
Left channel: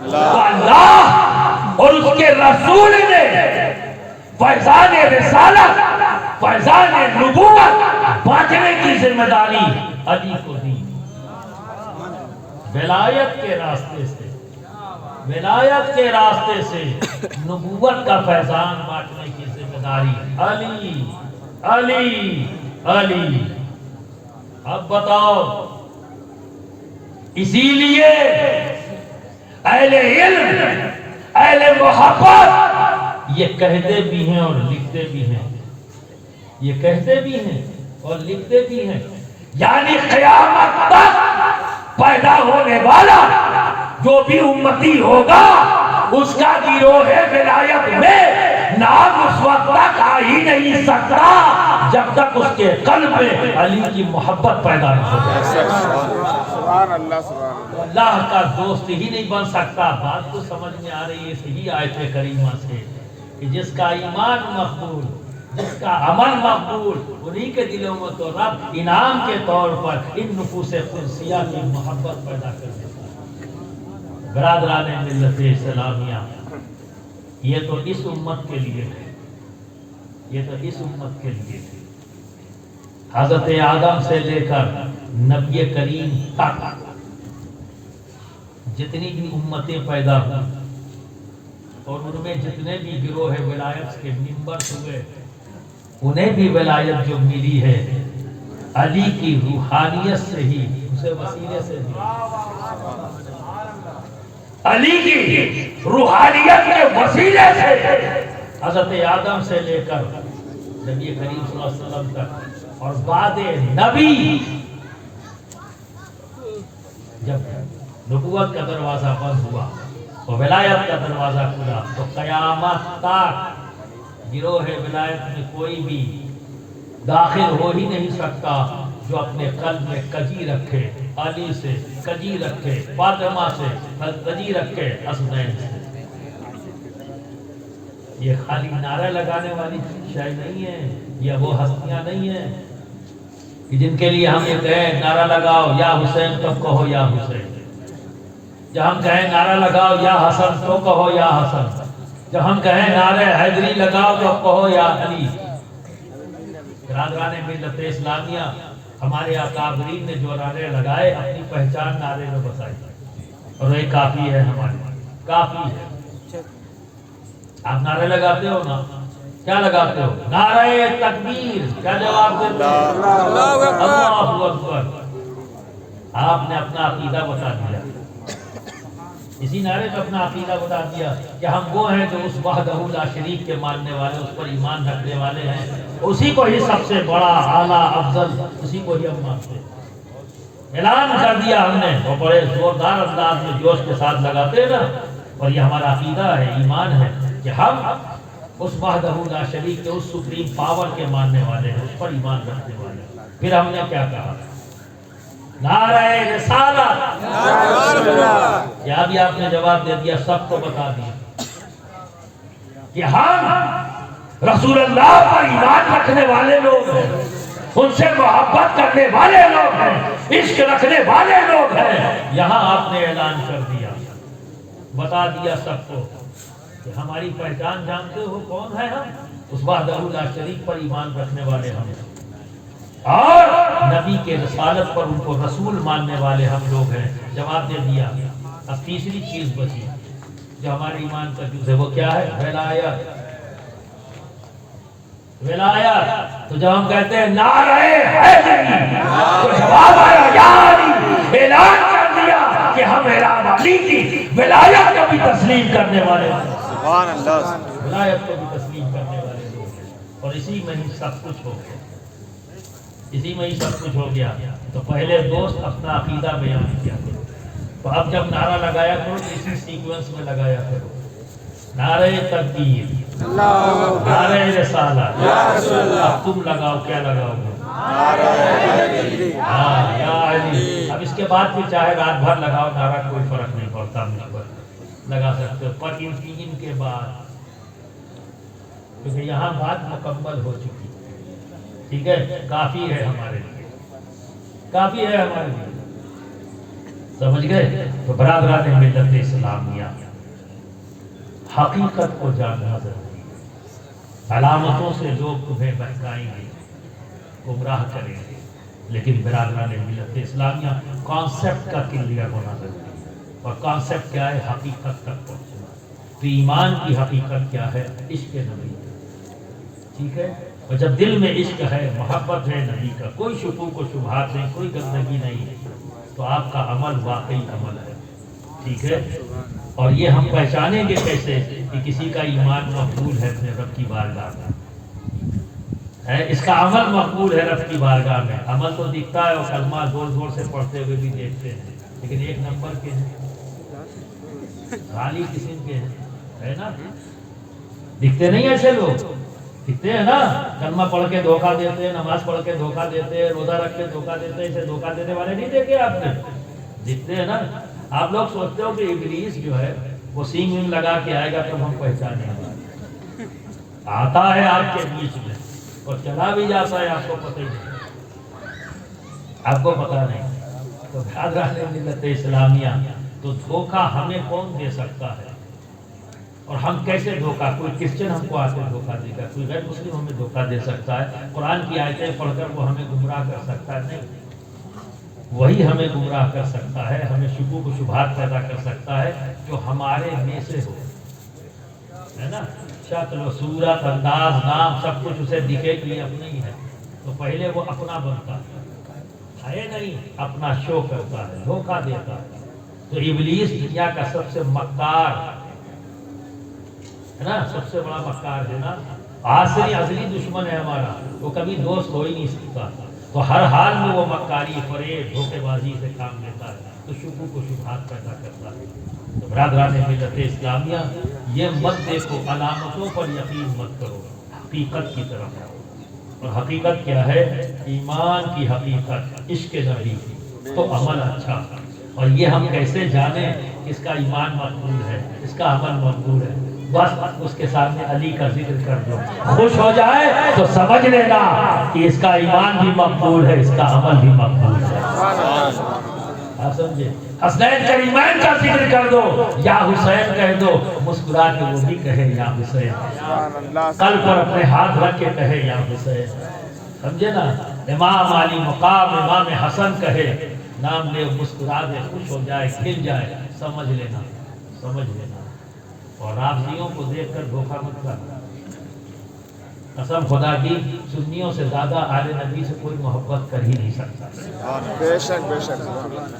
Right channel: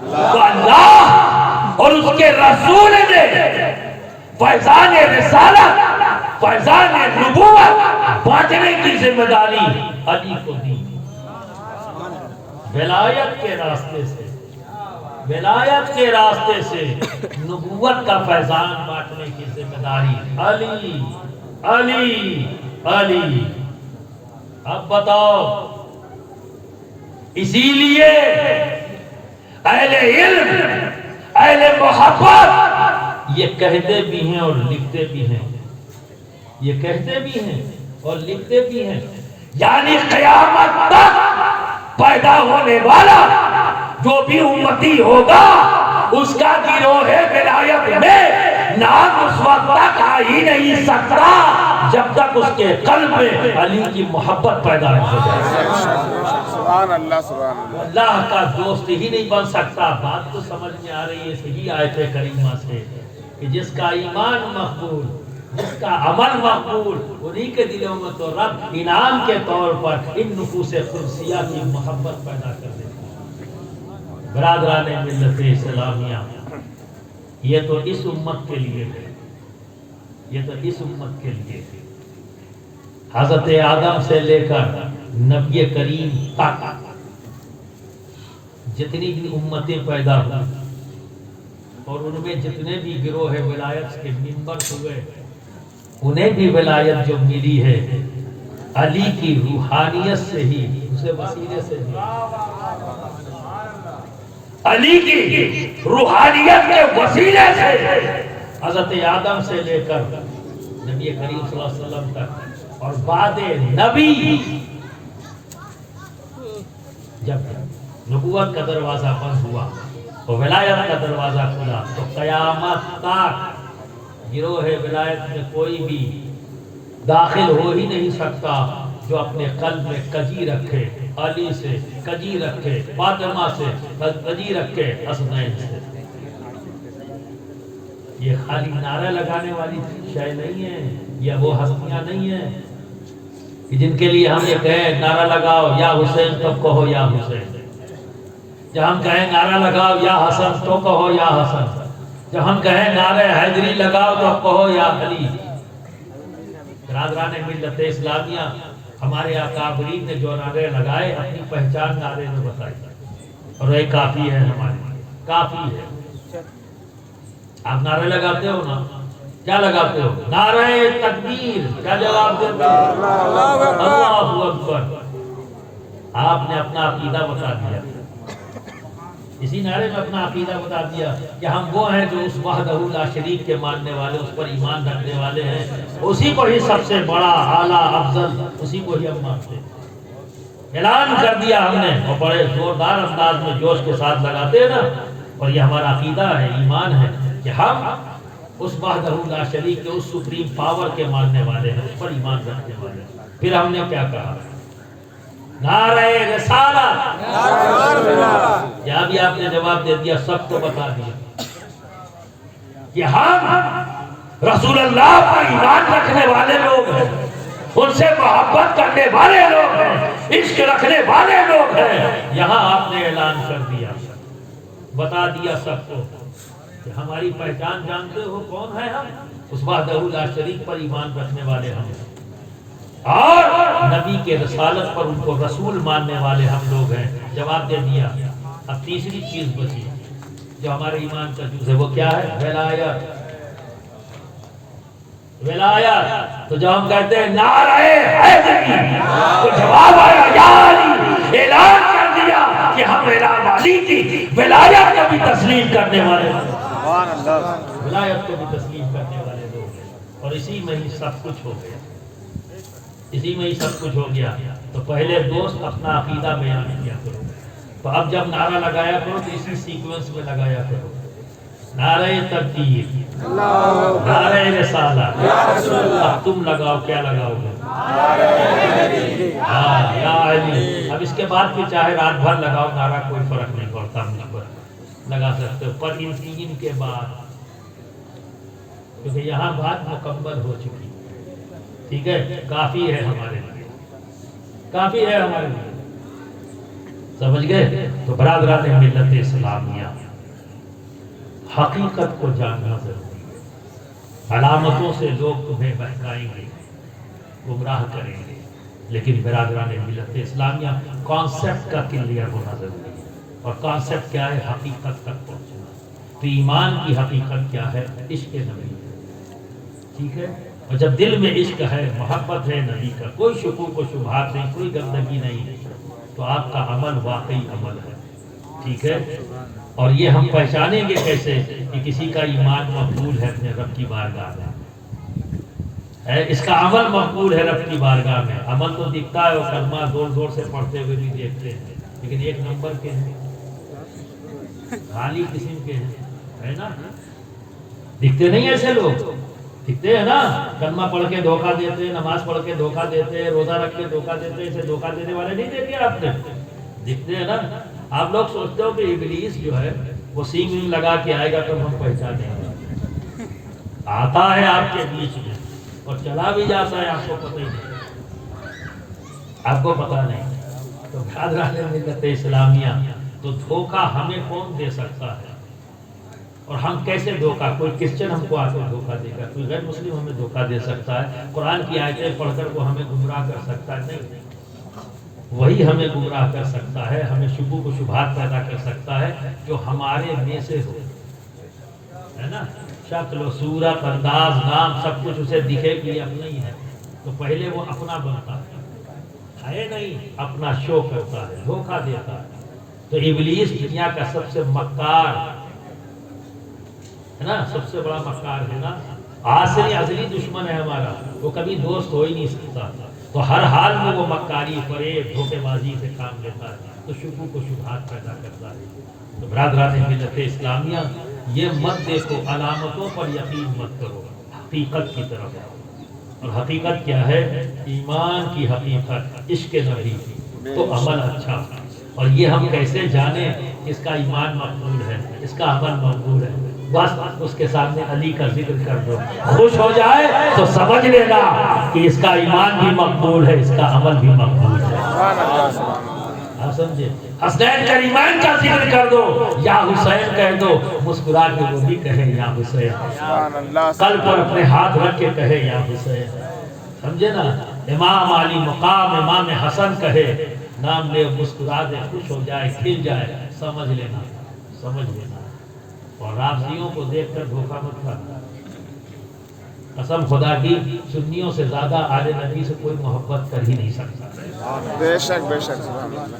تو اللہ اور اس کے رسول نے فیضان رسالت، فیضان نبوت بانٹنے کی ذمہ داری علی کو دی۔ ولایت کے راستے سے، ولایت کے راستے سے نبوت کا فیضان بانٹنے کی ذمہ داری علی، علی، علی۔ اب بتاؤ، اسی لیے اہل علم، اہل محبت یہ کہتے بھی ہیں اور لکھتے بھی ہیں، یہ کہتے بھی ہیں اور لکھتے بھی ہیں، یعنی قیامت تک پیدا ہونے والا جو بھی امتی ہوگا اس کا گروہ ولایت میں نام اس وقت تک آ ہی نہیں سکتا جب تک اس کے قلب میں علی کی محبت پیدا نہ ہو جائے۔ سبحان اللہ، سبحان اللہ۔ اللہ کا دوست ہی نہیں بن سکتا۔ بات تو سمجھ میں آ رہی ہے صحیح آیت کریمہ سے کہ جس کا ایمان مقبول، جس کا عمل مقبول، انہی کے دلوں میں تو رب انعام کے طور پر ان نفوس قدسیہ کی محبت پیدا کر دیتا ہے۔ برادران ملت اسلامیہ، یہ تو اس امت کے لیے ہے، یہ تو اس امت کے لیے ہے۔ حضرت آدم سے لے کر نبی کریم تک جتنی بھی امتیں پیدا ہوئی اور ان میں جتنے بھی گروہ ولایت کے ممبر ہوئے، انہیں بھی ولایت جو ملی ہے علی کی روحانیت سے ہی، اسے وسیلے سے ہی، علی کی روحانیت کے وسیلے سے حضرت آدم سے لے کر نبی کریم صلی اللہ علیہ وسلم تک اور بعد نبی جب نبوت کا دروازہ بند ہوا اور ولایت کا دروازہ کھلا تو قیامت تک گروہ ولایت میں کوئی بھی داخل ہو ہی نہیں سکتا جو اپنے قلب میں کجی رکھے علی سے، کجی رکھے فاطمہ سے، کجی رکھے حسنین سے۔ یہ خالی نعرہ لگانے والی شے نہیں ہے، یہ وہ ہستیاں نہیں ہیں کہ جن کے لیے ہم یہ کہیں نعرہ لگاؤ یا حسین تو کہو یا حسین، جب ہم کہیں نعرہ لگاؤ یا حسن تو کہو یا حسن، جب ہم کہیں نعرہ حیدری لگاؤ تو کہو یا علی۔ برادران ملت اسلامیہ، ہمارے اکابرین نے جو نعرے لگائے اپنی پہچان نعرے میں بتائی اور یہ کافی ہے، ہمارے کافی ہے۔ آپ نعرے لگاتے ہو نا، کیا لگاتے ہو؟ نعرہ تکبیر، کیا جواب دیتے ہیں؟ اللہ اکبر۔ آپ نے اپنا عقیدہ بتا دیا، اسی نعرے میں اپنا عقیدہ بتا دیا کہ ہم وہ ہیں جو اس وحدہ لا شریک کے ماننے والے، اس پر ایمان رکھنے والے ہیں، اسی کو ہی سب سے بڑا، اعلیٰ، افضل، اسی کو ہی ہم مانتے ہیں۔ اعلان کر دیا ہم نے، اور بڑے زوردار انداز میں جوش کے ساتھ لگاتے ہیں نا، اور یہ ہمارا عقیدہ ہے، ایمان ہے کہ ہم اس وحدہ لا شریک کے، اس سپریم پاور کے ماننے والے ہیں، اس پر ایمان رکھنے والے ہیں۔ پھر ہم نے کیا کہا؟ نعرہ رسالت، کیا بھی آپ نے جواب دے دیا، سب کو بتا دیا کہ ہم رسول اللہ پر ایمان رکھنے والے لوگ ہیں، ان سے محبت کرنے والے لوگ ہیں، عشق رکھنے والے لوگ ہیں۔ یہاں آپ نے اعلان کر دیا، بتا دیا سب کو کہ ہماری پہچان جانتے ہو کون ہے؟ ہم اس وحدہ لا شریک پر ایمان رکھنے والے ہم ہیں، اور نبی کے رسالت پر ان کو رسول ماننے والے ہم لوگ ہیں۔ جواب دے دیا۔ اب تیسری چیز بچی جو ہمارے ایمان کا جز ہے، وہ کیا ہے؟ ولایت۔ ولایت۔ تو جب ہم کہتے ہیں نعرہ حیدری، تو جواب آیا یا علی، اعلان کر دیا کہ ہم میرا علی کی ولایت کو بھی تسلیم کرنے والے ہیں، سبحان اللہ، ولایت کو بھی تسلیم کرنے والے لوگ ہیں، اور اسی میں ہی سب کچھ ہو گیا، اسی میں ہی سب کچھ ہو گیا۔ تو پہلے دوست اپنا عقیدہ بیان کیا کرو، تو اب جب نعرہ لگایا کرو تو اسی سیکوینس میں لگایا کرو، نعرہ تکبیر، نعرہ رسالت، اب تم لگاؤ، کیا لگاؤ گے؟ ہاں یا علی۔ اب اس کے بعد پھر چاہے رات بھر لگاؤ نعرہ، کوئی فرق نہیں پڑتا، مجھ پر لگا سکتے ہو، پر ان تین کے بعد، کیونکہ یہاں بات مکمل ہو چکی ہے، ٹھیک ہے، کافی ہے ہمارے لیے، کافی ہے ہمارے لیے، سمجھ گئے؟ تو برادران ملت اسلامیہ، حقیقت کو جاننا ضروری ہے۔ علامتوں سے لوگ تمہیں بہکائیں گے، گمراہ کریں گے، لیکن برادران ملت اسلامیہ کانسیپٹ کا کلیئر ہونا ضروری ہے، اور کانسیپٹ کیا ہے؟ حقیقت تک پہنچنا۔ تو ایمان کی حقیقت کیا ہے؟ عشق نبی کا، ٹھیک ہے؟ اور جب دل میں عشق ہے، محبت ہے نبی کا، کوئی شکوک و شبہات نہیں، کوئی گندگی نہیں، تو آپ کا عمل واقعی عمل ہے، ٹھیک ہے؟ اور یہ ہم پہچانیں گے کیسے کہ کسی کا ایمان مقبول ہے اپنے رب کی بارگاہ میں، اس کا عمل مقبول ہے رب کی بارگاہ میں۔ عمل تو دکھتا ہے، اور کلمہ زور زور سے پڑھتے ہوئے بھی دیکھتے ہیں، لیکن ایک نمبر کے ہیں، خالی قسم کے ہیں، ہے نا؟ دکھتے نہیں ایسے لوگ، دکھتے ہیں نا، کلمہ پڑھ کے دھوکہ دیتے ہیں، نماز پڑھ کے دھوکہ دیتے ہیں، روزہ رکھ کے دھوکہ دیتے ہیں، اسے دھوکہ دینے والے نہیں دیکھے آپ نے؟ دکھتے ہیں نا۔ آپ لوگ سوچتے ہو کہ ابلیس جو ہے وہ سینگ وینگ لگا کے آئے گا تو ہم پہچانیں گے، آتا ہے آپ کے بیچ میں اور چلا بھی جاتا ہے، آپ کو پتہ ہی نہیں، آپ کو پتہ نہیں۔ تو برادران ملت اسلامیہ، تو دھوکہ ہمیں کون دے سکتا ہے؟ اور ہم کیسے دھوکہ؟ کوئی کرسچن ہم کو آ کے دھوکہ دے گا، کوئی غیر مسلم ہمیں دھوکہ دے سکتا ہے، قرآن کی آیتیں پڑھ کر وہ ہمیں گمراہ کر سکتا ہے؟ نہیں، وہی ہمیں گمراہ کر سکتا ہے، ہمیں شکوک و شبہات پیدا کر سکتا ہے جو ہمارے میں سے ہو، ہے نا؟ شکل و صورت، انداز، نام، سب کچھ اسے دکھے کہ یہ اپنا ہی ہے، تو پہلے وہ اپنا بنتا ہے نہیں، اپنا شو کرتا ہے، دھوکہ دیتا ہے۔ تو ابلیس دنیا کا سب سے مکار ہے نا، سب سے بڑا مکار ہے نا، آخری ازلی دشمن ہے ہمارا، وہ کبھی دوست ہو ہی نہیں سکتا، تو ہر حال میں وہ مکاری، فریب، دھوکے بازی سے کام لیتا ہے، تو شکوک و شبہات پیدا کرتا ہے۔ تو برادران ملت اسلامیہ، یہ مت دیکھو، علامتوں پر یقین مت کرو، حقیقت کی طرف آؤ۔ اور حقیقت کیا ہے؟ ایمان کی حقیقت، عشق نبی، تو عمل اچھا۔ اور یہ ہم کیسے جانیں کہ اس کا ایمان مقبول ہے، اس کا عمل مقبول ہے؟ بس اس کے سامنے علی کا ذکر کر دو، خوش ہو جائے تو سمجھ لینا کہ اس کا ایمان بھی مقبول ہے، اس کا عمل بھی مقبول ہے۔ آپ سمجھے؟ حسنین کریمین کا ذکر کر دو، یا حسین کہہ دو، مسکرا کے وہ بھی کہے یا حسین، قلب پر اپنے ہاتھ رکھ کے کہے یا حسین، سمجھے نا؟ امام علی مقام امام حسن کہے، نام لے، مسکرا دے، خوش ہو جائے، کھل جائے، سمجھ لینا، سمجھ لینا۔ اور رافضیوں کو دیکھ کر دھوکہ مت کرنا، قسم خدا کی، سنیوں سے زیادہ آل نبی سے کوئی محبت کر ہی نہیں سکتا۔ بے شک بے شک،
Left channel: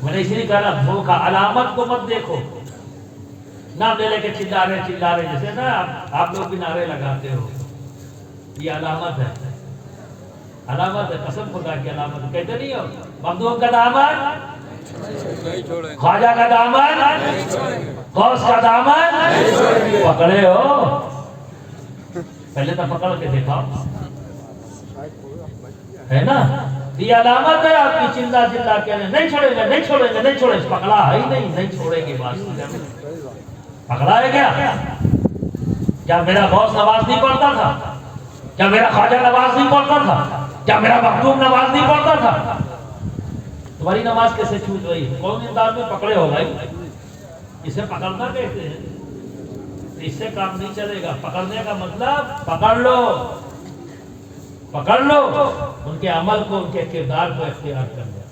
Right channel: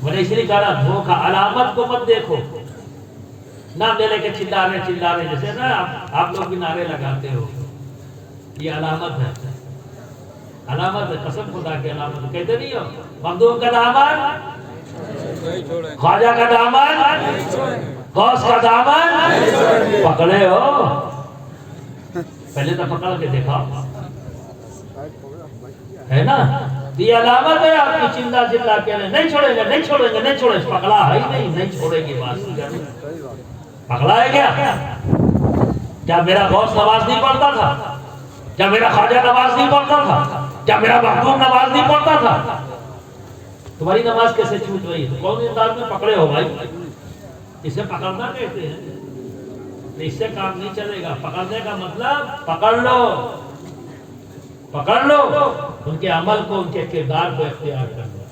میں نے اس لیے کہا دھوکہ، علامت کو مت دیکھو، نام لے لے کے چلا رہے، جیسے نا آپ لوگ بھی نعرے لگاتے ہو، یہ علامت ہے، علامت ہے، قسم خدا کی علامت ہے۔ کہتے نہیں ہو مخدوم کا دامن، خواجہ کا دامن، غوث کا دامن پکڑے ہو، پہلے تو پکڑ کے دیکھا، ہے نا؟ یہ علامت ہے آپ کی، چلا چلا کے نہیں چھوڑیں گے، نہیں چھوڑیں گے، نہیں چھوڑیں گے، پکڑا ہے ہی نہیں، نہیں چھوڑیں گے، بات پکڑا ہے کیا؟ کیا میرا غوث نماز نہیں پڑھتا تھا؟ کیا میرا خواجہ نماز نہیں پڑھتا تھا؟ کیا میرا مخدوم نماز نہیں پڑھتا تھا؟ تمہاری نماز کیسے چھوٹ رہی ہے؟ کون انداز میں پکڑے ہو بھائی؟ اسے پکڑنا کہتے ہیں، اس سے کام نہیں چلے گا۔ پکڑنے کا مطلب پکڑ لو، پکڑ لو ان کے عمل کو، ان کے کردار کو اختیار کرنا۔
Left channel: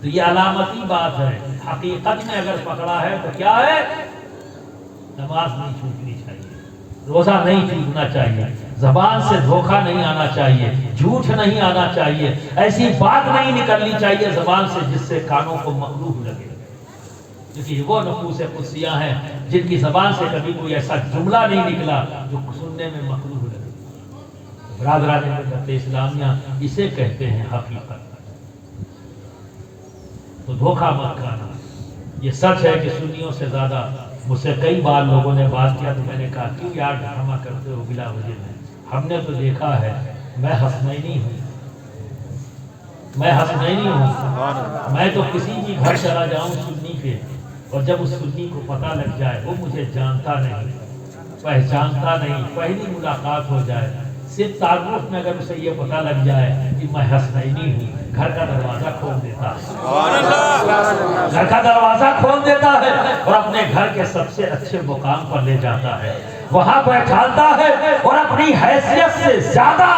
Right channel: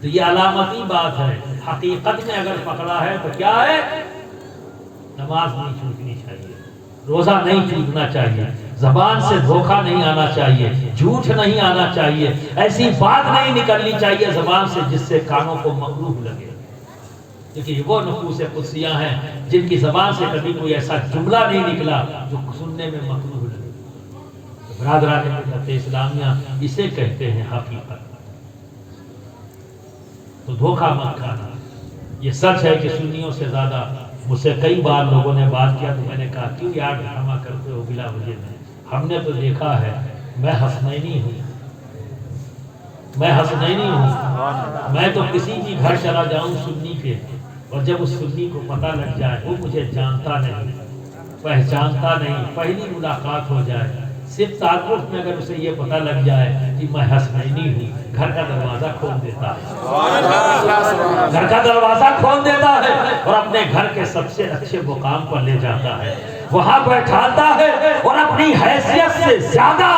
تو یہ علامتی بات ہے، حقیقت میں اگر پکڑا ہے تو کیا ہے؟ نماز نہیں چھوٹنی چاہیے، روزہ نہیں چھوٹنا چاہیے، زبان سے دھوکہ نہیں آنا چاہیے، جھوٹ نہیں آنا چاہیے، ایسی بات نہیں نکلنی چاہیے زبان سے جس سے کانوں کو مکروہ لگے، کیونکہ یہ وہ نفوس قدسیہ ہیں جن کی زبان سے کبھی کوئی ایسا جملہ نہیں نکلا جو سننے میں مکروہ لگے۔ برادران ملت اسلامیہ اسے کہتے ہیں حقیقت۔ تو دھوکہ مت کھانا۔ یہ سچ ہے کہ سنیوں سے زیادہ مجھ سے کئی بار لوگوں نے بات کیا تو میں نے کہا کیوں یار ڈرامہ کرتے ہو بلا وجہ میں؟ ہم نے تو دیکھا ہے، میں حسنینی ہوں، میں حسنینی ہوں، میں تو کسی بھی گھر چلا جاؤں سنی کے، اور جب اس سنی کو پتہ لگ جائے وہ مجھے جانتا نہیں، پہچانتا نہیں، پہلی ملاقات ہو جائے، صرف تعارف میں اگر اسے یہ پتہ لگ جائے کہ میں حسنینی ہوں، گھر کا دروازہ کھول دیتا ہے، گھر کا دروازہ کھول دیتا ہے اور اپنے گھر کے سب سے اچھے مقام پر لے جاتا ہے، وہاں بیٹھاتا ہے اور اپنی حیثیت سے زیادہ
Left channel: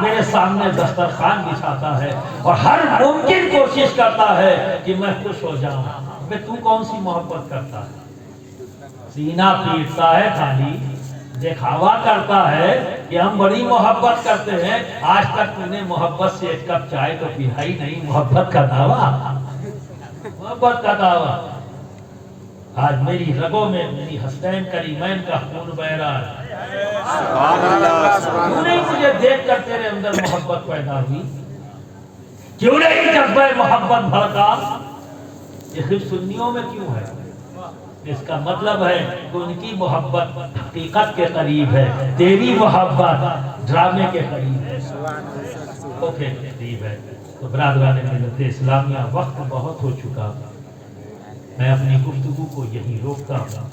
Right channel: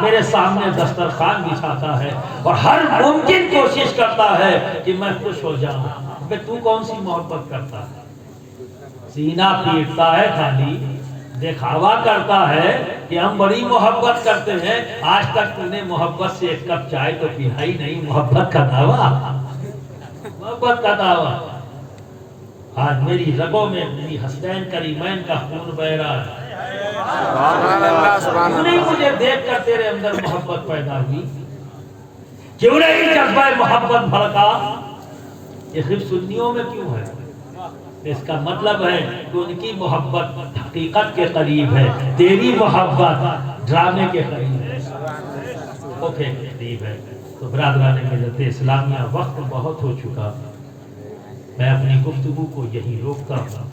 میرے سامنے دسترخوان بچھاتا ہے اور ہر ممکن کوشش کرتا ہے کہ میں خوش ہو جاؤں۔ بے تو کون سی محبت کرتا ہے؟ سینہ پیٹتا ہے خالی، دکھاوا کرتا ہے کہ ہم بڑی محبت کرتے ہیں، آج تک تم نے محبت سے ایک کپ چائے تو پیا ہی نہیں، محبت کا دعویٰ، محبت کا دعویٰ۔ آج میری رگوں میں میری حسنین کریمین کا خون بہ رہا ہے، کیوں نہیں مجھے دیکھ کر تیرے اندر محبت پیدا ہوئی؟ کیوں نہیں جذبہ محبت بھڑکا؟ یہ صرف سنیوں میں کیوں ہے؟ اس کا مطلب ہے کہ ان کی محبت حقیقت کے قریب ہے، تیری محبت ڈرامے کے قریب ہے، دھوکے کے قریب ہے۔ تو برادران ملت اسلامیہ وقت بہت ہو چکا، میں اپنی گفتگو کو یہی روکتا ہوں۔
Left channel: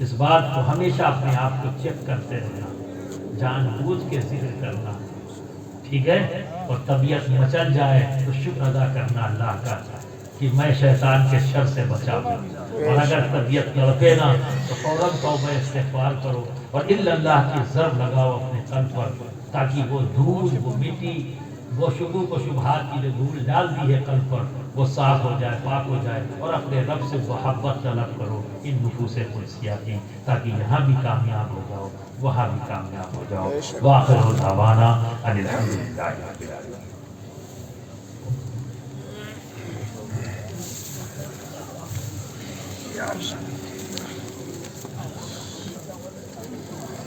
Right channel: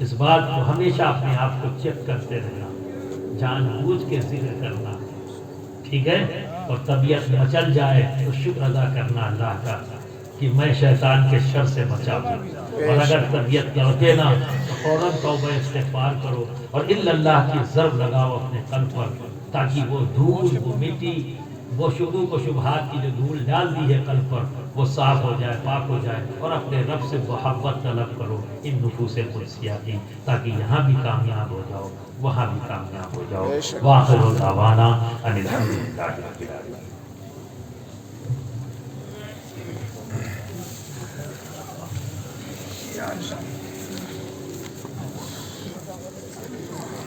اس بات کو ہمیشہ اپنے آپ کو چیک کرتے رہنا، جان بوجھ کے ذکر کرنا، ٹھیک ہے؟ اور طبیعت مچل جائے تو شکر ادا کرنا اللہ کا کہ میں شیطان کے شر سے بچا ہوں، اور اگر طبیعت لوٹے نا تو فوراً توبہ استغفار کرو اور الا اللہ کی ضرب لگاؤ اپنے قلب پر، تاکہ وہ دھول، وہ مٹی، وہ شکوک و شبہات کی جو دھول ڈال دی ہے قلب پر وہ صاف ہو جائے، پاک ہو جائے، اور اپنے رب سے محبت طلب کرو ان نفوس قدسیہ کی، تاکہ یہاں بھی کامیاب ہو جاؤ وہاں بھی کامیاب ہو جاؤ۔ وآخر دعوانا ان الحمدللہ رب العالمین۔